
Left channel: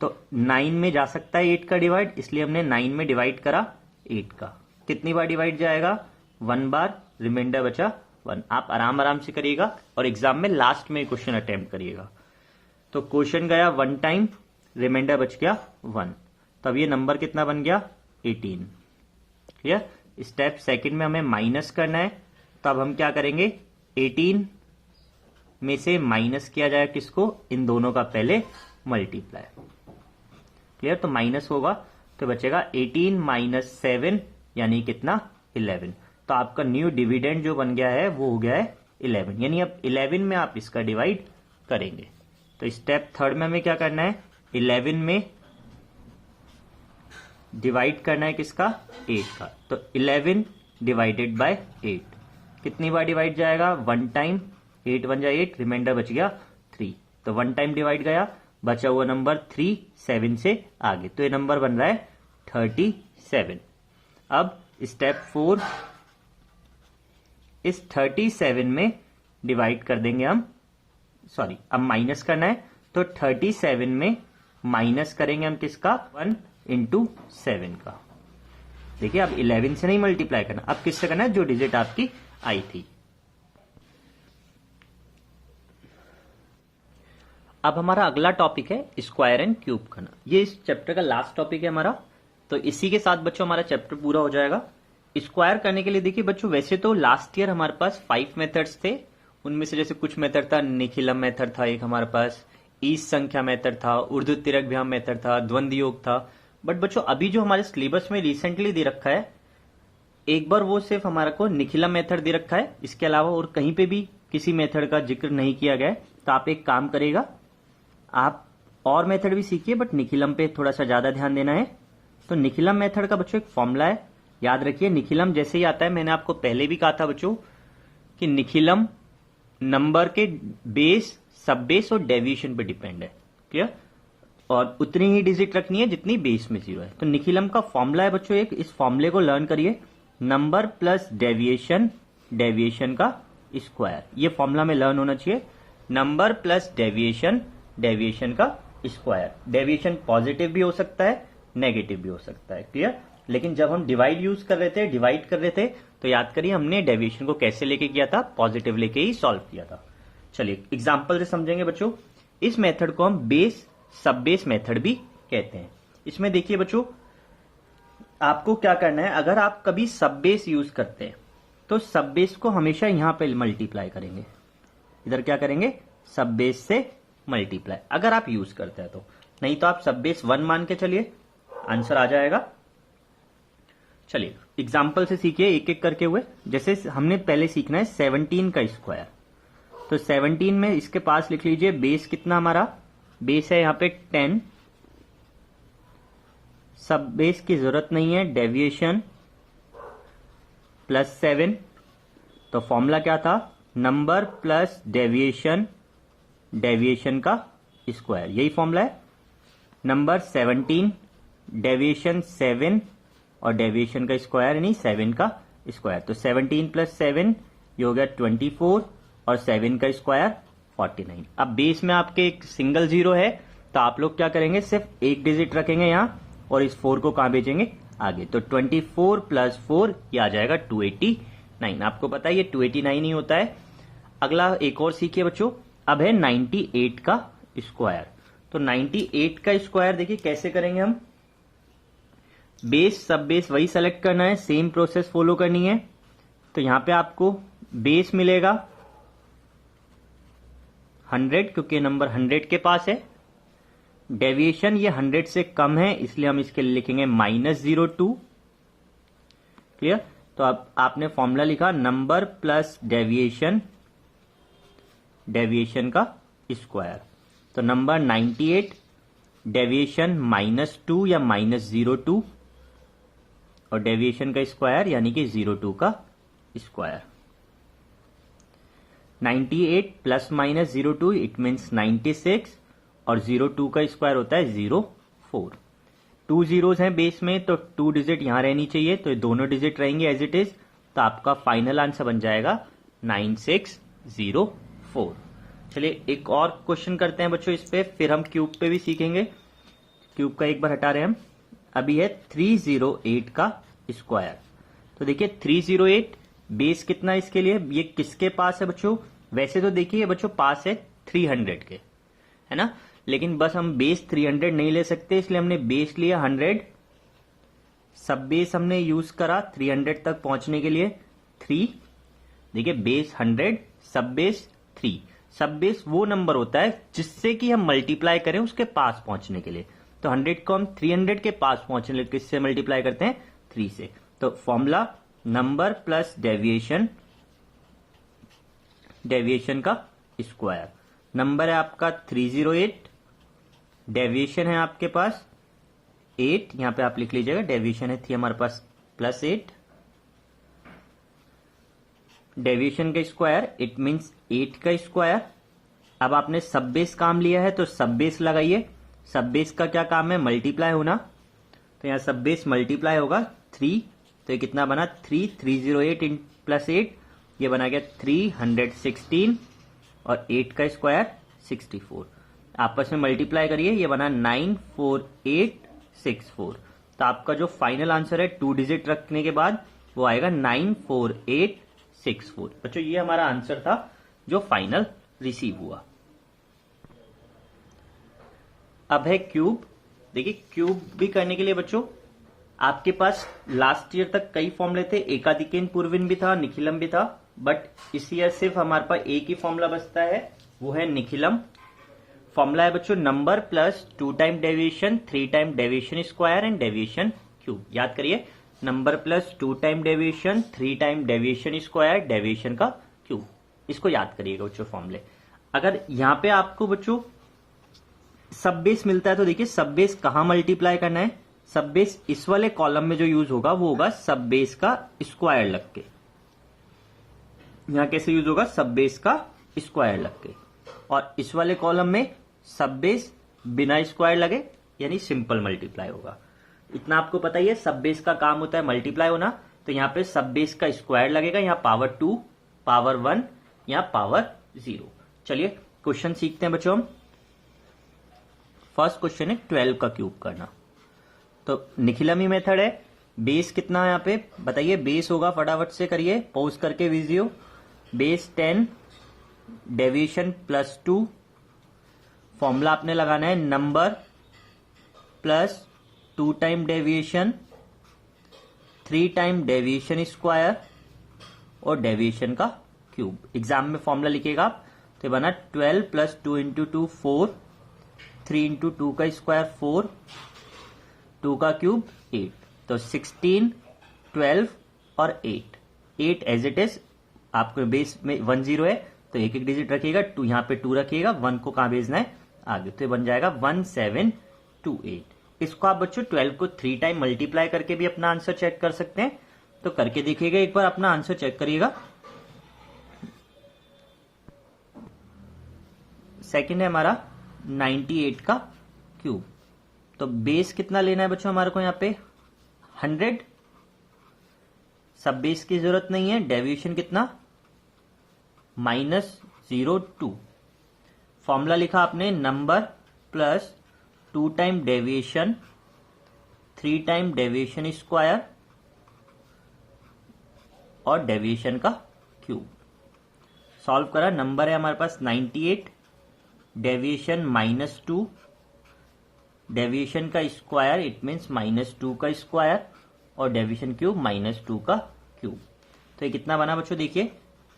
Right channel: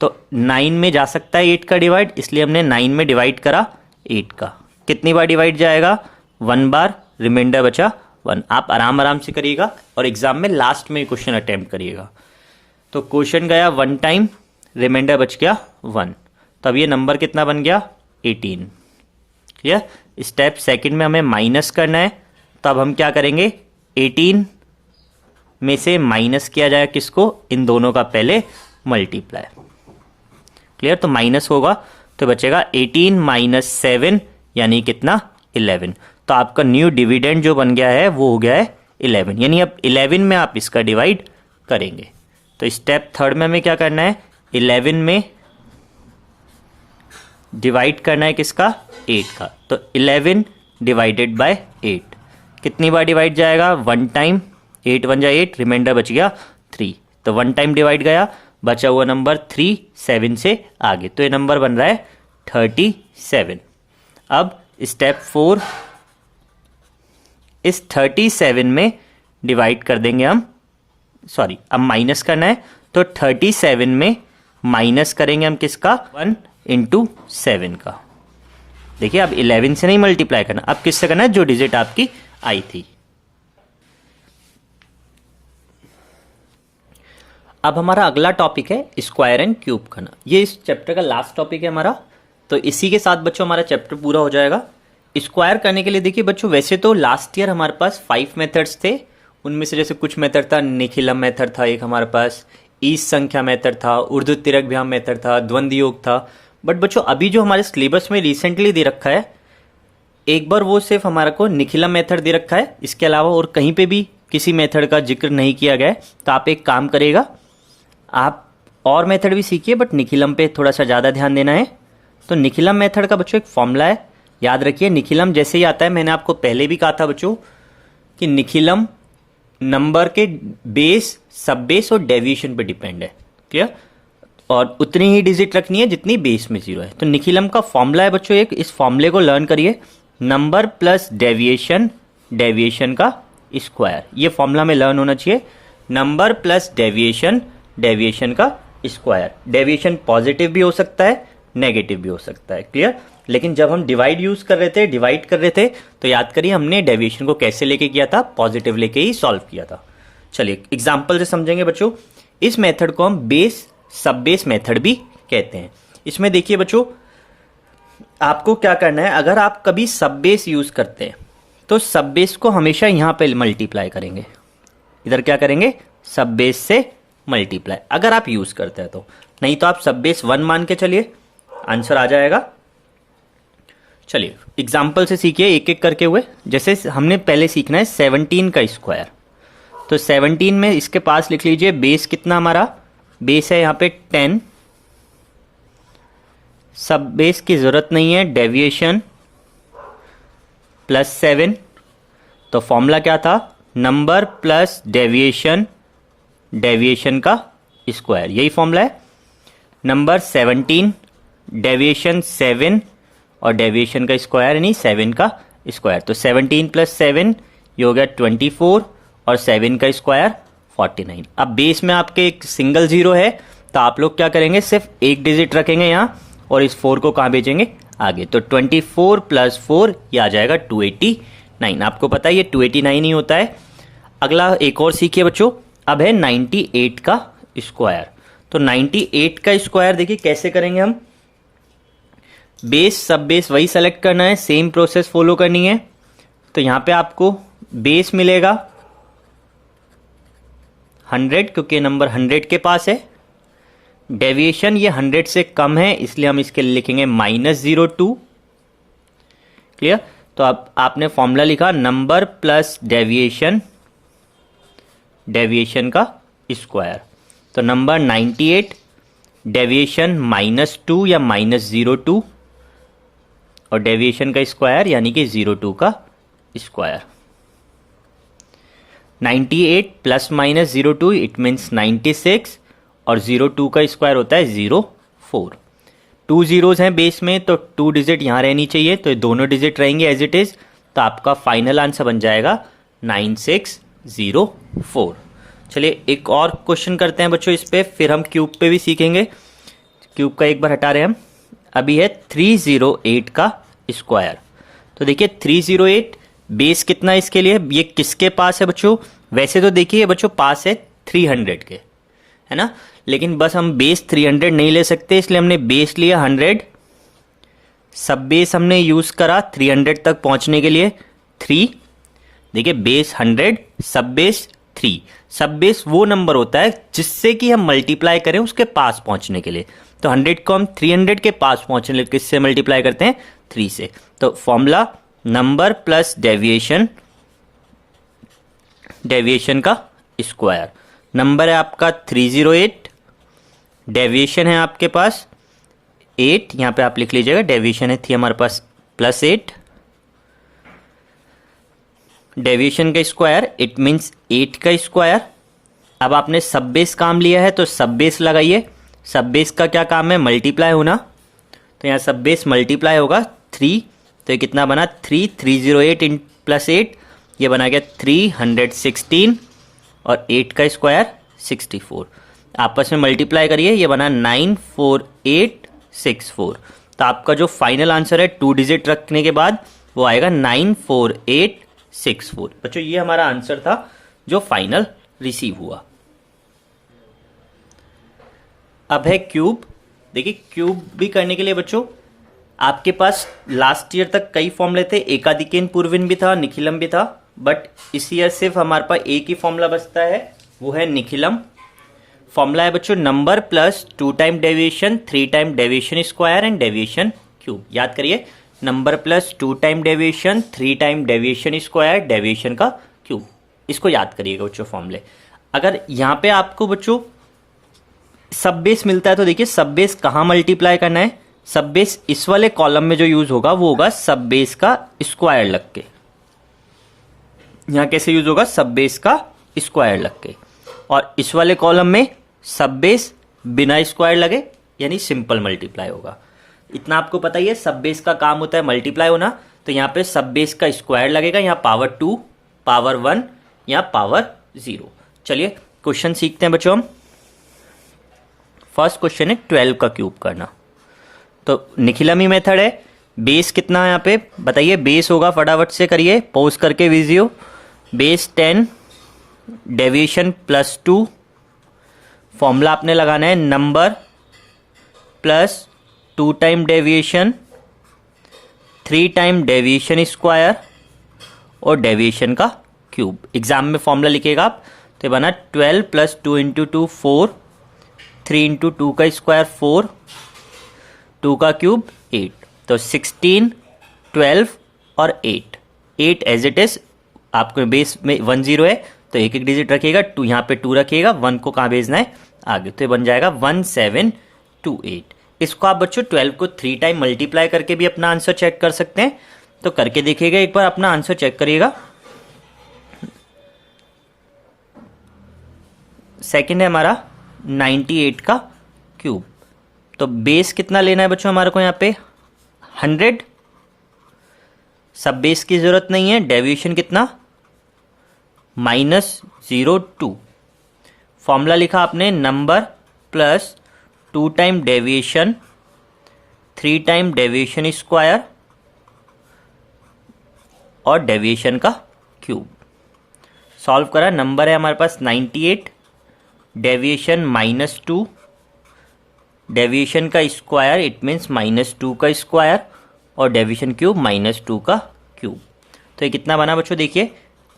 तो 9 में जा सकता है 8 का डिवाइड, इसलिए हमने 9 में डिवाइड करा 8 का। कितनी बार डिवाइड जाएगा, 1 बार, रिमाइंडर बचा 1। आप आराम से करिएगा और एग्जाम में लास्ट में क्वेश्चन अटेम्प्ट करिएगा। तो क्वेश्चन गया 1 टाइम, रिमाइंडर बच गया 1। तब ये नंबर कितना बन गया, 18। क्लियर। स्टेप सेकंड में हमें माइनस करना है, तब हम क्या करेंगे, 18 में से माइनस किया जाएगा किसको, इन दोनों का पहले मल्टीप्लाई। क्लियर। तो माइनस होगा तो बचेगा 18 माइनस 7 यानी कितना, 11। तो आपका न्यू डिविडेंड जो बन गया है वो हो गया है 11, यानी अब 11 में आप इसका डिवाइड करेंगे। तो स्टेप थर्ड में हमें क्या करना है, 11 में डिवाइड करना है किसका, 8 का। तो 11 डिवाइडेड बाय 8 कितनी बार डिवाइड जाएगा, 1 टाइम, 8 1 जा 8, रिमाइंडर बच गया 3। तो 1 टाइम डिवाइड गया, बचा हुआ नंबर 3 7 से आगे, तो ये नंबर बन रहा है 37। अब स्टेप 4, इस 37 में डिवाइड कर देंगे हम, सॉरी अब माइनस करना है। तो 37 में माइनस करेंगे हम किसका, 1 इंटू 7 का। देखिए अब 11 से नहीं मल्टीप्लाई करना, अब किससे करना है, जो डिजिट आपकी आई थी। अब हमारा अगला टॉपिक है स्क्वायर एंड क्यूब करना। ये इस चैप्टर का लास्ट टॉपिक है हमारा। तो इसी के साथ बच्चों हमारा चैप्टर पूरा हो जाएगा। स्क्वायर करने के लिए देखिए बच्चों, वैसे तो लास्ट ईयर हमारे पास 5 मेथड्स थे। उनमें से जैसे कुछ मेथड था, निखिलम मेथड था एक हमारे पास, ईस संख्या मेथड था, उर्दू तिरकभ्याम मेथड था, द्वंद्व योग था। बट बच्चों अभी जो हमारे सिलेबस में रिसेंटली दे रखा है, एक बार वो सिर्फ हमारा को निखिलम मेथड दे रखा है, इसके अलावा और कहीं पे भी किसी मेथड का जिक्र नहीं किया गया है। तो आप एक काम करेगा, आप और मेथड भी सीखिए बट निखिलम पे थोड़ा सा ज़्यादा ध्यान देना है। तो निखिलम मेथड का बच्चों एक फॉर्मूला है, याद रखिए। निखिलम जैसे ही आता है, मैंने आपको पहले भी कहा था बच्चों कि निखिलम नंबर के बेस, सब बेस और डेविएशन पे डिपेंड है। क्लियर। और उतनी ही डिजिट रखनी है जितनी बेस में 0 है। तो निखिलम का फॉर्मूला है बच्चों एक, इस फॉर्मूले को लर्न करिए, नंबर प्लस डेविएशन, डेविएशन का स्क्वायर। ये फॉर्मूला में लर्न होना चाहिए, नंबर प्लस डेविएशन, डेविएशन का स्क्वायर। डेविएशन पॉजिटिव भी हो सकता है, नेगेटिव भी हो सकता है। क्लियर। लेकिन जब हम डिवाइड यूज कर रहे थे, डिवाइड कर रहे थे, तो याद करिए हमने डेविएशन को कैसे लेके किया था, पॉजिटिव लेके ही सॉल्व किया था। चलिए एग्जाम्पल से समझेंगे बच्चों। इस मेथड को हम बेस सब बेस मेथड भी कहते हैं। इसमें देखिए बच्चों, आपको क्या करना है, अगर आप कभी सब बेस यूज करते हैं तो सब बेस को हमेशा यहां पे मल्टीप्लाई करेंगे। इधर क्या करेंगे, सब बेस से मल्टीप्लाई, अगर आप यूज करते हैं तो। नहीं तो आप सब बेस 1 मान के चलिए, आंसर आ जाएगा। चलिए एग्जाम्पल से सीखिए एक एक करके हुए। जैसे हमने पहले सीखना है 17 का स्क्वायर। तो 17 में इसके पास लिख लीजिए बेस कितना, हमारा बेस है यहाँ पे 10, सब बेस की जरूरत नहीं है, डेविएशन प्लस 7। तो फॉर्मूला क्या था, नंबर प्लस डेविएशन, डेविएशन का स्क्वायर, यही फॉर्मूला है। नंबर 17, डेविएशन 7 और डेविएशन का स्क्वायर यानी 7 का स्क्वायर। तो 17 प्लस 7 ये हो गया 24 और 7 का स्क्वायर 49। अब बेस में आपके एक सिंगल 0 है, तो आप लोग क्या करेंगे, सिर्फ एक डिजिट रखेंगे यहाँ और इस 4 को कहाँ भेजेंगे, आगे। तो 24 प्लस 4 ये आ जाएगा 289। आपको पता है ये 289 ही होता है। अगला एक और सीखिए बच्चों, अब है 98 का स्क्वायर। तो 98 का स्क्वायर देखिए कैसे करेंगे हम, बेस सब बेस वही सेलेक्ट करना है, सेम प्रोसेस फॉलो करनी है। तो यहाँ पे आपको बेस मिलेगा 100 क्योंकि नंबर 100 के पास है। डेविएशन ये 100 से कम है इसलिए हम इसके लिए लिखेंगे -02। क्लियर। तो अब आपने फॉर्मूला लिखा नंबर प्लस डेविएशन, डेविएशन का स्क्वायर। तो नंबर 98, डेविएशन -2 या -02 और डेविएशन का स्क्वायर यानी कि 02 का square. 98 plus minus 02 it means 96 और 02 का स्क्वायर होता है 04। 2 जीरोज हैं बेस में तो 2 डिजिट यहाँ रहनी चाहिए, तो दोनों डिजिट रहेंगे एज इट इज। तो आपका फाइनल आंसर बन जाएगा 9604। चलिए एक और क्वेश्चन करते हैं बच्चों इस पे, फिर हम क्यूब पे भी सीखेंगे। क्यूब का एक बार हटा रहे हैं हम। अभी है 308 का स्क्वायर। तो देखिए 308 बेस कितना है इसके लिए, ये किसके पास है बच्चों? वैसे तो देखिए बच्चों पास है 300 के, है ना, लेकिन बस हम बेस 300 नहीं ले सकते इसलिए हमने बेस लिया 100, सब बेस हमने यूज करा 300 तक पहुंचने के लिए 3। देखिए बेस 100 सब बेस 3। सब बेस वो नंबर होता है जिससे कि हम मल्टीप्लाई करें उसके पास पहुंचने के लिए। तो 100 को हम 300 के पास पहुंचने के लिए किससे मल्टीप्लाई करते हैं? 3 से। तो formula number plus deviation, deviation का स्क्वायर। नंबर है आपका 308, डेविएशन है आपके पास 8, यहां पे आप लिख लीजिएगा डेविएशन है थी हमारे पास +8, डेविएशन का स्क्वायर इट मीन्स 8 का स्क्वायर। अब आपने सब बेस काम लिया है तो सब बेस लगाइए। सब बेस का क्या काम है? मल्टीप्लाई होना। तो यहाँ सब बेस मल्टीप्लाई होगा 3, तो ये कितना बना 308 इन +8, ये बना गया 316 और 8 का स्क्वायर 64। आपस में मल्टीप्लाई करिए, ये बना 94864। तो आपका जो फाइनल आंसर है 2 डिजिट रखने के बाद वो आएगा 94864। बच्चों ये हमारा आंसर था जो फाइनल रिसीव हुआ। अब है क्यूब। देखिए क्यूब भी करने के लिए बच्चों आपके पास लास्ट ईयर तक कई फॉर्मूले थे, एकाधिकेन पूर्विन भी था, निखिलम भी था, बट इस ईयर सिर्फ हमारे पास एक ही फॉर्मूला बचता है, वो है निखिलम। फॉर्मूला है बच्चों number plus 2 time deviation, 3 time deviation square and deviation cube. याद करिए number plus 2 time deviation, 3 time deviation square, deviation का क्यूब। इसको याद करिएगा बच्चों फॉर्मूले। अगर यहाँ पे आपको बच्चों सब बेस मिलता है तो देखिए सब बेस कहाँ मल्टीप्लाई करना है? सब बेस इस वाले कॉलम में जो यूज होगा वो होगा सब बेस का स्क्वायर लग के। यहां कैसे यूज होगा? सब बेस का स्क्वायर लग के। और इस वाले कॉलम में सब बेस बिना स्क्वायर लगे यानी सिंपल मल्टीप्लाई होगा। इतना आपको पता ही है, सब बेस का काम होता है मल्टीप्लाई होना। तो यहां पे सब बेस का स्क्वायर लगेगा, यहां पावर 2, पावर 1 या पावर 0। चलिए क्वेश्चन सीखते हैं बच्चों हम। फर्स्ट क्वेश्चन है 12 का क्यूब करना। तो निखिलमी मेथड है। बेस कितना है यहाँ पे बताइए? बेस होगा, फटाफट से करिए पॉज करके वीडियो। Base 10, deviation +2। फॉर्मूला आपने लगाना है number plus 2 time deviation, 3 time deviation square और डेविएशन का क्यूब। एग्जाम में फॉर्मूला लिखेगा आप तो ये बना 12 + 2 × 2 4, 3 × 2 का स्क्वायर 4, 2 का क्यूब 8। तो 16, 12 और 8 एज इट इज। आपको बेस में 1 0 है तो एक एक डिजिट रखिएगा, 2 यहाँ पे 2 रखिएगा, 1 को कहाँ भेजना है? आगे। तो ये बन जाएगा 1728। इसको आप बच्चों 12 को 3 टाइम मल्टीप्लाई करके भी अपना आंसर चेक कर सकते हैं। तो करके देखिएगा, एक बार अपना आंसर चेक करिएगा। सेकंड है हमारा 98 का क्यूब। तो बेस कितना लेना है बच्चों हमारे को यहाँ पे? 100। सब बेस की जरूरत नहीं है। डेविएशन कितना? -02। फॉर्मूला लिखा आपने number plus 2 time deviation, 3 time deviation square और डेविएशन का क्यूब। सॉल्व करा। नंबर है हमारे पास 98, डेविएशन -2, डेविएशन का स्क्वायर इट मीन्स -2 का स्क्वायर और डेविएशन क्यूब -2 का क्यूब। तो ये कितना बना बच्चों? देखिए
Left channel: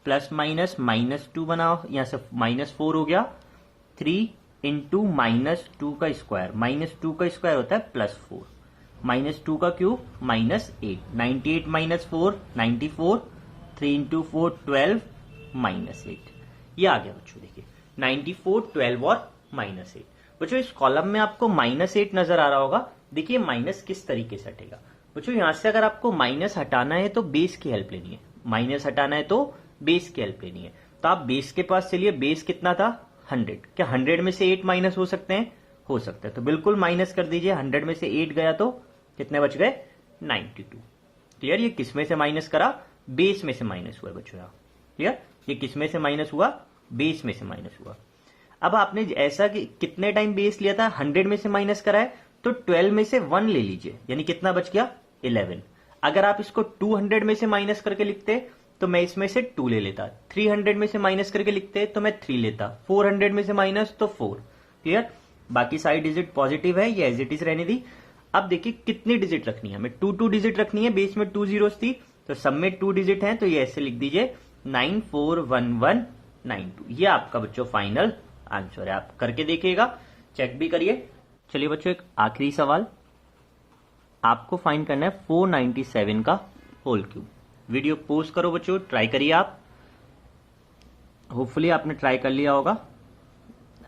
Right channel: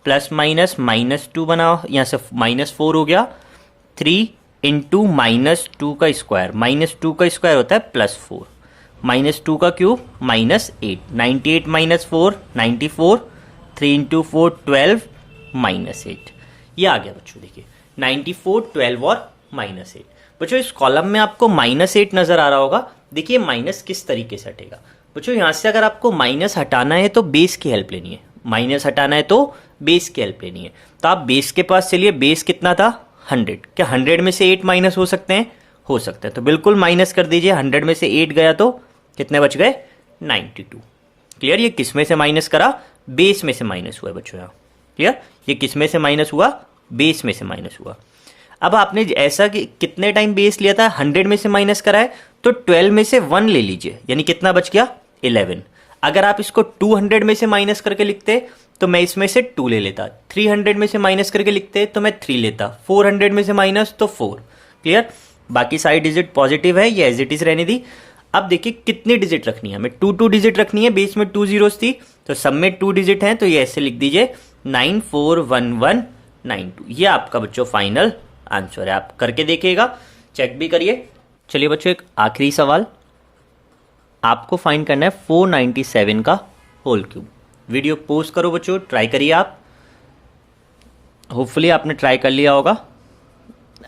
प्लस माइनस -2 बनाओ, यहाँ से -4 हो गया, 3 इंटू -2 का स्क्वायर, -2 का स्क्वायर होता है +4, -2 का क्यूब -8, 98 -4 94, 3 इंटू 4 12 -8, ये आ गया बच्चों। देखिए 94 12 और -8। बच्चों इस कॉलम में आपको -8 नजर आ रहा होगा। देखिए माइनस किस तरीके से हटेगा बच्चों, यहां से अगर आपको माइनस हटाना है तो बेस की हेल्प लेनी है, माइनस हटाना है तो बेस की हेल्प लेनी है। तो आप बेस के पास चलिए, बेस कितना था 100, क्या 100 में से 8 माइनस हो सकते हैं, हो सकते हैं, तो बिल्कुल माइनस कर दीजिए। 100 में से 8 गया तो कितने बच गए 92। क्लियर, ये किस में से माइनस करा, बेस में से माइनस हुआ है बच्चों यहाँ। क्लियर, ये किस में से माइनस हुआ, बेस में से माइनस हुआ। अब आपने ऐसा कि कितने टाइम बेस लिया था, 100 में से माइनस करा है, तो 12 में से 1 ले लीजिए, यानी कितना बच गया 11। अगर आप इसको 200 में से माइनस करके लिखते तो मैं इसमें से 2 ले लेता, 300 में से माइनस करके लिखते तो मैं 3 लेता, 400 में से माइनस तो 4। क्लियर, बाकी सारी डिजिट पॉजिटिव है, ये एज इट इज रहने दी। अब देखिए कितनी डिजिट रखनी है, हमें 2 डिजिट रखनी है, बेस में 2 जीरोस थी, तो सब में 2 डिजिट हैं, तो ये ऐसे लिख दीजिए 941192। ये आपका बच्चों फाइनल आंसर है। आप करके देखिएगा, चेक भी करिए। चलिए बच्चों एक आखिरी सवाल, आपको फाइंड करना है 497 का होल क्यूब। वीडियो पोस्ट करो बच्चों, ट्राई करिए आप, होपफुली आपने ट्राई कर लिया होगा।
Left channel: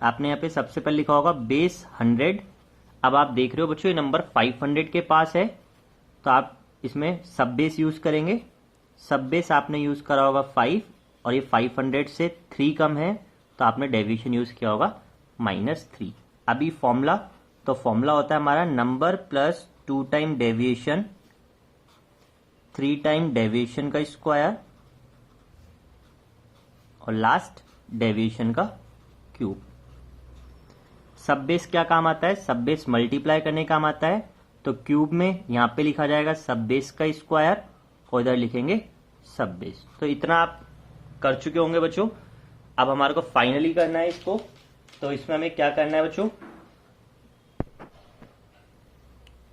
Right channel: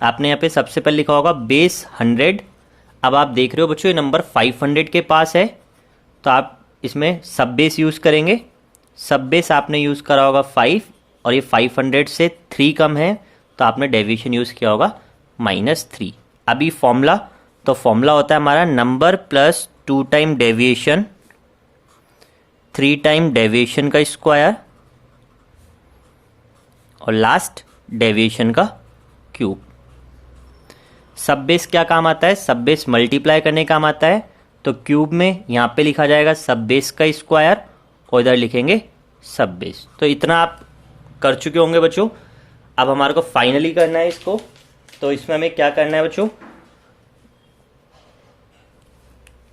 आपने यहाँ पे सबसे पहले लिखा होगा बेस 100। अब आप देख रहे हो बच्चों ये नंबर 500 के पास है, तो आप इसमें सब बेस यूज़ करेंगे। सब बेस आपने यूज़ करा होगा 5, और ये 500 से 3 कम है, तो आपने डेविएशन यूज़ किया होगा -3। अभी फॉर्मूला, तो फॉर्मूला होता है हमारा number plus 2 time deviation, 3 time deviation का स्क्वायर, और लास्ट डेविएशन का क्यूब। सब बेस क्या काम आता है, सब बेस मल्टीप्लाई करने काम आता है, तो क्यूब में यहाँ पे लिखा जाएगा सब बेस का स्क्वायर, और इधर लिखेंगे सब बेस। तो इतना आप कर चुके होंगे बच्चों। अब हमारे को फाइनली करना है इसको, तो इसमें हमें क्या करना है बच्चों,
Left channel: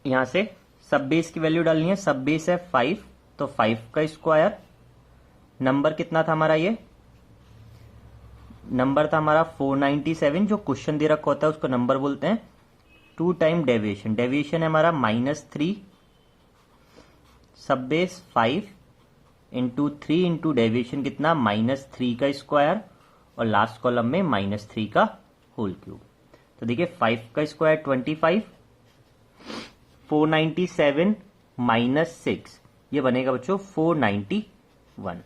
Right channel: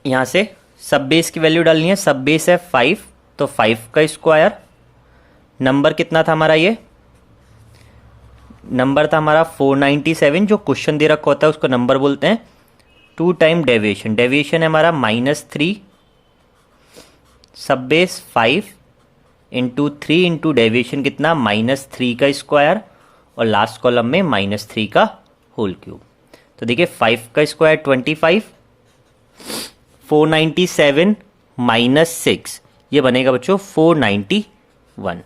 यहाँ से सब बेस की वैल्यू डालनी है। सब बेस है 5, तो 5 का स्क्वायर, नंबर कितना था हमारा, ये नंबर था हमारा 497, जो क्वेश्चन दे रखा होता है उसको नंबर बोलते हैं। 2 टाइम डेविएशन, डेविएशन है हमारा -3, सब बेस 5 इंटू 3 इंटू डेविएशन कितना -3 का स्क्वायर, और लास्ट कॉलम में -3 का होल क्यूब। तो देखिए 5 का स्क्वायर 25, 497 -6, ये बनेगा बच्चों 491।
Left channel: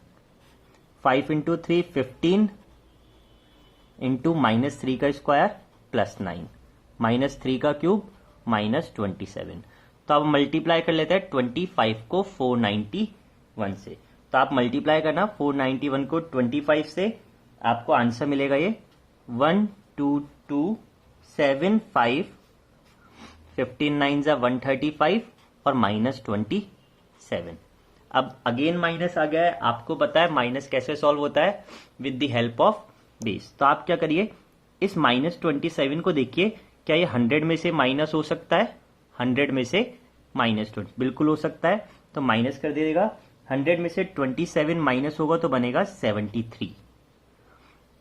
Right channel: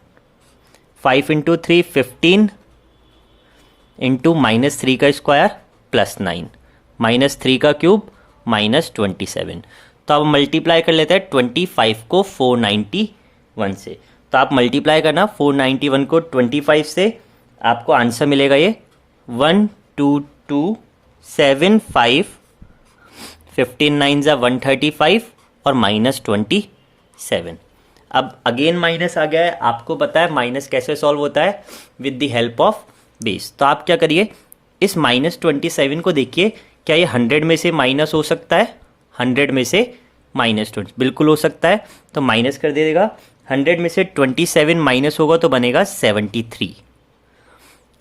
5 इंटू 3 15 इंटू -3 का स्क्वायर +9, -3 का क्यूब -27। तो अब मल्टीप्लाई कर लेते हैं 25 को 491 से। तो आप मल्टीप्लाई करना 491 को 25 से, आपको आंसर मिलेगा ये 12275, 15 9 ज़ा 135 और -27। अब अगेन माइनस आ गया है, आपको पता है माइनस कैसे सॉल्व होता है, with the help of base. तो आप क्या करिए, इस -27 को देखिए, क्या ये 100 में से माइनस हो सकता है, 100 में से -20 बिल्कुल हो सकता है, तो माइनस कर दीजिएगा। 100 में से 27 माइनस होगा तो बनेगा 73।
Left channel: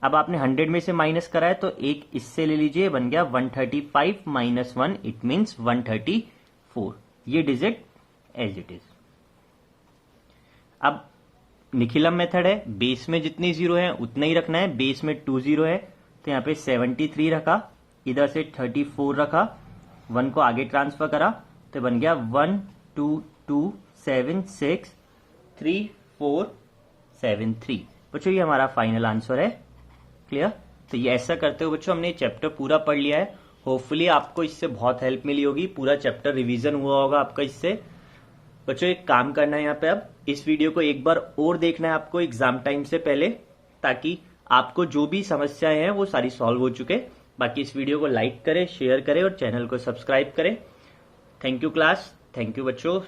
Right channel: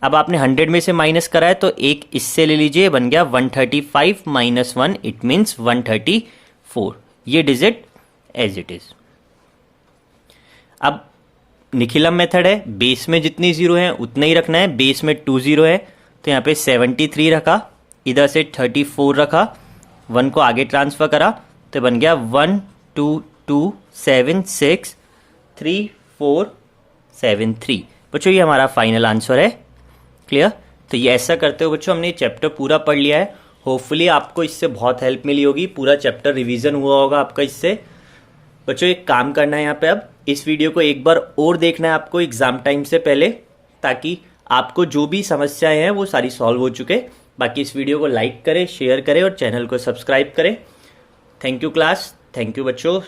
अब आपने 100 में से माइनस करा है, तो एक इससे ले लीजिए, बन गया 135 - 1, इट मीन्स 134। ये डिजिट एज इट इज। अब निखिलम मेथड है, बेस में जितनी जीरो है उतना ही रखना है। बेस में 2 जीरो है, तो यहाँ पे 73 रखा, इधर से 34 रखा, 1 को आगे ट्रांसफर करा, तो बन गया 1 2 2 7 6 3 4 7 3। बच्चों ये हमारा फाइनल आंसर है। क्लियर, तो ये ऐसा करते हो बच्चों हमने चैप्टर पूरा पढ़ लिया है। होपफुली आपको इससे बहुत हेल्प मिली होगी, पूरा चैप्टर रिवीजन हुआ होगा आपका इससे। बच्चों एक काम करना है यहाँ पे, अब इस वीडियो को एक बार और देखना है आपको एग्जाम टाइम से पहले, ताकि आपको जो भी समस्याएं हैं वो सारी सॉल्व हो चुके। बाकी इस वीडियो को लाइक करें, शेयर करें और चैनल को सब्सक्राइब करें। Thank you class, thank you बच्चों।